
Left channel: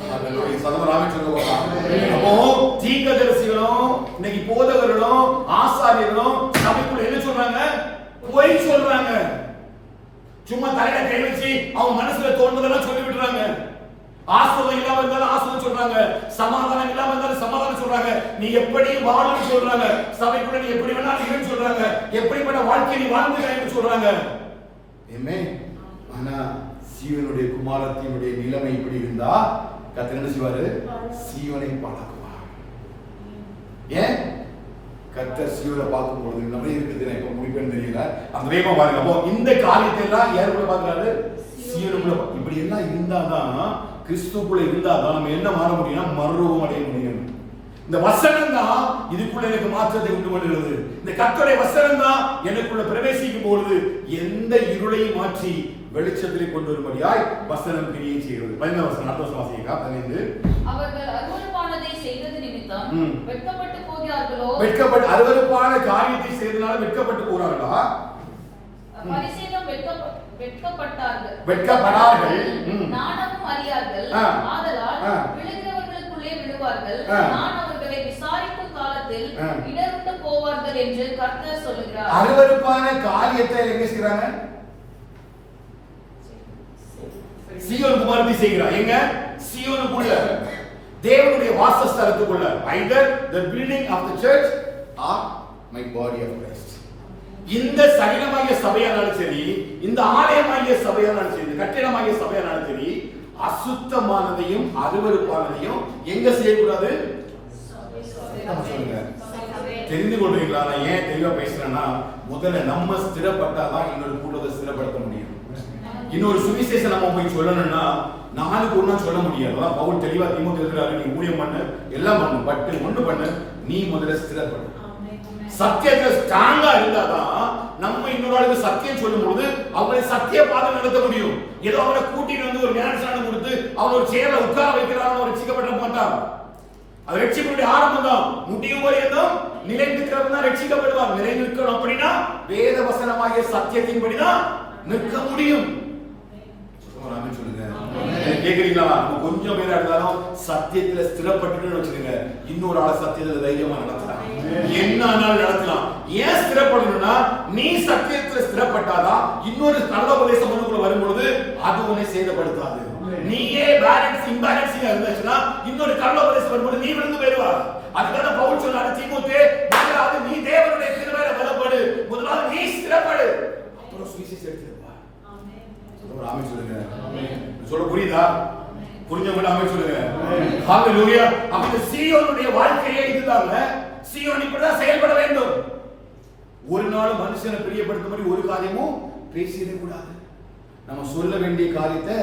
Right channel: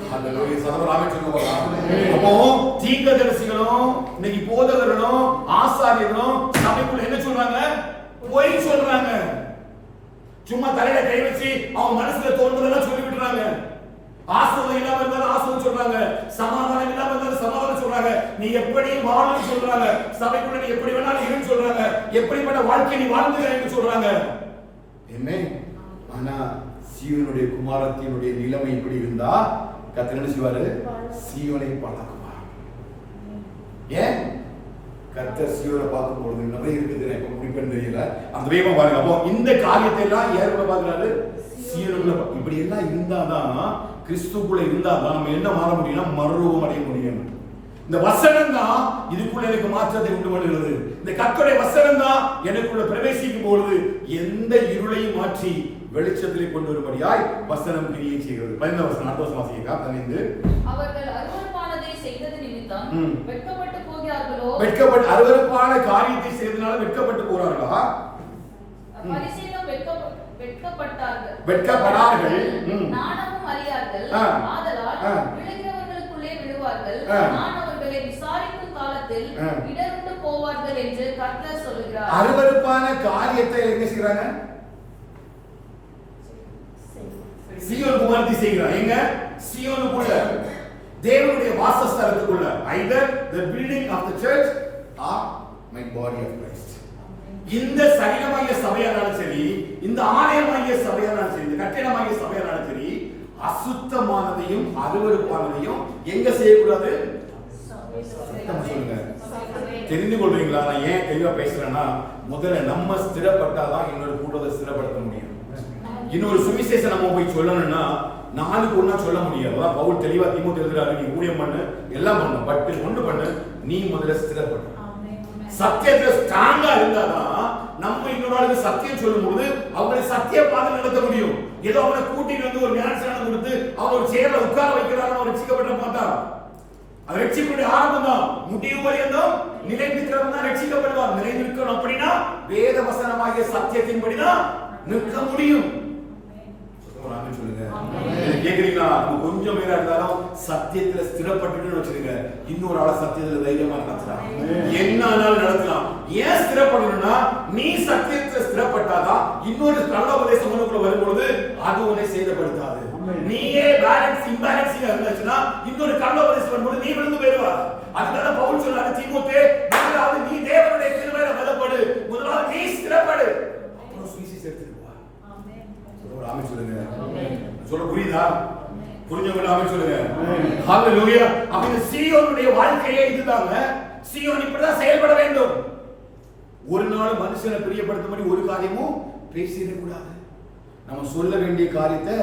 ஹalleluya. சதவராமே சொல்லுவாங்க. அப்போ தீர்க்கதரிசிகளும் இன்னைக்கு போதகர்களும் ஆசாரியர்களும் சபைக்குள்ள என்ன சொல்றாங்க? பொய் சொல்றாங்க. சும்மா தலையில கை வச்சு அவங்க மனசுல தோணுதெல்லாம் சொல்லி விடுறாங்க. ஆசீர்வாதம் இல்லாம இருந்தாலும் ஆசீர்வாதம் சொல்றாங்க, சமாதானம் இல்லாம இருந்தாலும் சமாதானம் சொல்றாங்க, நீ எப்படி வாழணும்னு சொல்றாங்க, சபைக்குள்ள நீ எப்படி வேணாலும் இருன்னு சொல்றாங்க, எப்படிப்பட்ட வாழ்க்கை நீ வாழ்ந்துக்கன்னு சொல்றாங்க. ஆமென். ஆனா சீயோனுடைய குமாரத்தினுடைய நிலைமை இப்படி இருந்தா கர்த்தர் என்ன செய்வாரு? சீயோனை பழக்குவார். ஏன்? கர்த்தர் சீயோனை பார்க்கும் பொழுது நிறைய இருக்குது. இப்ப முடிப்பேன்னு தெரியல, அந்த வேகமா பாருங்க. அப்போ இந்த காரியத்தை எல்லாம் யாருக்குள்ள பாக்குறாரு? சீயோனுக்குள்ள. இப்படி எல்லாம் இருந்தாதான், கிறிஸ்துக்குள்ள இருந்தாதான் நம்ம என்ன மாற முடியும்னா மறுரூபம் அடைய முடியும். இந்த வசனம் தான் இதுக்குள்ள எனக்கு மாற்றத்தை உண்டு பண்ணுகிறது. இந்த கர்த்தருடைய வசனம் தான் எனக்குள்ள பிரவேசிக்கும் பொழுது எந்த இருளையும் மாற்றி வெளிச்சத்திலே கொண்டு வரும்படியாய் வசனம் கிரியை செய்கிறது. 15 வசனம் அடுத்த வசனம் வாசிங்க. 15 அவர்கள் அருவருப்பானதை செய்தது நிமித்தம் வெட்கப்பட்டு போகிறார்களோ? அருவருப்பான காரியத்தை செய்தனால வெட்கப்பட்டு போறார்களா? பரிசேயரும் வெட்கப்பட்டார்கள். நாணமும் அறியார்கள். ஆதலால் விழுகிறவர்களுக்குள்ளே விழுவார்கள். நான் அவர்களை விசாரிக்கும் காலத்தில் இடர்ந்து போவார்கள் என்று கர்த்தர் சொல்கிறார். அருவருப்பான காரியத்தை எங்க செய்றாங்க? சீயோன் குமாரத்தி செய்கிறார். எங்க? சீயோனுக்குள்ள, தேவனுடைய வாசஸ்தலத்துக்குள்ள. either the building of the church or my body of Christ. இந்த சரீரமாகிய சபையானாலும் சரி, இந்த ஆலயமாகிய சபையானாலும் சரி, இந்த கட்டிடமாகிய சபையானாலும் சரி, அசுத்தமானதையும் அருவருப்பானதையும் எங்க செய்யக்கூடாது? சொல்லுங்க. தெரிந்து கொள்றீங்களா? நான் ஏன் தெளிவா பேசுறேன்னா, முதல்ல நம்ம ஸ்திரப்பட்டாதான் இன்னொரு கூட்டத்தை ஸ்திரப்படுத்த முடியும். இன்னொரு சுவிசேஷம் நம்ம போய் சொல்லணும்னா நாளுக்கு ஒண்ணா சொல்ல முடியாது. அதான் பவுல் தெளிவா தீமோத்தேயுக்கு எழுதுறாரு, நீ ஊழியம் பண்ணு, எல்லாம் பண்ணு, பட் ஒண்ணு பண்ணு, நீ முதல்ல ஸ்திரப்படு. சத்தியத்துல ஸ்ட்ராங்கா இருந்தாதான் நம்ம இன்னொரு ஆளுக்கு சத்தியம் சொல்லும் பொழுது அவங்களை சத்திய பாதை நடத்த முடியும். ஏதோ அவனை கூட்டிட்டு வந்து ஒரு ஞானஸ்நானம் கொடுத்து அவங்க ஒரு சேர்ல உட்கார வைக்கிறாங்க, அவர் ரட்சிக்கப்பட மாட்டான். அது ரட்சிப்புடைய ஆரம்பம் தான். முடிவு வரையும் நிலைநிற்கிறவங்க தான் ரட்சிக்கப்படுவார். நிலைநிற்கணும் அப்படின்னா வேத வசனமாகிய சத்தியத்தின்படிதான் நிற்க முடியும். சொல்லுங்க, கேக்குறீங்களா? நம்ம கொஞ்சம் பேரா இருந்தாலும் சத்தியத்துல ஸ்திரப்பட்டு வச்சிருங்க, இன்னொரு ஆள சத்தியத்துல தைரியமா நடத்தலாம், என்ன ஆனாலும் நடத்தலாம். ஏன் ஸ்திரப்படணும்னா, நீ சத்தியத்துல ஸ்திரப்பட்டாதான் இன்னொரு நல்ல உபதேசம் உனக்குள்ள வரும்பொழுது அது உன்னை சேதப்படுத்தாது. நீயே பேலன்ஸ் இம்பேலன்ஸிங்கா இருந்துச்சுன்னா இன்னொரு நல்ல உபதேசம் வரும்போது நீ விழுந்து போயிடுவா. அதுக்காக பவுல் சொல்றாரு, தீமோத்தே, முதலாவது நீ தேவனுடைய கிருபையில பலப்படு, முதலாவது நீ ஸ்திரப்படு, அப்புறம் சுவிசேஷம் எடுத்துட்டு வா. ஆமென் சொல்லுங்க. சொல்ல புரியுதா? புரிஞ்சவங்க ஆமென் சொல்லுங்க. ஹalleluya. அப்ப சீயோனுடைய வாழ்க்கையே இதுதாங்க. சீயோன் இப்படிதான் செயல்பட வேண்டும். ஒரு நாள் மனுஷனை பிரியப்படுத்தும்படி ஒரு காரியமும் பேசிட கூடாது. நம்ம சொல்ல வேண்டிய காரியத்தை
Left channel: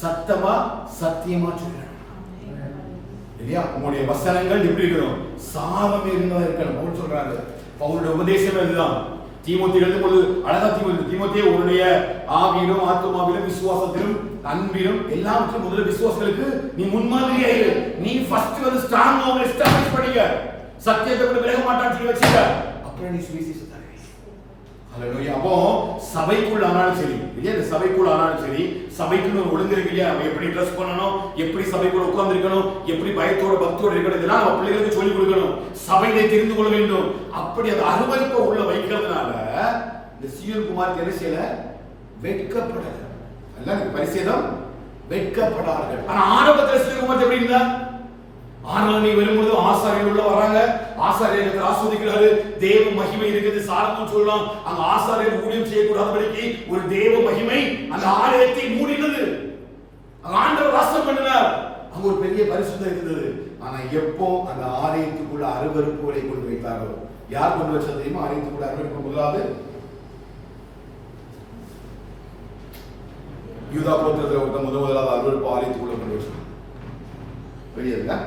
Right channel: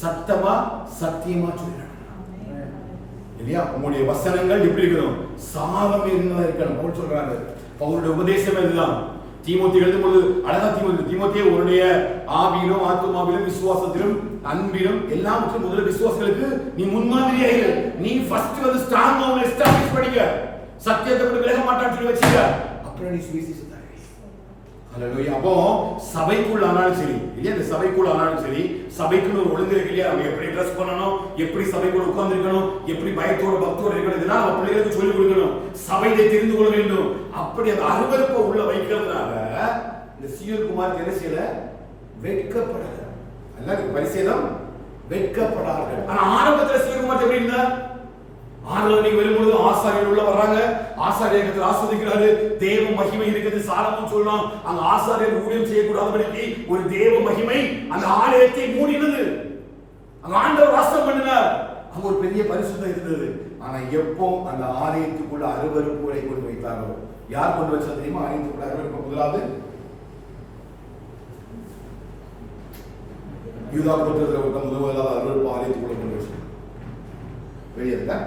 சத்தமா சத்தியமா சொல்லணும். இல்லையா? உங்களுடைய வசனங்கள் எப்படி இருக்கணும்? சாரம் இருந்ததா இருக்கணும். பவுல் சொல்றாரு, பவுலுடைய உபதேசம் இதுதான். தீமோத்தேயு எழுதும்போது அழகா தீமோத்தேயு உன்னுடைய ஆவியிலும் ஆத்துமாவிலும் விசுவாசத்திலும் அன்பிலும் எல்லாவற்றும் முதல்ல விசுவாசங்களுக்கு நீ முன்மாதிரியா இரு. நீ ஃபர்ஸ்ட் வந்து ஸ்ட்ராங்கா உன்னை எஸ்டாப்லிஷ் பண்ணிக்க, சத்தியத்தை விட்டு விலக மாட்டான்னு சொல்லி வச்சுக்க, அப்புறம் நீ சுவிசேஷத்தை அறிவி. அல்லேலூயா. அப்போ சபைக்குள்ள ஆனாலும் சரி இல்லையா, இந்த சபைக்குள்ள ஆனாலும் சரி, சபைக்குன்னு ஒரு ஒழுங்கு இருக்கு இல்லையா, நம்ம எப்படி ட்ரெஸ் பண்ணணும், எப்படி சபைக்குள்ள உட்கார்ந்து இருக்கணும், எப்படி பயத்தோட பக்தியோட இருக்கணும், இதெல்லாம் நம்ம பிள்ளைகளுக்கு சொல்லிக் கொடுக்கணும். சபையிலே தெரிந்து கொள்ள வேண்டும். அப்படி அந்த அருவருப்பை உள்ள வைக்கிறதுனால இந்த சீயோன் குமாரத்தி என்ன செய்யல, வெட்கப்படல. அல்ல பரிசேதம் வெட்கப்படார்கள். ஆனா ஆரம்பத்துல சீயோன் குமாரத்தி எப்படி இருந்தா, ஆராதனை வரும்பொழுது ஆசாரியர் உள்ள வர்றாங்க, ஆசாரியர்கள் ஆஸ்வதிக்கிறாரு, தேவ மகிமை இருக்குது. சாரமும் சொல்லலாம், அங்க ஆசாரியர் ஊழியம் செய்யக்கூடாதபடிக்கு ஒரு தேவ மகிமை அந்த ஆலயத்தை மூடினது. அங்க ஆண்டவர் வாசம் பண்ணினார், அங்க ஒரு பெரிய பரிசுத்தம் இருந்தது. ஆனா எப்போ அந்த ஆலயத்துக்குள்ள அருவருப்புகளை கொண்டு வைத்தாரோ, யார் கொண்டு வச்சது தெரியுமா? ஆலயத்துக்குள்ள அருவருப்பு முதலாவது யூதா கோத்திரத்தில் முதலாவது அருவருப்பு ஆலயத்துக்குள்ள கொண்டு வச்சது. பெரியதா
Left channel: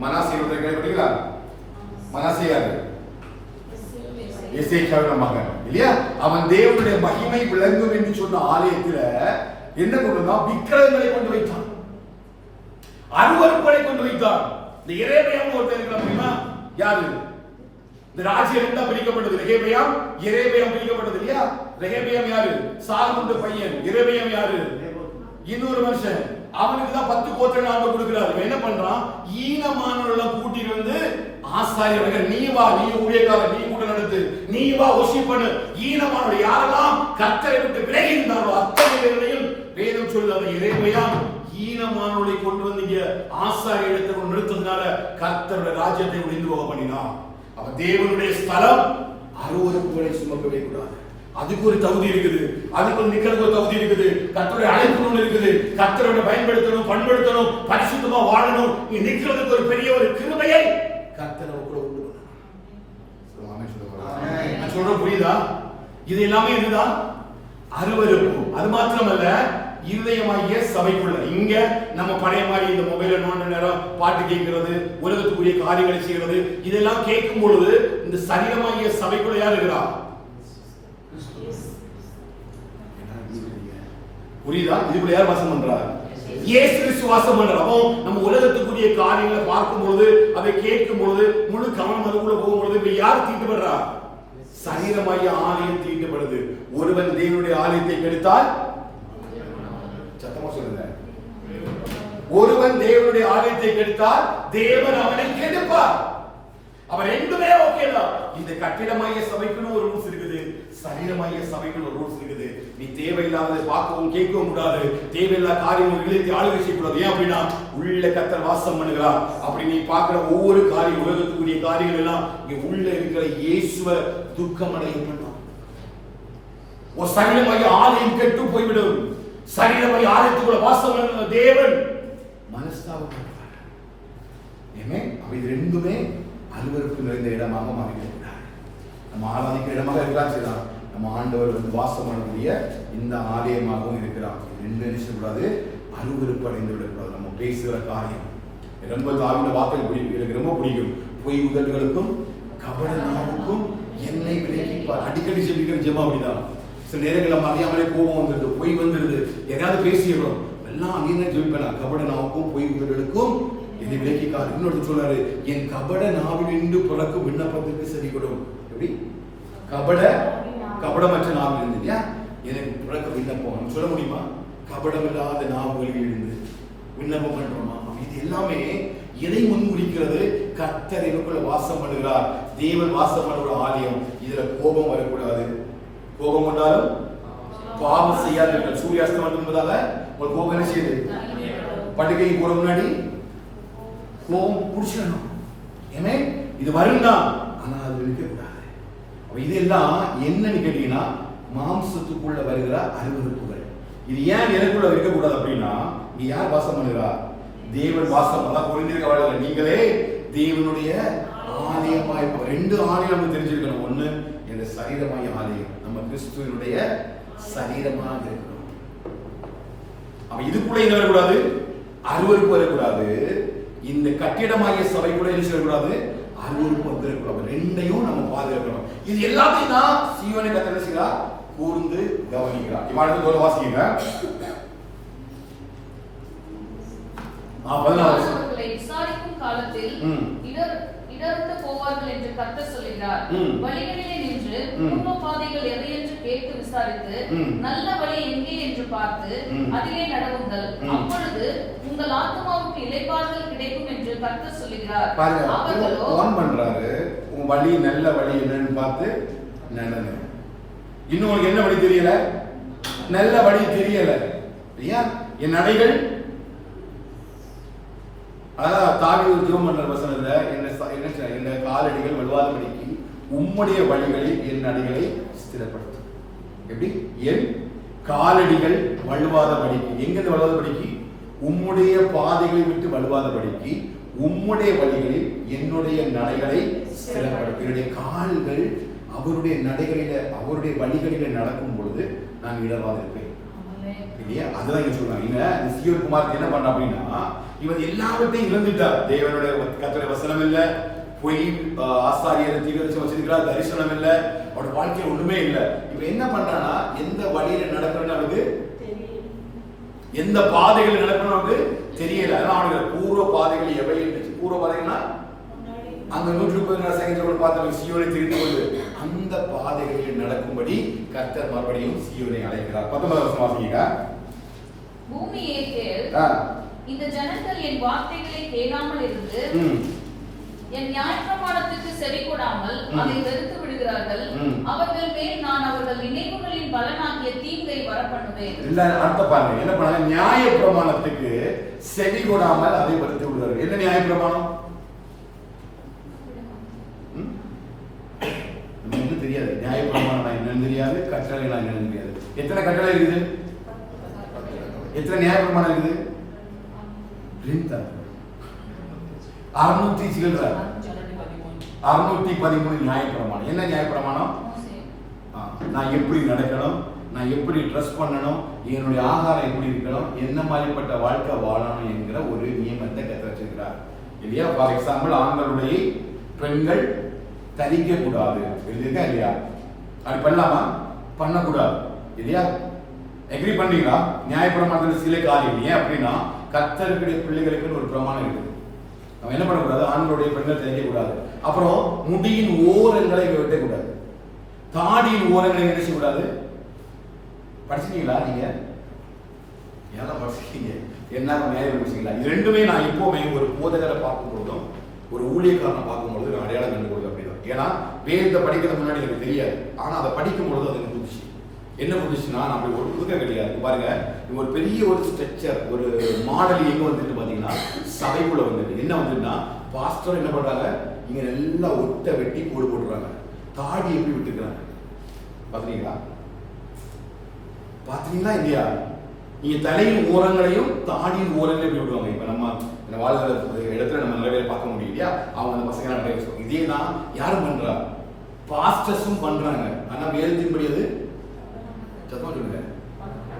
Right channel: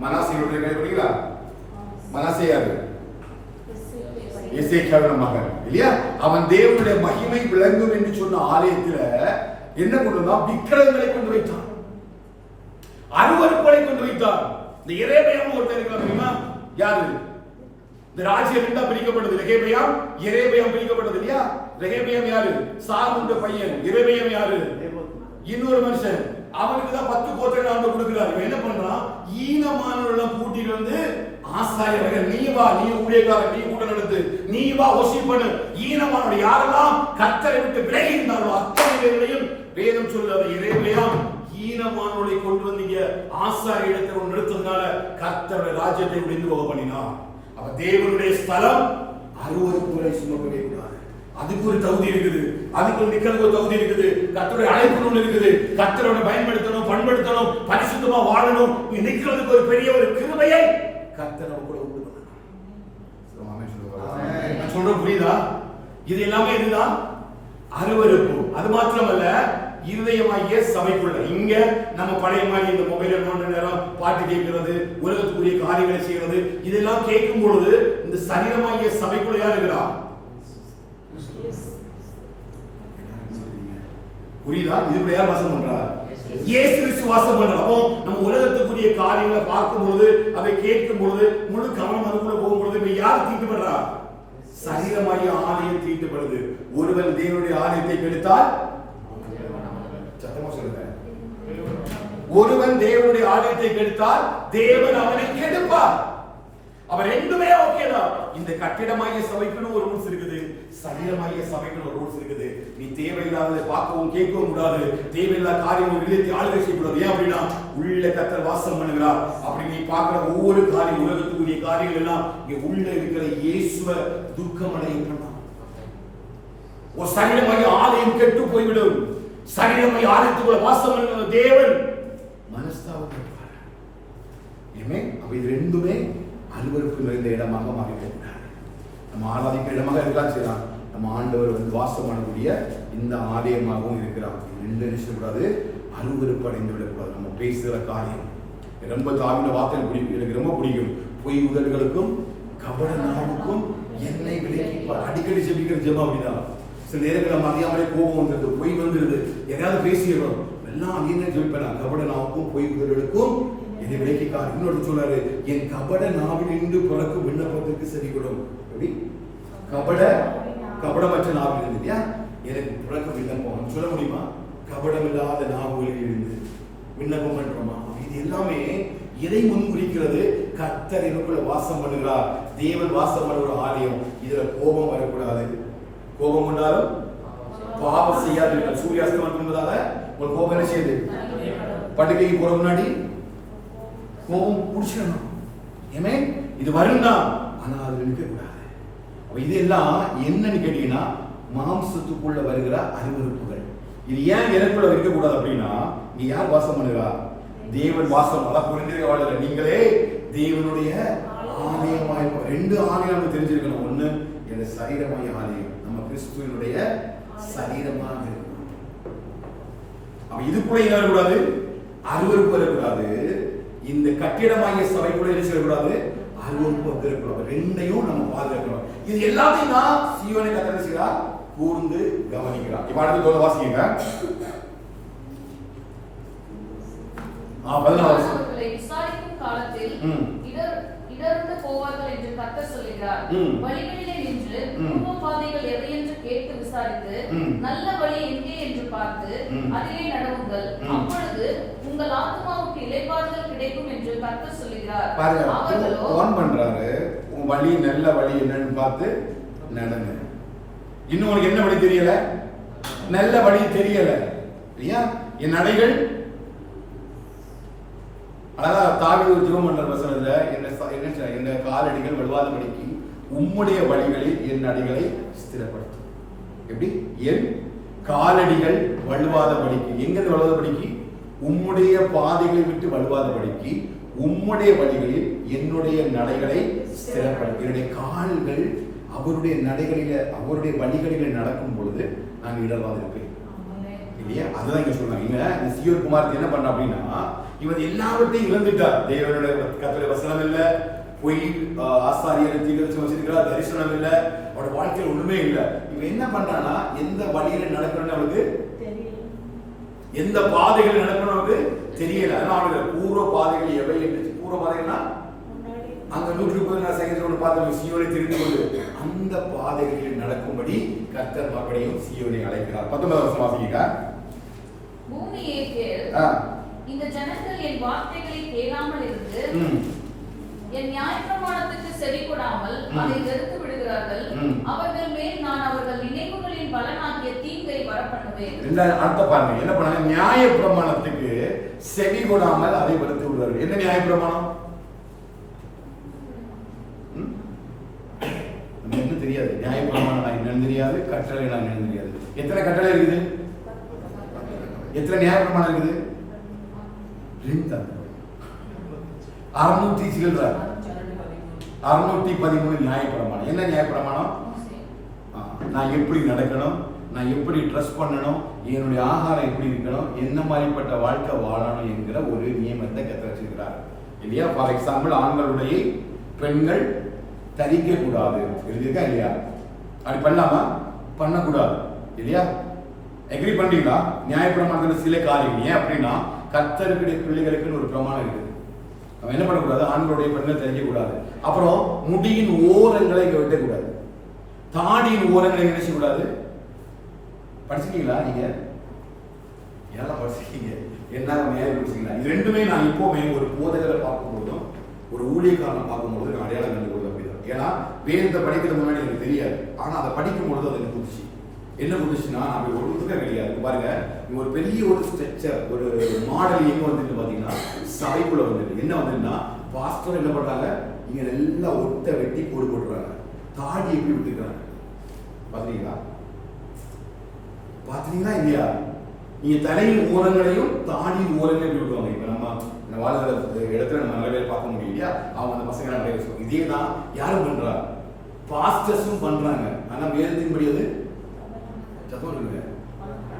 மனாசேயுடைய கிடைக்கிறீங்களா? மனாசே யாரு? எசேக்கியாவின் மகன் இல்லையா? அவன் தேவனுடைய மகிமை விளங்கும் என்று சொன்ன ஆலயத்துல என்ன கொண்டு வந்தான்? விக்கிரகங்களை கொண்டு வைத்தான், அருவருப்புகளை கொண்டு வைத்தான். இந்த எரேமியாவும் ஒருத்தர் இருக்கிறான் தெரியுமா? யாரு? இந்த ராஜ்யம் ரெண்டா பிரிக்கப்பட்டது. ரெகேபியாம் எரேமியாம் பிரிக்கப்பட்டது இல்லையா? ரெகேபியாம் யாரு? சாலமோனுடைய பையன். எரேமியாம் யாரு? இன்னொரு மனுஷன். அவனுக்கு தான் 10 கோத்திரம் ஆண்டு கொடுக்கிறார். இவன் என்ன பண்றான்? ஈனமானவர்களெல்லாம் கூட்டிட்டு வந்து ஆசாரியர்கள், நீ வா, நீ ஊழியக்காரர், நீ கூட நடத்து, நீ வா வொர்ஷிப் பண்ணு. ஈனமானவர்கள் யாரெல்லாம் கர்த்தரை விட்டு விலகி இருந்தாரோ அத்தனை பேரையும் வேதம் சொல்லுது. எரேமியாம் ஈனமானவர்களை கொண்டு வந்தீங்க ஆசாரிய இடத்தை நிறுத்ததுனால கர்த்தருடைய ராஜ்யத்தை ஒளிந்து போக பண்ணினான். அவ தேவனுடைய ஸ்தலம் அருவருப்புகளை சுமக்கவே கூடாது. அதுக்கு ஒரு தகுதி இருக்குது, அதுக்கு ஒரு நிக்கிறதுக்கு ஒரு தகுதி இருக்குது. கர்த்தருடைய அழைப்பு ஒன்று இருக்குது. கர்த்தரோட பயன்படுத்தணும், பண்படுத்தணும், பரிசுத்தமா வாழணும். நீ நிக்கிறதுக்கு ஒரு பெரிய ஒரு கிருபையை கர்த்தர் கூட உண்டு பண்ணணும். நான் சொல்றேன் புரியுதா? இது எல்லாமே இதுதான் அருவருப்பு. அது மாத்திரமல்ல, இருதயமாகிய சபைக்குள்ள இங்க நம்ம பழைய மாதிரி இந்த மொபைல நோண்ட நேரம் பாட்டு கேட்கிறது, உலகத்துக்குரிய காரியங்களை செய்கிறது, இதெல்லாம் கேட்கும் பொழுது இந்த சரீரமாகிய சபைக்குள்ள யார் இருக்கிறா? புரியுதா? இதுக்குள்ள யார் வாசம் பண்றார்? இயேசு கிறிஸ்து வாசம் பண்றார். அப்போ நம்ம உலகத்துக்குரிய காரியங்களை பார்க்கும் பொழுது, அதை கேட்கும் பொழுது, முழு கவனம் அதுக்குள்ள போகும் பொழுது இப்ப யார் தீட்டுப்படுறா? சரீரமாகிய ஆலயம் தீட்டுப்படுது. ஒருவன் தேவனுடைய ஆலயத்தை கெடுத்தால், சத்தமா சொல்லுங்க, ஒருவன் தேவனுடைய ஆலயத்தை கெடுத்தால் தேவன் அவனை கெடுப்பார். அவன் ரெண்டுமே ஓகே தான். இந்த கட்டிடமாகிய சபைக்குன்னு ஒரு ரூல்ஸ் இருக்குது, சரீரமாகிய சபைக்குன்னு ஒரு ரூல்ஸ் இருக்குது. நீ தேவையில்லாத பார்க்கவும் கேட்கவும் கூடாது, தேவையில்லாத காரியம் இல்லத்தை ஆளுகை செய்யக்கூடாது. ஏன் அப்படின்னா உள்ள கர்த்தர் வாசம் பண்ணுகிறார். அப்படி நீ பார்க்கிற ஒவ்வொரு காரியம், உலகத்துக்குரிய காரியங்கள் எல்லாம் இங்க உள்ள இருக்கிற இயேசுவை துக்கம் அடைய பண்ணலாம். ஒரு சரீரமாகிய ஆலயம் கெட்டு போய்விடும். சரீரமாகிய ஆலயத்துக்குள்ள வாசம் பண்ணுகிற தேவன் மனஸ்தாபப்படுவார். அப்ப இது ரெண்டுமே அருவருப்பு நிறைந்த இடமாக மாறிவிட்டார். நம்ம ஆராதிக்கிற இடமாக இருக்கலாம், சரிதான். நம்ம ஆண்டவர் வந்து வாசம் பண்ணக்கூடிய இந்த ஆலயமாகவும் இருக்கிறார். ரெண்டு நினைச்சக்கூடாது, அருவருப்பு அடைந்து விடக்கூடாது. நம்ம பேசுகிற காரியம் ரொம்ப தாவின வார்த்தை பிடிக்கும், எனக்கு ரொம்ப பிடிக்கும். பொய் உதடுகளுக்கும் கபட நாவுக்கும் என்னை விலகிப்பார். அடிக்கடி செபிக்கிற ஜெபம் அப்படிதான். சில நேரங்கள் நம்ம அறியாமலே கோபம் வந்துருது, பொய் வந்துருது, எதாவது பேசிடுறோம், எல்லாம் அங்கேயே ஜெபிப்பேன். கபட நாவுக்கும் பொய் உதடுகளுக்கும் என்னை விலக்கிக்கார். இன்னொரு சொல்றாரு, என் கபட நாவில் இன்று பிறக்கும் விண்ணப்பத்திற்கு செவி கொடும். எப்படி? கபடமற்ற நாவில் இருந்து இல்லையா எனக்கு பிறக்க விண்ணப்பம் சொல்ல முடியுமா? கபடம் இல்லாத நாவுகளில் இருந்து விண்ணப்பம் பண்றோமா? இது எல்லாமே எதை முன்குறிக்கிறது? கர்த்தர் எனக்குள்ள வாசம் பண்ணுகிறார். தேவன் வாசம் பண்ணுற ஆலயம். இதுல கோபம் வரக்கூடாது. கோபம் கொண்டாலும் பாவம் செய்யாது. சூரியாஸ்தமனம் என்பதால ஒரு கோபம் என்ன செய்யுது? படுக்கைக்கு போற முன்னாடி கோபம் முடிச்சிடணும். ஏமே இது வரும்தான், ஆனா அது இருக்கக்கூடாது. இதெல்லாம் என்னன்னு கேட்டீங்கன்னா மாம்சத்துக்குள்ள வருகிற அருவருப்புகள். இது ஏன் எனக்குள்ள இருக்கக்கூடாது அப்படின்னா, நீ யார் வாசம் பண்ணுகிறா? தேவன் வாசம். அதான் புரிஞ்சிருக்க வாழல. நீங்களே தேவனுடைய ஆலயமாய். ரெண்டு ஆலயம் தெரிஞ்சிருக்கணும். ஒண்ணு எங்க சரீரமாய ஆலயம், நம்ம கிறிஸ்துவனுடைய சரீரமாக இருக்கணும். அப்ப இதுக்குள்ள என்ன வரக்கூடாது? அருவருப்பு வரக்கூடாது. இந்த கட்டிடமாகிய சபைக்குள்ள என்ன செய்யக்கூடாது? அருவருப்பு வந்துடக்கூடாது. ரெண்டையும் நம்ம பாதுகாக்கணும். இது எல்லாத்தையும் நான் சீவனை கத்தனை செய்யறா கூர்ந்து கவனிக்கிறான். இப்ப அடுத்து தோல வாசிங்க. 14 விசாரிக்கும் காலத்தில் இடர்ந்து போவார்கள் என்று கர்த்தர் சொல்கிறார். வழிகளிலே நின்று பூர்வ பாதைகள் எவை என்று விசாரித்து நல்ல வழி எங்கே என்று பார்த்து அதிலே நடவுங்கள். அப்பொழுது உங்கள் ஆத்துமாவுக்கு இளைப்பாறுதல் கிடைக்கும் என்று கர்த்தர் சொல்லுகிறார். பாருங்க, ஓன் பண்றாரு. உங்க வழி நல்ல வழி என்னன்னு பார்த்து நடங்க. இன்னும் உனக்கு என்ன வழி தெரியல? நல்ல வழி தெரியல. ஏன் என் நடைகள் அதான் தாவீது ஒரு ஜெபம் பண்ற வசனத்துல என்ன காலடிகள் வலுவாதபடிக்கு உம்முடைய வழிகளில் என் நடைகளை ஸ்திரப்படுத்தும். எப்படி? என் காலடிகள் வலுவாதபடிக்கு. எங்கிருந்து வலுவாதபடிக்கு? உம்முடைய பாதைகளை விட்டு வலுவாதபடிக்கு உம்முடைய வழிகளில் என்னுடைய நடைகளை ஸ்திரப்படுத்தும். என்னுடைய கால்கள் அவருடைய நடைகளில அவருடைய வழிகளில நடக்கும் பொழுது நான் இடர்வாத இருப்பேன் இல்லையா? அதுதான் இங்க சொல்றாங்க. இந்த சீயோன் குமாரத்தை என்ன பண்ண அப்படின்னா, இவன் எல்லாவற்றையும் இழந்துட்டார். தேவனுடைய கர்த்தருடைய வசனம் இல்ல, பொய் ஆசாரியரை தீர்க்க வச்சிருக்கிறார், தரிசனம் இல்ல, அவரோட வாழ்க்கையில ஒண்ணுமே இல்ல. இவன் என்ன பண்றானா, எந்த வழியில நடக்கணும்னு அவனுக்கு எந்த பாதைகள் நடக்கணும் அவனுக்கு தெரியல. அதனால அவனுக்கு பூர்வ பாதைகள் எவை இருந்துச்சு. பூர்வ பாதைகள்னா அந்த 134 செகண்ட்ல பார்த்து சீயோனை தெரிந்து கொண்டு அந்த பாதைகளில் நடக்கும்படி கர்த்தர் மறுபடியும் சீயோனை அழைக்கிறார். 19 வருஷம் வாசிங்க. பூமியே கேள், இந்த ஜனங்கள் என் வார்த்தைகளை கேளாமல் இருந்து என் நியாயப்பிரமாணத்துக்கு செவி கொடாமல் அதை வெறுத்து விடுகிறார்கள். அவர்கள் மேல் நான் அவர்கள் நினைவுகளின் பலனாகிய தீங்கை வரப்பண்ணுவேன். அர்த்தம் பாருங்க, என்ன பண்ணாங்க? நியாயப்பிரமாணத்துக்கு செவி கொடாமல் அதை வெறுத்து விடுகிறார்கள். என்ன நியாயப்பிரமாணம்? நம்ம ஒன்றும் தெரியாது. நியாயப்பிரமாணம் என்னன்னு தெரியாது, கட்டளை என்னன்னு தெரியாது. எத்தனை கட்டளை இருக்குது? எத்தனை நியாயப்பிரமாணம் இருக்குது? 613 நியாயப்பிரமாணம். என்ன நியாயப்பிரமாணம்? நான் எப்படி நடக்கணும், நான் எப்படி ட்ரெஸ் பண்ணணும், என்னுடைய ஆகாரம் எப்படி இருக்கணும், என்ன மாதிரிப்பட்ட வாழ்க்கை வாழணும் என்கிற ஒரு நியமத்தை கற்று வச்சிருக்கிறார் இல்லையா? ஃபார் எக்ஸாம்பிள், ஆண்களுடைய பெண்கள் தரிக்க கூடாது எழுதியிருக்கா இல்லையா? அப்படி பண்ணலாமா? பண்ணக்கூடாது இல்லையா? எக்ரி பண்றீங்களா? நியாயப்பிரமாணத்துல சில காரியம். ஏன் அப்படின்னா, கர்த்தருடைய பிள்ளைகளுக்குன்னு ஒரு பிரமாணம் இருக்குது. நம்ம என்ன பண்ணக்கூடாது? ஆண்களுடைய பெண்கள் தெரிஞ்ச கூடாது. அப்புறம் முடியின் ஓரங்களை வெட்டக்கூடாது. தாடியின் ஓரங்களை நினைச்ச கூடாது. படிச்சிருக்கீங்களா நீங்க? எல்லாம் படிச்சிருக்கீங்க. என்ன நேரம் படிச்சிருக்கீங்களா? இது ரெண்டுமே நான் எப்பவுமே ஒரு போதகரை பார்க்கும் பொழுதும் ஒரு ஊழியக்காரனை பார்க்கும்பொழுது நான் அடையாளம் கண்டுகொள்வது அப்படிதான். ஏன்னா வேதத்தை படிக்கிறது முன்னாடி எனக்கு தெரியாது. ஆனா அதை படிக்கும் பொழுது அது எனக்கு புதுச்சு. என்ன புதுச்சுன்னா, நான் அப்படி ஒரு புதுக்க கிடையாது. பாருங்க, ஒரு பெரிய ஒரு ஸ்ட்ரக்சர், ஒரு மாடல் எங்க வந்துட்டு பாத்தீங்கன்னா சபைக்குள்ள வந்துட்டு என்ன வந்துன்னா, பாஸ்டர் என்ன பண்றாங்க, இங்க நல்லா ஒட்ட வெட்டி கோடு போட்டுறாங்க. தாடி எப்படி விட்டுக்கிறாங்க பாத்தீங்களா? பாத்தீங்களா இல்லையா? நீங்க தலையின் ஓரங்களையும் தாடியின் ஓரங்களையும் எப்படி விடுவாங்க. இப்ப நம்ம வாழ்ற இடத்துல நம்ம நிறைய பேர் பார்க்க முடியும் இல்லையா? அவங்க அந்த பசங்க நிறைய இதே தான் யாரும் பண்றா, பாஸ்டர்ஸும் பண்றாங்க. ஆனா வேதத்தின்படி அது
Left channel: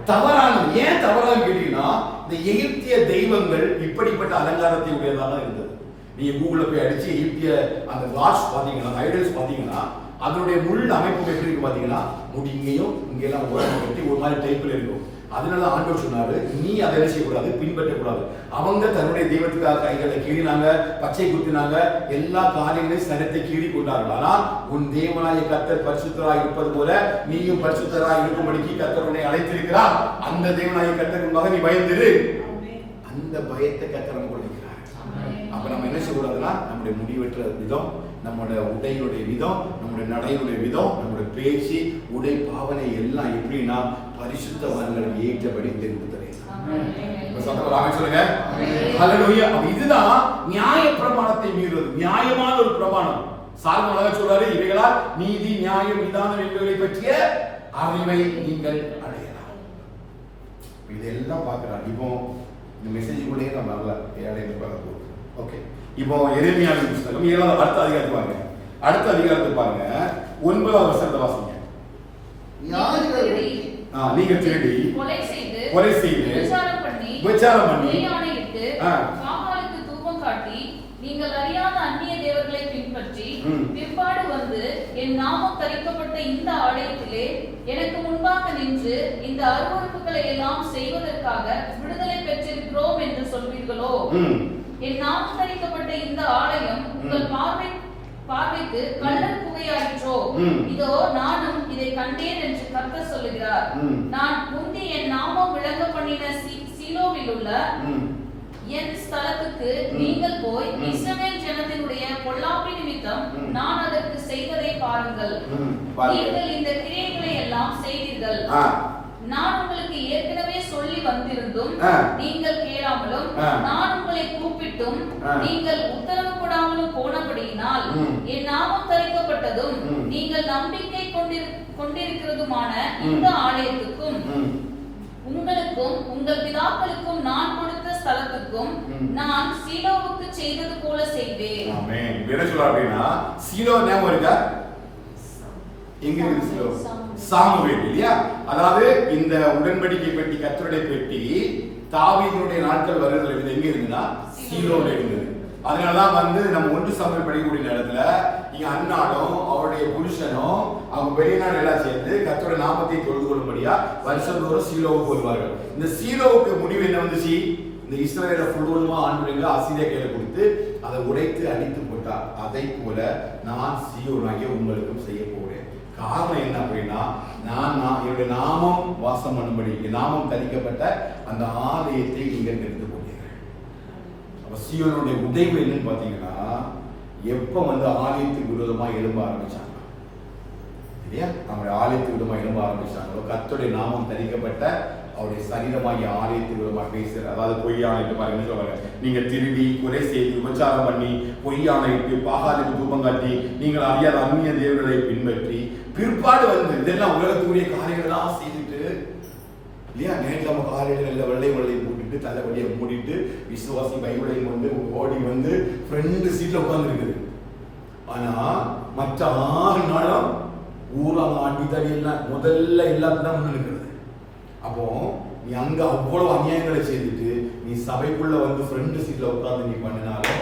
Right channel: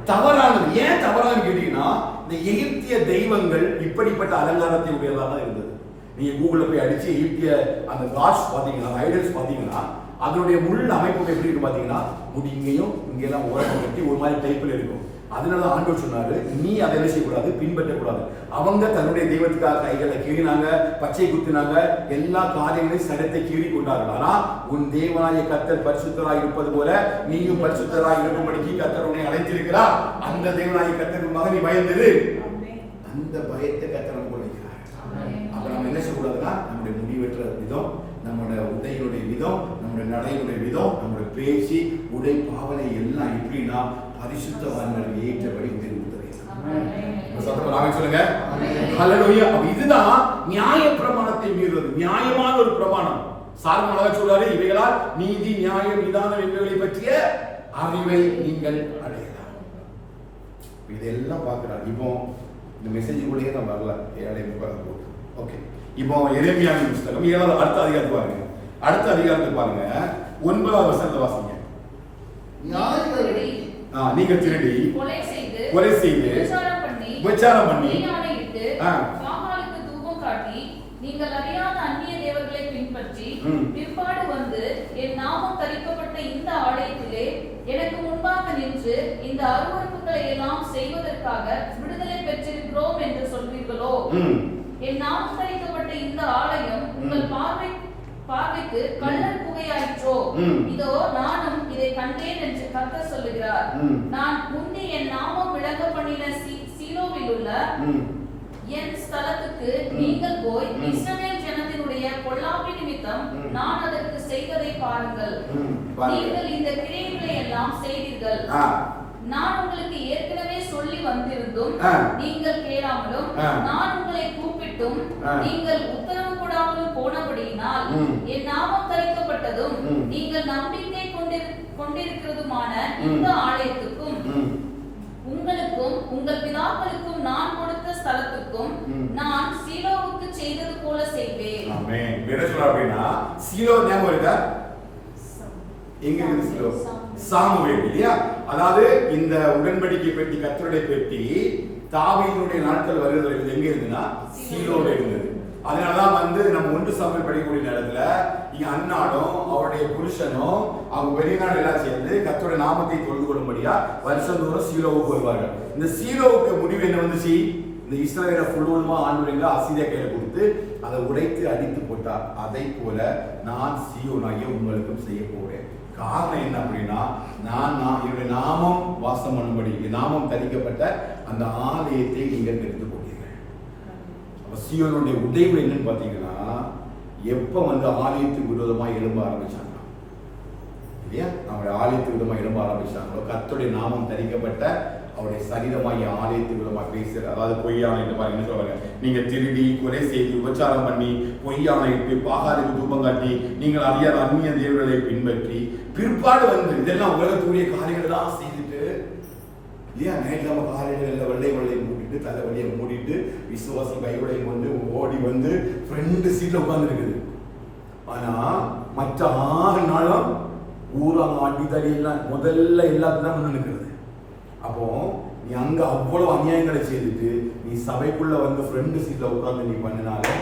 தவறானது. ஏன் தவறானு கேட்டீங்கன்னா, இந்த எகிப்திய தெய்வங்கள் இப்படிப்பட்ட அலங்காரத்தை உடையதாக இருந்தது. நீங்க கூகுள்ல போய் அடிச்சு எகிப்திய அந்த காட்ஸ் பாத்தீங்கன்னா, ஐடல்ஸ் பாத்தீங்கன்னா, அதனுடைய முள் அமைப்பு எப்படி இருக்கு பாத்தீங்கன்னா, முடி இங்கேயும் இங்கெல்லாம் ஓரம் கட்டி ஒரு மாதிரி டைப்ல இருக்கும். அதனால ஆண்டவர் சொன்னாரு, நீ அதை என்ன செய்யக்கூடாது, பின்பற்றக்கூடாது. அவங்க தன்னுடைய தெய்வத்துக்காக கைகளை கீறினாங்க, பச்சை குத்தினாங்க, எல்லா காரியங்களையும் சரத்தை கீறி கொண்டார்கள். ஆனா உன் தேவனாய கர்த்தர் பரிசுத்தராய் இருப்பது போல நீயும் பரிசுத்தராய் இருக்கும்படிக்கு கர்த்தர் உன்னை அழைத்திருக்கிறார். அந்த தேவனாய கர்த்தரின் மகன் நீ பயந்திரு. அந்த பயத்தை கர்த்தர் நமக்கு கொடுக்கிறார். அப்ப நம்ம என்ன செய்யக்கூடாதுன்னா, நம்முடைய முடிவெற்ற விதம், நம்முடைய உடையுடைய விதம், நம்முடைய நடையுடைய விதம், நம்முடைய பேச்சு, உடை, பாவனை எல்லாம் எப்படின்னா பரிசுத்தவான்கள் ஏற்றபடி தெரிவித்தது. சொல்லுங்க. இதுதான் நியாய பிரமாணத்தை மீறுவது. நியாயமான ஒரு பிரமாணம். சாலமோன் சொல்றாரு, இவைகளால் நீதி, நியாயம், விதானம் என்பவைகளை பற்றிய அறிவை நீங்கள் அடையலாம். இதெல்லாம் பார்க்கிறார். இப்போ இந்த மெசேஜுக்குள்ளேயே நம்ம வரல. 7:30 போகுது. ஓகே, இப்போ எரேமியாவின் புத்தகம் 7வது அடுத்த அதிகாரத்தை பாருங்க. அடுத்த அதிகாரத்தை பாருங்க, 9வது வசனத்தை வாசிங்க. நீங்கள் திருடி கொலை செய்து விபச்சாரம் பண்ணி காமாலுக்கு தூபம் காட்டி நீங்கள் அறியாத அந்நிய தேவர்களை பின்பற்றி பிற்பாடு வந்து என் நாமம் தரிக்கப்பட்ட இந்த ஆலயத்திலே எனக்கு முன்பாக நின்று இந்த அருவருப்புகளை எல்லாம் செய்வதற்காக விடுதலை பெற்றிருக்கிறோம் என்று சொல்வீர்களோ? என் நாமம் தரிக்கப்பட்ட இந்த ஆலயம் உங்கள் பார்வைக்கு கள்ளர் குகையாயிற்றோ? இதோ நானும் இதை கண்டேன் என்று கர்த்தர் சொல்லுகிறார். சொல்லுகிறார். நான் முந்தி என் நாமம் விளங்க பண்ணின சீலோவில் உள்ள என் ஸ்தலத்துக்கு நீங்கள் போய் இஸ்ரவேல் ஜனத்தினுடைய பொல்லாப்பி நிமித்தம் நான் அதற்கு செய்வதை பாருங்கள். நீங்கள் இந்த கிரியைகளை எல்லாம் செய்தீர்கள். நான் உங்களுக்கு ஏற்கனவே சொல்லி வந்திருந்தும் நீங்கள் கேளாமலும் நான் உங்களை கூப்பிட்டும் நீங்கள் உத்தரவு கொடாமலும் போனபடியினால் என் நாமம் தரிக்கப்பட்டதும் நீங்கள் நம்பிக்கை கொண்டிருக்கிறதுமான இந்த ஆலயத்துக்கும் உங்களுக்கும் உங்கள் பிதாக்களுக்கும் நான் கொடுத்த ஸ்தலத்துக்கும் நான் சீலோவுக்கு செய்தது போல செய்வேன். ஆமென். என்ன சொல்றாரு அப்படின்னா சீலோ ஞாபகம் இருக்கா? எங்க இருக்கு சீலோ? சாமுவேல் இல்லையா? அதாவது இந்த உடன்படிக்கை பெட்டி, கர்த்தருடைய பெட்டி தாவீதுடைய நாட்கள் வருகிறது எங்க இருக்குன்னா சீலோல இருந்தது. அதனாலதான் நம்ம 1 சாமுவேல் படிக்கக்கூடிய நேரத்துல இங்க அண்ணாடும் அவருடைய புருஷனும் அவங்க வெளிநாடு எல்லாம் சேர்ந்து கர்த்தருடைய நாமத்தை தொழுது கொள்ளும்படியா வருஷந்தோறும் சீலோவுக்கு வருவார்கள். இந்த சீலோவுக்கு முடிவு என்ன வந்துச்சு? இந்த இஸ்ரவேலை ஃபுல்லுமா ஆண்டவருங்க அசீரியா கையில கொடுத்து அதை உடைத்து அடித்து போட்டார். அதை போல நான் சீயோனாகிய உங்களுக்கும் செய்ய போறேன். காரணம் என்ன அப்படின்னா என்னுடைய நாமம் வாசம் பண்ணும்படி நாமம் தரிக்கப்பட்ட அந்த ஆலயத்தை நீங்கள் எடுத்து போட்டீர்கள். அப்ப சீயோனுடைய உடைவு என்னன்னு பாத்தீங்கன்னா எப்ப ஆலயத்துக்கு விரோதமா எழும்ப ஆரம்பிச்சாங்க இல்லையா? நம்முடைய ஆலயத்துக்கு விரோதமா எழும்ப ஆரம்பிச்சாங்களோ கர்த்தருடைய நாமம் தரிக்கப்பட்ட அவருடைய சரீரமாகிய ஆலயத்துக்கு விரோதமா பேசுற, அதாவது பொய்யான என்று பாருங்க சொல்லுவாங்க, நீங்க திருடி கொலை செய்து உபச்சாரம் பண்ணி பொய்யான இட்டு பாகாலுக்கு தூபம் காட்டி நீங்கள் அறியாத அந்நிய தேவர்களை பின்பற்றி பிற்பாடு இதெல்லாம் உலகத்துக்குரிய காரியங்கள் தான் செய்துட்டு இல்லையா? ஞாயிற்றுக்கிழமை காலையில வெள்ளை போட்டுட்டு தலைவலியை மூடிட்டு விசுவாசி பைபிளை கொண்டு ஓடி ஃப்ரெண்டு சீட்ல உட்கார்ந்து இருக்குது. ஆனா மற்ற 6 நாளும் ஊராக அடித்தடி எல்லாம் முதல்ல எல்லாத்துக்கும் தான் முன்ன நிற்கிறது. அப்போ நீ அங்க அவ்வளவு அநியாயங்களை செய்துட்டு நீ சபைக்குள்ள ஃப்ரெண்டு சீட்ல உட்கார்ந்து நீ பண்ணினாலும்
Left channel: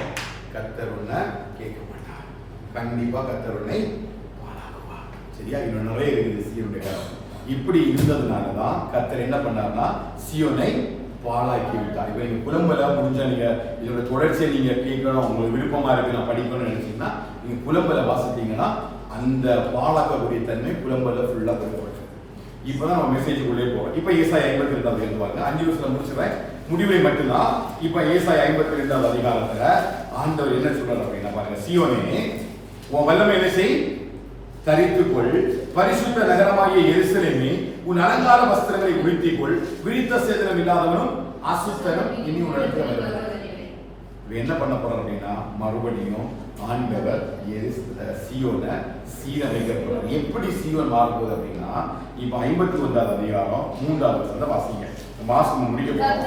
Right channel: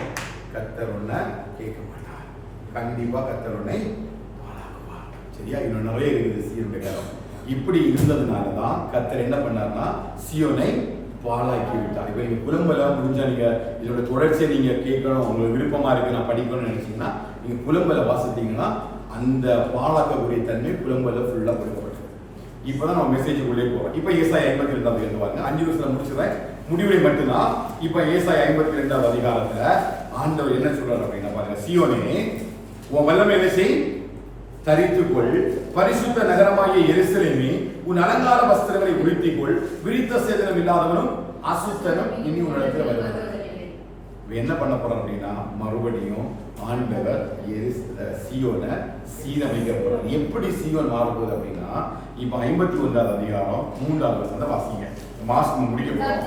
கர்த்தர் உன்னை கேட்க மாட்டார். கண்டிப்பா கர்த்தர் உன்னை பாழாக்குவார். சரியா? இன்னும் நிறைய இருக்குது சீயோனுடைய காலம். இப்படி இருந்ததுனாலதான் கர்த்தர் என்ன பண்ணார்னா சீயோனை பாழாக்கி விட்டார். இப்ப நீங்க புலம்பல முடிஞ்சா நீங்க இதோட தொடர்ச்சியை நீங்க கேட்கணும், உங்களுக்கு விருப்பமா இருக்கு நான் படிக்கணும்னு நினைச்சீங்கன்னா நீங்க புலம்பல வாசித்தீங்கன்னா அந்த பாழாக்கக்கூடிய தன்மை புலம்பல ஃபுல்லா கொடுக்கப்பட்டது. இப்பதான் நம்ம மெசேஜுக்குள்ளே போறோம். இப்ப ஏசாயா 52 எழுதுவாங்க. 5 வருஷத்துல முடிச்சிடுறேன், முடிவை மட்டும்தான். இப்ப ஏசாயா 52 அதிகாரத்துல ஆண்டவர் என்ன சொல்றாரு அப்படின்னா பாருங்க, சீயோனே உன் வல்லமை என்ன செய், தரித்துக்கொள், பரிசுத்த நகரமாகிய எருசலேமே உன் அலங்கார வஸ்திரங்களை உடுத்திக்கொள், விரித்த சேதனம் இல்லாதவனும் அசுத்தனும் இனி உன்னிடத்தில் வருவார். என்ன பண்ண போறார் அப்படின்னா மறுபடியும் ஆண்டவர் சீயோனை சீரமைக்க போறார். எப்படி சீயோன் மாறப்போகுது அப்படின்னா இப்ப 51 அதிகாரம் 3வது வசனத்தை வாசிங்க. மாசம் முடிக்க போறோம்.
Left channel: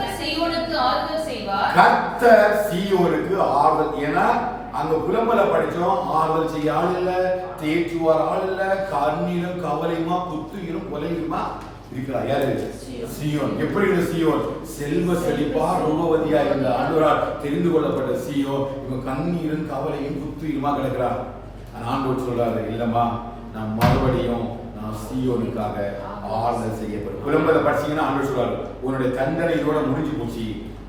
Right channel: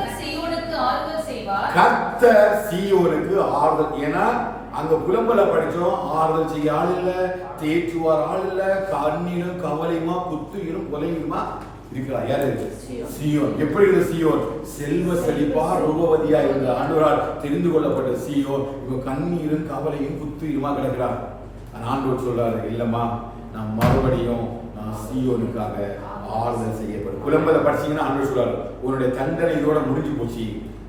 கர்த்தர் சீயோனுக்கு ஆறுதல். ஏன்னா அங்க புலம்பல படிச்சோம், ஆறுதல் செய்ய ஆள் இல்ல, தேற்றுவார் ஆள் இல்ல, கண்ணீரும் கவலையுமா குத்துயிரும் கொலையுமா இருக்கிறார். யாரு? சீயோன். எப்படி இருந்த சீயோன்? செல்வ செழிப்பா ரூபவதியா இருந்த ஆண்டவரால் தெரிந்து கொள்ளப்பட்ட சீயோன் இவன் கண்ணீரும் கவலையும் குத்துயிருமா கிடக்கிறார். ஆண்டவர் சொல்றாரு, இல்லம்மா நான் மறுபடியும் சீயோனுக்காக ஆறுதல் செய்யப்படும். புலம்பலை படிச்சீங்கன்னா ஆண்டவர் சொல்றாரு, உன்னுடைய தண்டனை இதோட முடிஞ்சு போச்சு,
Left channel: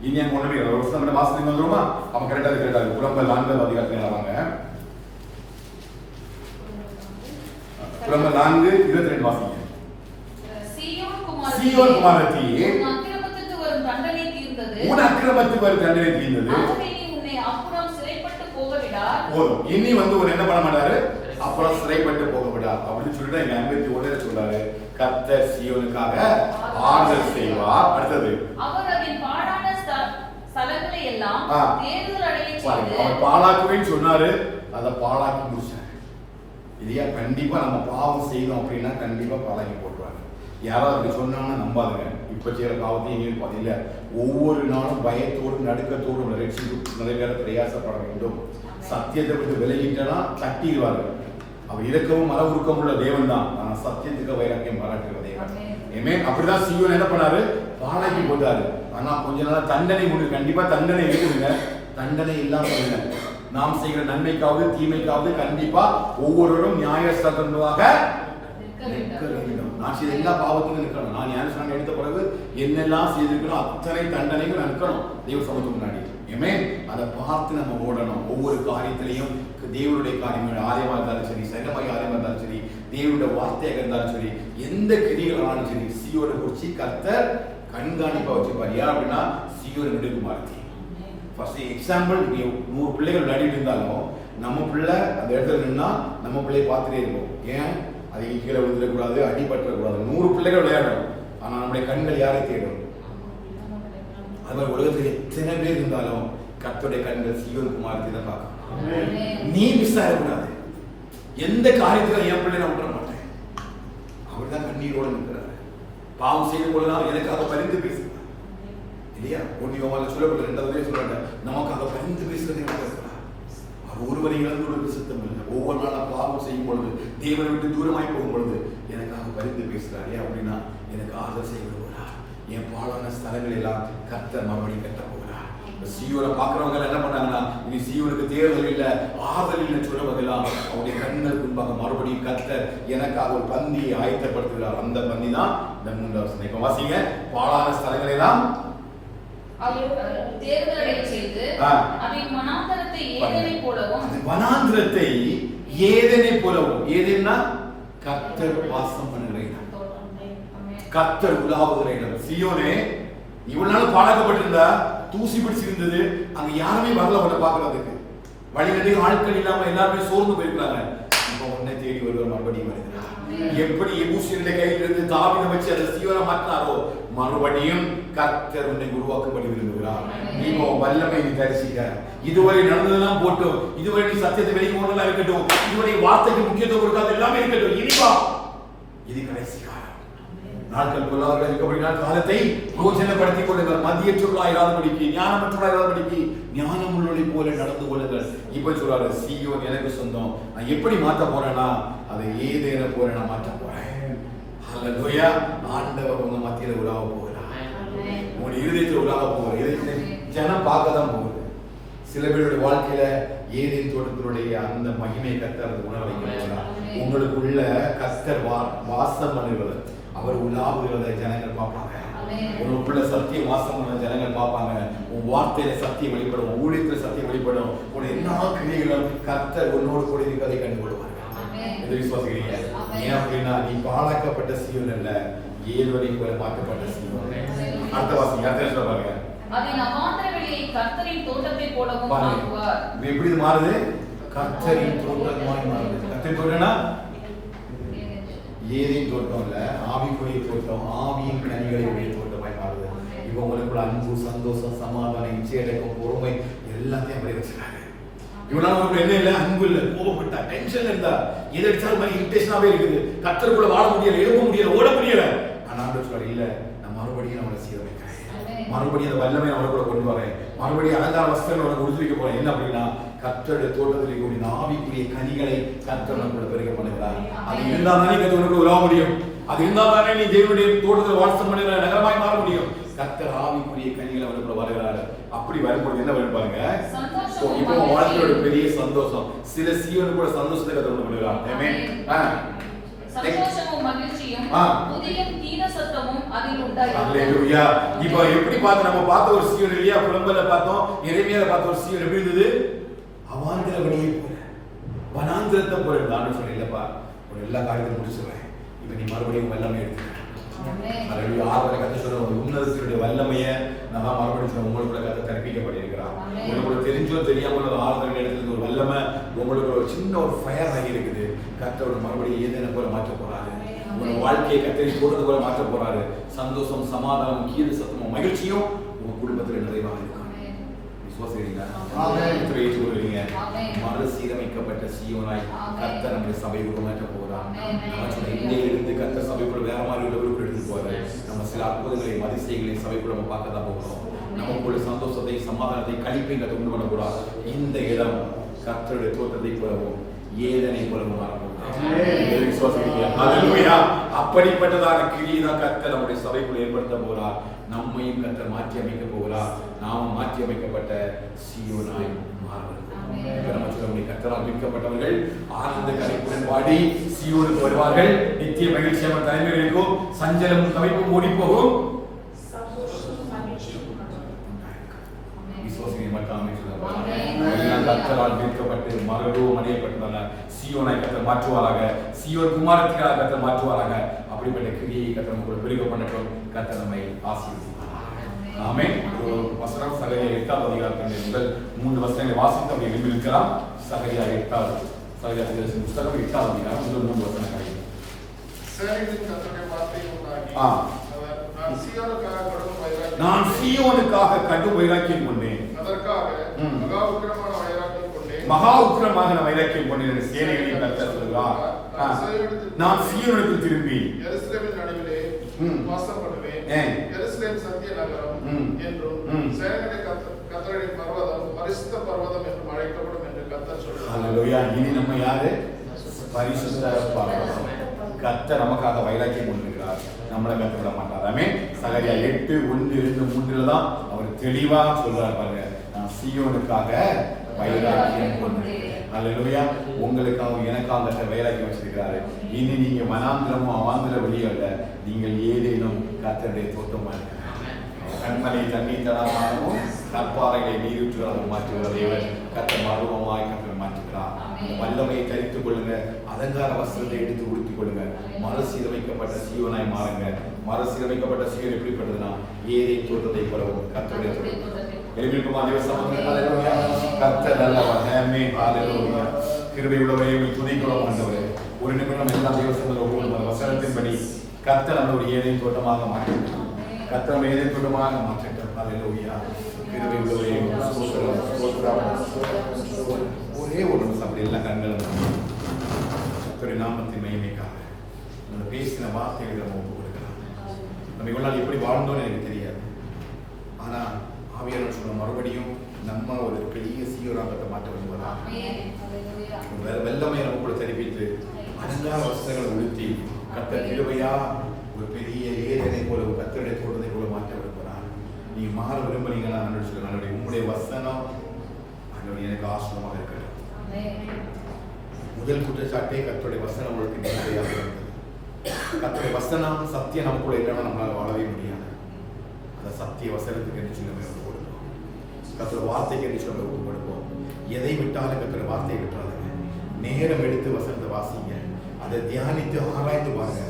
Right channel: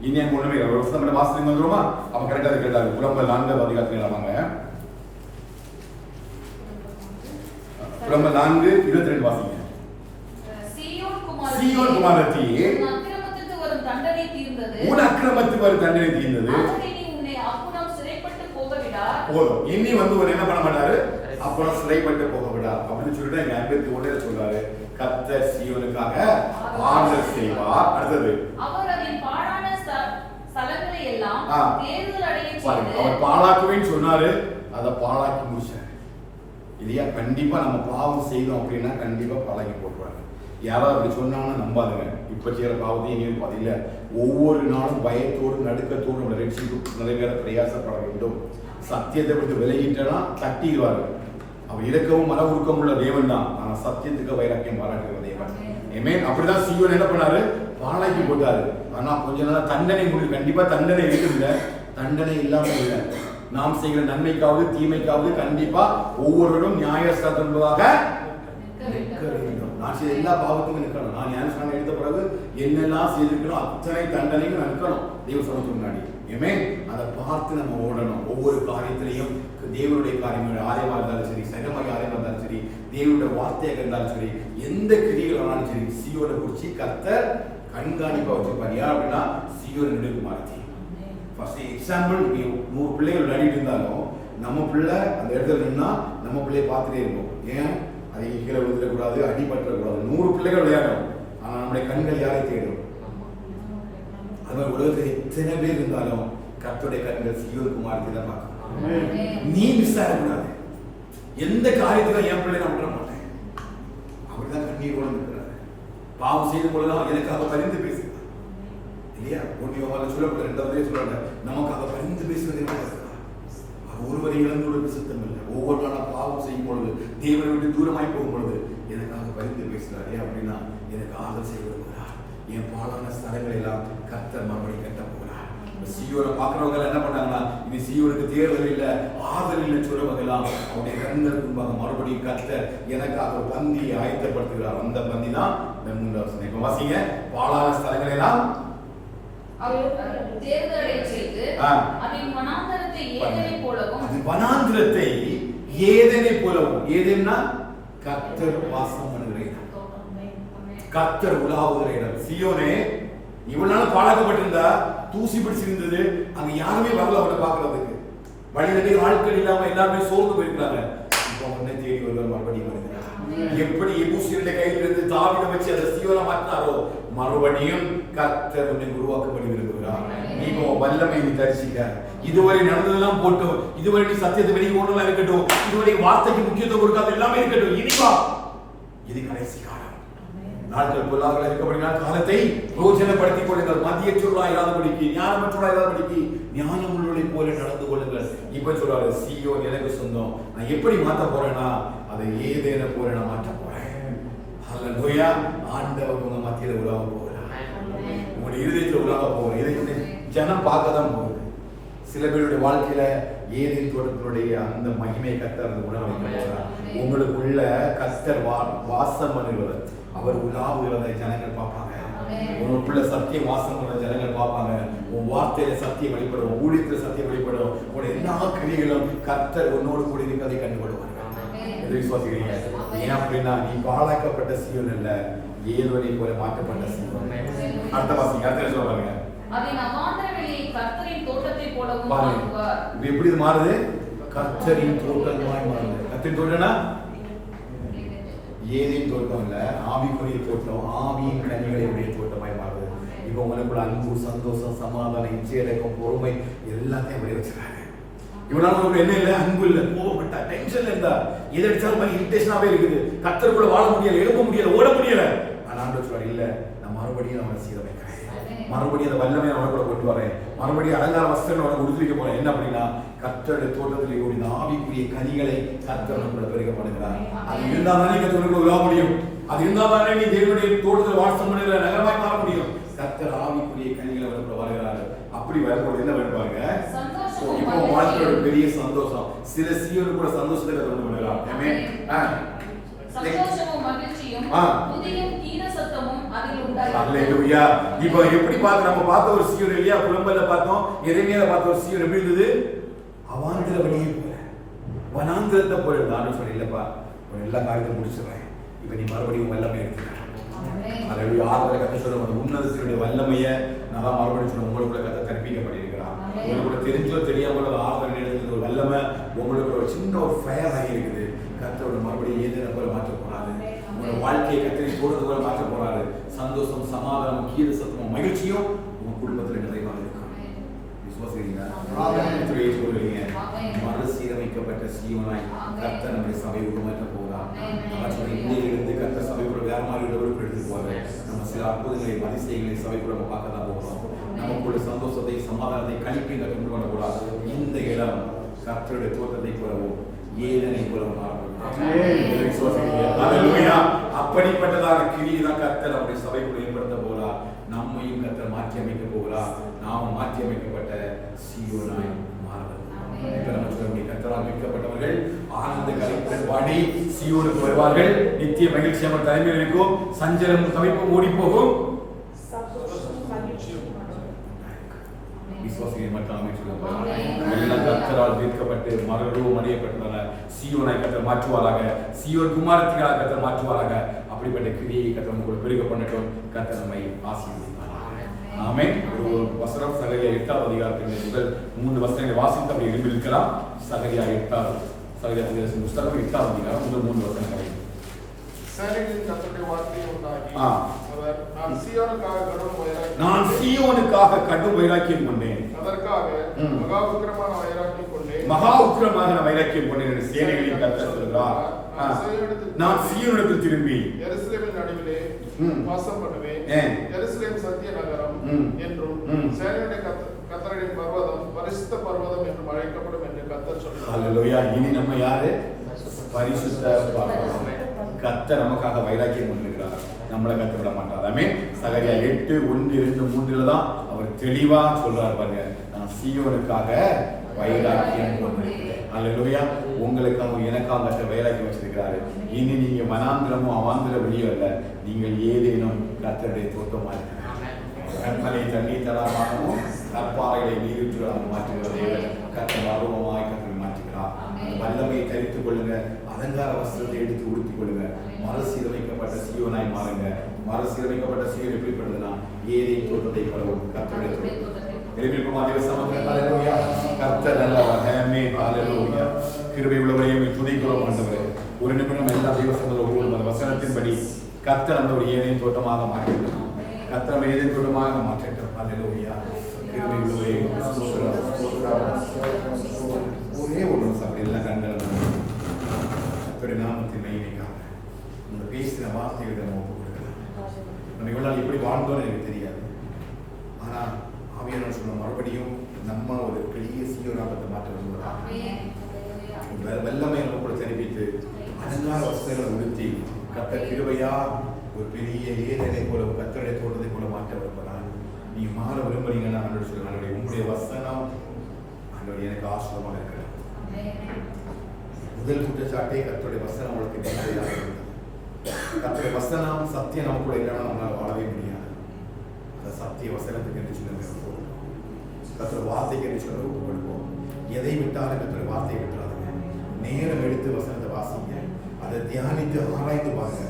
இனி அங்க ஒண்ணுமே ஒரு வருஷம் வாசல் வந்துருமா? அப்ப கரெக்டா புலம்பல் 4 அதிகாரத்துல வாங்க. புலம்பல் 4:22 வாசிங்க. சீயோன் குமாரத்தியே உன் அக்கிரமத்துக்கு வரும் தண்டனை தீர்ந்தது. போதும், இனி ஒரு என்ன பண்ண மாட்டாரு, அப்புறம் சிறைப்பட்டு போக விடார் அப்படின்னு சொல்லிட்டு எங்க 51 சொல்றாரு. கர்த்தர் சீயோனுக்காக ஆறுதல் செய்வார். அடுத்தது அவர் பாழாக்குவேன்னு சொன்னாரு, அதை பாழாக்கி முடிச்சாரு இல்லையா? கண்டிப்பா நம்ம பாவம் செய்தோம் அப்படின்னா கண்டிப்பா பாழாக்கி போட்டுருவாங்க. யாராவது அப்படி சொன்னாங்கன்னா நம்பாதுங்க. இப்ப செய்யற பாவத்தையும் எங்கேயும் பாதியில ஒவ்வொரு நாளும் பயத்தோடு நடுக்கத்தோடு நம்மளை ரட்சித்து நிறைவேற பிரயாசப்பட வேண்டும். சத்தியத்தை விட்டு விலகிட்டனா தட்டிடுவாரு. அவர் இறக்கவும் மன உருக்கம் உள்ள தேவன் தான், ஆனா சத்தியத்துக்கு வைராக்கியம் பாராட்டுகிற தேவன். அப்படிதான் சீயோன் என்ன பண்ணாரு, பாழாக்கி போட்டாரு. ஆனா கொஞ்ச நாள் தண்டனை முடிவு. கண்டிப்பா தண்டனை இருக்குதுங்க, தண்டனை இல்லாம இல்லை. நாம் செய்கிற நன்மைக்காவது தீமைக்காவது கண்டிப்பா ஒவ்வொருவரும் நியாயஸ்தானம் என்பதாக நிற்க வேண்டும். நான் செய்த எல்லா பாவத்துக்கும் நிற்கணும். நான் ஞானஸ்நானம் எடுத்த பிறகு என்னெல்லாம் செய்திருக்கிறோம் அத்தனை தண்டனைகள் இருக்கணும் தெய்வ சமத்துக்கு முன்னாடி. ஆமென். அதை பார்த்து நம்ம ஓடணும். ஒவ்வொரு காரியத்திலையும் தேவனுடைய காரியங்கள் ஆலயமா இருந்தாலும் சரி, சங்கமாய் ஆலயமா இருந்தாலும் சரி, தேவனுடைய வார்த்தையாக இருந்தாலும் சரி, எந்த கிரிகள் ஆனாலும் சரி, சீயோனை குறிச்சு கர்த்தர் கண்காணிப்பா வச்சிருப்பார். ஏன் அப்படின்னா சீயோன் நெடுகுமாரத்தி. ஃபர்ஸ்ட் எக்ஸாம்பிள், 100 பிள்ளைகள் விளையாடிட்டு இருந்தாலும் நம்ம பிள்ளை அந்த இடத்துல நின்னா நம்ம பிள்ளையை பார்த்துட்டே இருக்கும். ஏன்? அதை கீழே விழுந்துடக்கூடாது, அடிபற்றக்கூடாது. 100 பிள்ளைகள் விளையாடணும், ஆனா நம்முடைய கண்கள் யாரை தேடும்? அது மாதிரி உலகத்தில் எத்தனை பேர் இருந்தாலும் கர்த்தருடைய கண்கள் சீயோன் குமாரத்தை தான் பார்க்கணும். நீ மிஸ் ஆகக்கூடாது. எந்த காரியத்துல என் பிள்ளை நான் விட மாட்டேன். அவர்தான் கண்ணீரோடு இருக்கிறார். பாவம் செய்து கொள்ளலாம், எனக்காக பரிந்து பேசுகிறார் இல்லையா? ஒன்றியவால சொல்லப்பட்ட 2வது சொல்றாங்க, நமக்காக பரிந்து பேசுவதை இருக்கிறார். அவர் ஒருவரை இழந்துள்ளது சித்தம் இல்லை. ஒவ்வொரு நாளும் பாவம் செய்யும் பொழுது, தேவனை விட்டு தூரமாய் போகும் பொழுது எனக்காக பரிந்து பேசுறாரு. அப்படின்னா எனக்கு ஆதரவு செய்ய விரும்புகிறார். என் பாழான ஸ்தலங்களை எல்லாம் கர்த்தர் மறுபடியும் கட்ட போகிறார். சீயோனை பார்க்கிறவங்க என்ன பண்ணாங்கன்னா, இனி சீயோனுக்கு தேர்தல் இல்லை, ஆதரவு இல்லை சொல்றவங்க எல்லாம் அவருடைய கண்கள் முன்பாக மறுபடியும் கர்த்தர் எனக்காக ஒரு பந்தியை ஆயத்தப்படுத்துகிறார். அந்த பந்தி தான் இந்த 3வது வசனம். இப்ப வாசிங்க. பாழான ஸ்தலங்களை எல்லாம் வனாந்திரத்தை ஏதேனை போலவும், ஏதேன்னா கர்த்தர் வாசம் பண்ணுகிற இடம், கர்த்தர் உலாவுகிற இடம். சீயோனே இவ்வளவு நாள் பாழாக்கப்பட்டிருந்தா, தூசி பிடிச்சிருந்தது, அங்க யாருமே வரல உன்னை பாக்குறதுக்கு. வழிநடி ஆட்கள் இல்லாம எல்லாருமே சோர்ந்து போயிருக்காங்க. இப்போ உன்னை தேடி வருவார் மறுபடியும் வருகிறார். எப்படி எபூசியருடைய கையில இருந்து தாவீதை வச்சு அதை சீயோனை மாற்றினாரோ, மறுபடியும் கர்த்தர் உன்னை உருவாக்கப்படி விரும்புகிறார். நீங்க வல்லமை நீ தரிசிக்க. இதுவரை நடந்ததெல்லாம் போட்டோம், இதுவரை நீ சத்தியத்தை வெளியே கொண்டெல்லாம் இருக்கட்டும், இதுவரை வார்த்தைக்கு முக்கியத்துவம் கொடுக்காத எல்லாமே இருக்கட்டும். இனிவா இது கடைசி காலம். நாட்கள் பொல்லாதவர்களாக இருக்கப்படினால் காலத்தை பிரோஜனப்படுத்திக் கொள்ளுங்கள். மதியற்றவர்களாக இராதபடிக்கு, ஞானமற்றவர்களாக இராதபடிக்கு ஞானம் உள்ளவர்களை போல நடந்து கொள்ளுங்கள். இப்ப சொல்றாரு, சீயோன் எனக்கு சொந்தம். நான் எப்படி மாற்ற போறேன்னா, அதை ஏதேன போல நான் மாற்ற போறேன். ஹல்லேலூயா. ஆண்டவர் உங்க மத்தியில உலாவ போகிறார். உங்களுடைய இருதயத்தில் உலாவ போகிறார். இதை ஜனம் பார்க்க தான் போகுது. சில பேருடைய வாழ்க்கையில ஏதேன் தோட்டத்தினுடைய அந்த மகிமையை கர்த்தர் உணர வைக்க போகிறார். உங்களுக்குள்ள கர்த்தர் வாசம் பண்ணுகிறது, அவர் உலாவுகிறதை ஜனங்கள் பார்ப்பாங்க. உங்களுக்குள்ள சத்தியம் வாசம் பண்ண ஜனங்கள் பார்ப்பாங்க. உன் வார்த்தையில சத்தியம் வெளிப்படும், உன் ஊழியத்தில் சத்தியம் வெளிப்படும். உன் எல்லா கிரியைகளும் கர்த்தர் உன்னோடு கூட இருக்கிறதை கண்டுகொள்வார்கள். எதை விசுவாசிக்கிறீங்க? ஏன் அப்படின்னா நீ பாழாக்கப்பட்ட சீயோன் அல்ல, ஏதோனை போல மாற்றப்பட்ட சீயோன். அடுத்த வாசிங்க. அடுத்த சொல்றாங்க, எப்படி மாறுது? கர்த்தரின் தோட்டமாய் மாறுது. கர்த்தரின் தோட்டம்னா ஏதேன் தோட்டம் இல்ல, ஆவிக்குரிய தோட்டம், ஆவியின் கனிகளை உடைய தோட்டமாய் மாறுது. இப்ப உங்களுக்குள்ள அன்பு, சந்தோஷம், சமாதானம், இச்சையடக்கம், பொறுமை எல்லாத்தையும் அப்படியே வச்சிருக்காங்க. இவ்வளவு உங்களுக்கு என்ன இல்லை? அன்பு இல்லை, கோபப்பட்டா, டென்ஷன் இருந்தா, எதை அடிச்சாலும் மாதிரி இரிட்டேஷனாவே இருக்குது. கர்த்தருக்குள்ள வாழ முடியல, எழுத முடியல, ஓட முடியல. ஆனா ஆண்டவர் சொல்றாரு, இல்ல, நான் மறுபடியும் அவனை சீரமைக்கிறேன், மறுபடியும் அந்த வல்லமை அவனை கூட கொண்டு வரேன், மறுபடியும் அலங்கார வஸ்திரம் அவனை உடுத்திக்க போறேன். என்ன அப்படின்னா, கர்த்தருடைய தோட்டத்தில் கூடிய ஆவிக்குரிய கனிகளை கர்த்தர் கூட பெருக பண்ணுகிறார். அது இருந்தால் தானே கர்த்தருக்கு உதவ முடியும். அது இருந்தால் தானே நீ தேவனுடைய தோட்டத்தில் வாசம் பண்ணுகிற நகரமாய் மாற முடியும். கர்த்தர் ஆவிக்குரிய கனிகளை அவனுக்குள்ள வருகிறாரு. அப்படி வரும்போது என்ன பண்ணுவாங்க? இப்போ வாழ்க்கையோட பெரிய சந்தோஷம். சில சீயோனு கூட சந்தோஷத்தை கர்த்தர் பண்ணுகிறார். ஹல்லேலூயா. இப்போ எப்படி பார்த்து நம்ம பார்த்த ஒரு சீயோன் இல்லையா? புலம்பல்ல பார்த்தோம், எரேமியால பார்த்த ஒரு சீயோன் எப்படி இருந்தது? அவாந்திர வழியை போல, வனாந்திரத்தை போல இருந்தான்னு சொல்லி, இல்லப்பா ஒரு எல்லா காரியத்தையும் முடிச்சிடுறேன், இப்ப நீ மறுபடியும் வல்லமை எடுத்துக்க. ஹல்லேலூயா. ஆறுதலை கத்த சொல்ற ஒரு உன்னதத்தினுடைய வல்லமையை நான் தான் மறுபடியும் சொல்ல, உங்களுக்குள்ள கத்த கற்பிக்கப்பட்டிருக்கிறார். உங்களுக்கு தெரிஞ்சோ தெரியாமலோ ஆறுதல் எடுத்துக்கிற ஒரு வல்லமை உங்களுக்கு ஒரு சின்ன ஒரு ஃபயர் ஆகி இருக்குது. கத்தோட மறுபடியும் ஏதேன போல மாற்ற போறாரு. உங்களோட வாழ்க்கையை கத்தரி போடுறது போல மாற்ற போறாரு. சந்தோஷம், சமாதானம், கீழ சத்தமும், மகிழ்ச்சியும் உங்க குடும்பத்தில் நிறைவாக இருக்கும். விசுவாசிக்கிறீங்களா? ஏற்றுக்கொள்றீங்க? மறுசீரமைக்கப்பட்ட சீயோனாய் கர்த்தர் நம்முடைய சபை உருமாற்ற போகிறார். நம்ம சொன்ன இன்னையிலிருந்து கர்த்தர் சபைக்குள்ள வேற மாதிரி உள்ளவர்களுக்கு எடுத்துட்டு போறாரு. நம்ம சில அற்புதங்களை, அதிசயங்களை சபைக்குள்ள நம்ம பார்க்க தான் போகிறோம். நமக்குள்ள சந்தோஷத்தை, சமாதானத்தை, கழிப்பை கொண்டு பண்ண கூடாது. இந்த இடம் கர்த்தருடைய தோட்டத்தை போலவும் ஏதனை போலவும் மாறணும். அப்படிப்பட்டதான கிரியை தான் கர்த்தர் நம்முடைய சபைக்குள்ள ஏற்படுத்த போகிறார். நம்மையும் கர்த்தர் மாற்றி அமைக்க போகிறார். நாம மாற்றி அமைக்கப்பட்ட சீயோனாய் மாறுவோம். இப்ப நம்ம சொல்ல முடியும், கர்த்தரால் மீட்கப்பட்டவர்கள் ஆனந்த கரைப்புடன் பாடி சீயோனுக்கு வருவார்கள். நித்திய மகிழ்ச்சி அவர் தலைமையில் இருக்கும். சஞ்சலம் தவிப்பும் ஓடி போகும். விசுவாசியை மட்டும் அமைச்சுள்ளார். எல்லாம் கர்த்தரால் தீர்க்கப்பட்டு மறுரூபம் அடையப்பட்டுள்ளன. சீயோனாய் கர்த்தர் மாற்றுவாராக, சீயோன் குமாரத்தியாக கர்த்தர் மாற்றுவாராக. அப்படிப்பட்ட கிரியை கர்த்தர் கூட பெருக பண்ணட்டும். கர்த்தர் நம்மை ஆசீர்வதிப்பாராக. ஆமென். ஒரு வசனம் சகரியா 8ஆம் அதிகாரத்தின் முதல் 3 வசனங்களை வாசித்து அப்படி எழுப்பி இருக்கலாம். சகரியா 8ஆம் புஸ்தகம் 8ஆம் அதிகாரம் முதல் 3 வசனங்களை. நான் சீயோனுக்காக கடும் வைராக்கியம் கொண்டேன், மகா உக்கிரமான வைராக்கியம் கொண்டேன் என்று சேனைகளின் கர்த்தர் சொல்கிறார். நான் சீயோனுக்கு திரும்பி இனி நம்ம யாரு? பரிசுத்த பர்வதம். கர்த்தர் நமக்காக வைராக்கியம் கொண்டிருக்கிறார். நம்மளை கத்த விட மாட்டார். ஆமென். சகரியா 8:1-2-3 தான் அவர் தெளிவா சொல்றார் பாருங்க. நான் சீயோனுக்காக வைராக்கியம் கொண்டிருக்கிறேன். அல்லேலூயா. உங்களுக்காக எனக்காக கர்த்தர் வைராக்கியம் வச்சிருக்கிறாரு. இனி நீங்க மனாந்திரமோ அவாந்திர வெளியோ அல்ல, நீங்கள் ஏதேனும் கர்த்தருடைய தோட்டமா இருக்கிறார். கண்மலை தண்ணீர் தடாகமாகவும் கற்பாறைகளை நீரூற்றுகளாக மாற்றுகிறவர் கர்த்தர் மறுரூபமாய் கர்த்தர் மாற்றுகிறார். வல்லமையை தரித்துக் கொள்ளுங்க, அலங்கார வஸ்திரத்தை எடுத்து உடுத்திக் கொள்ளுங்க. மறுசீரமைக்கப்பட்ட சீயோனாய் மாறுங்க. மறுசீரமைக்கப்பட்ட சீயோன் எப்படிப்பட்டதுன்னா ஏதேன் தோட்டத்தை போல ஒரு கர்த்தருடைய தோட்டம். கர்த்தர் நல்லவர். ஆமென். ஹல்லேலூயா. கிருபை உள்ளவரே, துதிக்கிறோம் ஆண்டவரே. ஒரு நிமிடம் எல்லா தேவசனங்களும் ஒவ்வொரு வசனத்தின்படி கர்த்தர் நம்மை ஒரு ஏதேன் தோட்டமாக மாற்றட்டும். கர்த்தர் நம்மை ஏதேன் தோட்டமாக மாற்றட்டும். ஹல்லேலூயா. கிருபை உள்ளவரே, ஒரே ஒரு நிமிஷம் அப்படி எல்லாம் கண்கள் நாமத்தின் மகிமைக்காக நம்ம பேசின வார்த்தைகளை நம்ம ஒப்பு கொடுக்கலாம். நம்ம இவ்வளவு எப்படி வாழ்ந்தோன்னு எனக்கு தெரியாது. ஆனா ஆவியானவர் சொல்ல மறுபடியும் நம்ம ஒரு பெரிய சீயோனாகத்தை மாற்ற விரும்புகிறோம். வெள்ளமை நம்ம கூட தெரிவித்து அலங்கார வஸ்திரங்களை உடுத்தி கர்த்தர் கிருபையா ஒரு பெரிய ஏதனை போல ஒரு கர்த்தருடைய தோட்டத்தை போல மாற்ற விரும்புகிறார். நீங்க மாற விரும்புறீங்கன்னா ஆண்டவர் சொல்லுங்க, உங்களுடைய வசனம் ஆண்டவர் எனக்கு ஆசீர்வாதமாக இருக்கட்டும். முதல் குற்றச்சாட்டே கர்த்தருடைய வசனம் உங்களுக்கு நேரடியாக இருந்தது. கர்த்தருடைய வசனம் சத்தியம் நமக்குள்ள இல்லைன்னா நம்மளால வாழவே முடியாது. அந்த சத்திய வசனத்துக்கு என்று சொல்லி நம்ம ஒப்பு கொடுப்போம். கர்த்தருடைய வார்த்தைக்கு என்று சொல்லி ஒப்பு கொடுப்போம். எதை விட்டாலும் கர்த்தருடைய வார்த்தையை விட்டுறாதுங்க. நேரம் எடுத்து வசனத்தை வாசிங்க, அதை தியானித்து ஆராய்ந்து பாருங்க.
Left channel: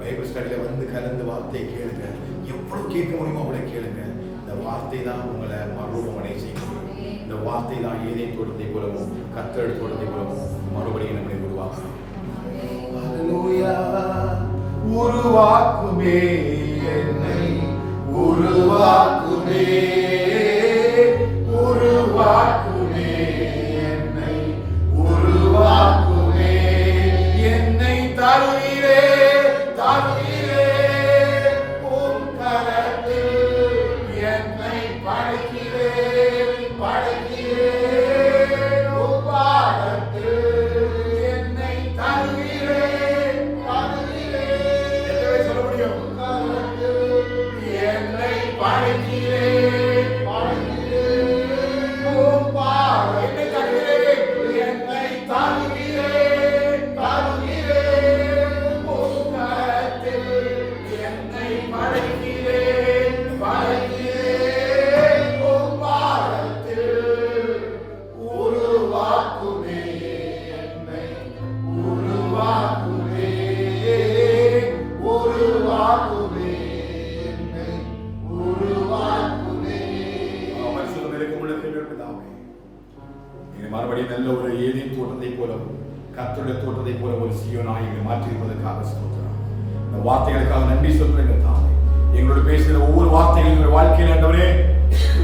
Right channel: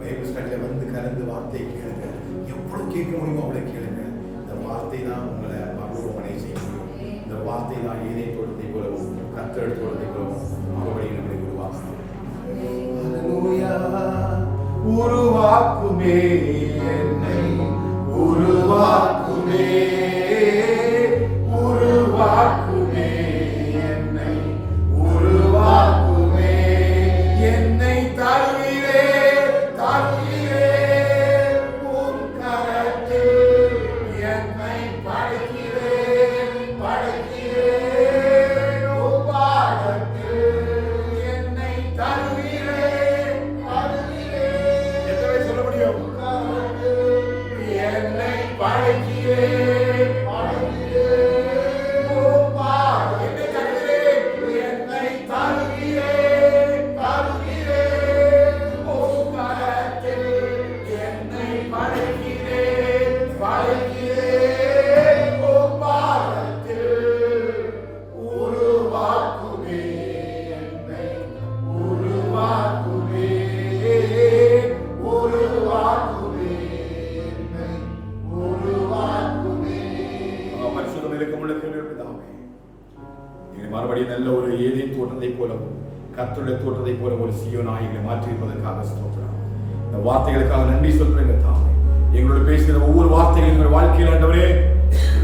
பைபிள் ஸ்டடியில வந்து கலந்து வார்த்தையை கேளுங்க. எவ்வளவு கேட்க முடியுமோ அவ்வளவு கேளுங்க. இந்த வார்த்தை தான் உங்களை மறுரூபமடைய செய்ய முடியும். இந்த வார்த்தை தான் ஏதேன் தோட்டத்தை போலவும் கர்த்தருடைய தோட்டத்தை போலவும் மறுபடியும் நம்மளை உருவாக்கும். உருவாக்குமே என்னை, உருவாக்குமே, உருவாக்குமே என்னை, உருவாக்குமே என்னை தருவீரே, தருவீரே உம் கரத்தில் என்னை படைக்கிறேன், படைக்கிறேன் உம் பாதத்தில் என்னை தருவீரே, தருவீரே. எத்தனை சொல்ல முடியும்? என்னை படைக்கிறேன், படைக்கிறேன் உம் பாதத்தில் என்னை தருவீரே, என்னை தருவீரே, தருவீரே உம் கரத்தில் என்னை படைக்கிறேன், படைக்கிறேன் உம் பாதத்தில் உருவாக்குமே என்னை, உருவாக்குமே, உருவாக்குமே என்னை, உருவாக்குமே. பரிசுத்தம் இருக்கும் பிதாவே, நீங்க மறுபடியும் நல்ல ஒரு ஏதேன் தோட்டத்தை போலவும் கர்த்தருடைய தோட்டத்தை போல ஒரு சீயோனாய் எங்களை மாற்றியிருப்பதற்காக ஸ்தோத்திரம். இந்த வார்த்தைகளுக்காக நன்றி சொல்றேன் தாமே. எங்களோட பேசுகிற ஒவ்வொரு வார்த்தைகளும் எங்களுடைய வாழ்க்கையில் ஆண்டவரே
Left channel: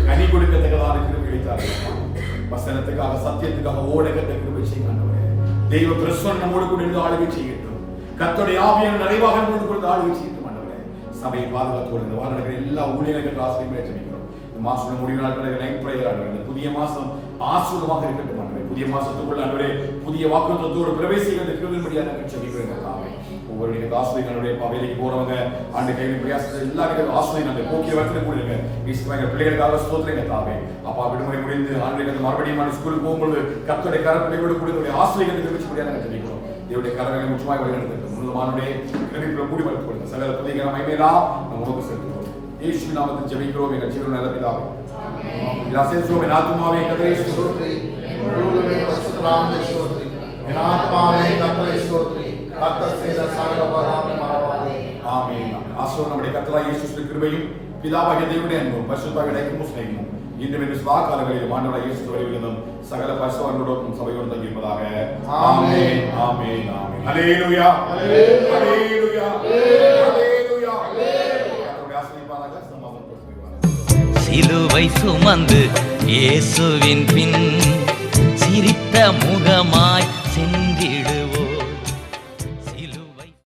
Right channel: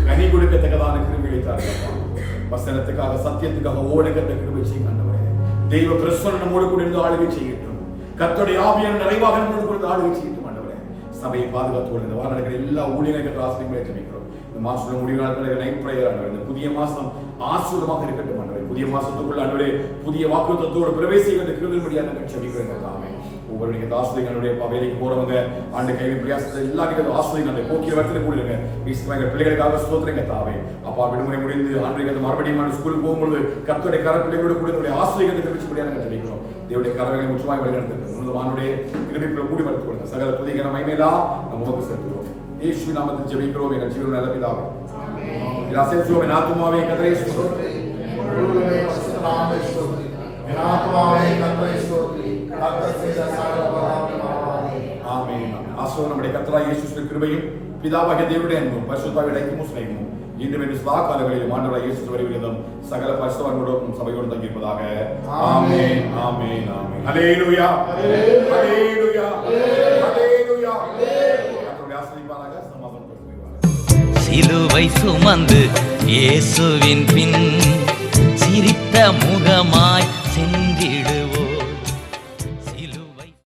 கனி கொடுக்கத்தக்கதான கிருபைகளை தாருங்கள். வசனத்துக்காக சத்தியத்துக்காக ஓடக்கத்த கிருபை செய்யுங்க ஆண்டவரே. தெய்வ பிரசன்னம் நம்மோடு கூட இருந்து ஆளுகை செய்யட்டும். கர்த்தருடைய ஆவியான நிறைவாக நம்மோடு கூட ஆளுகை செய்யட்டும் ஆண்டவரே. சபையை பாதுகாத்து இந்த வாரம் நடக்கிற எல்லா ஊழியர்களுக்கு ஆசிரியர் ஜெபிக்கிறோம். இந்த மாசம் முடிவு நாட்கள் நைட் பிரேயர் ஆண்டவரே. இந்த புதிய மாசம் ஆசீர்வாதமாக இருக்கட்டும் ஆண்டவரே. புதிய மாசத்துக்குள்ள ஆண்டவரே புதிய வாக்குத்தத்தோடு பிரவேசிக்கிற கிருபையாக நாங்கள் ஜெபிக்கிறோம் தாமே. ஒவ்வொருடைய ஆசிரியர்களுடைய வேலைக்கு போறவங்க ஆண்டு கையில் பிரயாசத்தை எல்லாருக்கும் ஆசிரியர் போக்கிய வரத்துல கூடுங்க. பிள்ளைகளுக்காக ஸ்தோத்திரங்க தாவே. அப்பா விடுமுறை முடிந்து ஆண்டு மறுபடியும் ஸ்கூலுக்கு போகும்போது கர்த்தருடைய கரப்பிள்ளையோடு கூட ஆசிரியர்களுக்கு தெரிவிச்சு நாங்கள் ஜெபிக்கிறோம். தேவனுடைய கரங்களை முற்றுமாய் வழிநடத்திருக்கோம். மானுடைய கிருபைக்குள்ள கூடி வளர்த்து கொடுங்க. சகல புதிய மகிமையிலா நம்ம உமக்கு செலுத்துகிறோம். இயேசுவின் நாமத்தில் ஜெபிக்கிறோம் எங்கள் ஜீவனுள்ள நல்ல பிதாவே. என் அசைசுவின் ஆத்துமாவே கர்த்தரை ஸ்தோத்திரி. முழுவதுமே பரிசுத்த நாமத்தை ஸ்தோத்திரி. என் ஆத்மாவே கர்த்தரை ஸ்தோத்திரி. கர்த்தர் செய்த சகல உபகாரங்களையும் மறவாதே. ஆமென். ஆசீர்வாதம் நம்முடைய கர்த்தராகிய இயேசுவின் கிருபையும் பிதாவாகிய தேவனுடைய அன்பும் பரிசுத்தாவின் ஐக்கியமும் சிநேகமும் இன்றும் என்று சதா காலங்களிலும் ஆண்டவராகிய இயேசு வரைவிலும் சகல பரிசுத்தவான்களோடும் சபையோடு தங்கியிருப்பதாக. ஆமென் ஆமென் ஆமென். ஹல்லேலூயா ஹல்லேலூயா ஹல்லேலூயா. கர்த்தருடைய ஆசீர்வாதமாக சமாதானம். சிலுவை சுமந்து இயேசுவின் பின் சிரித்த முகமாய்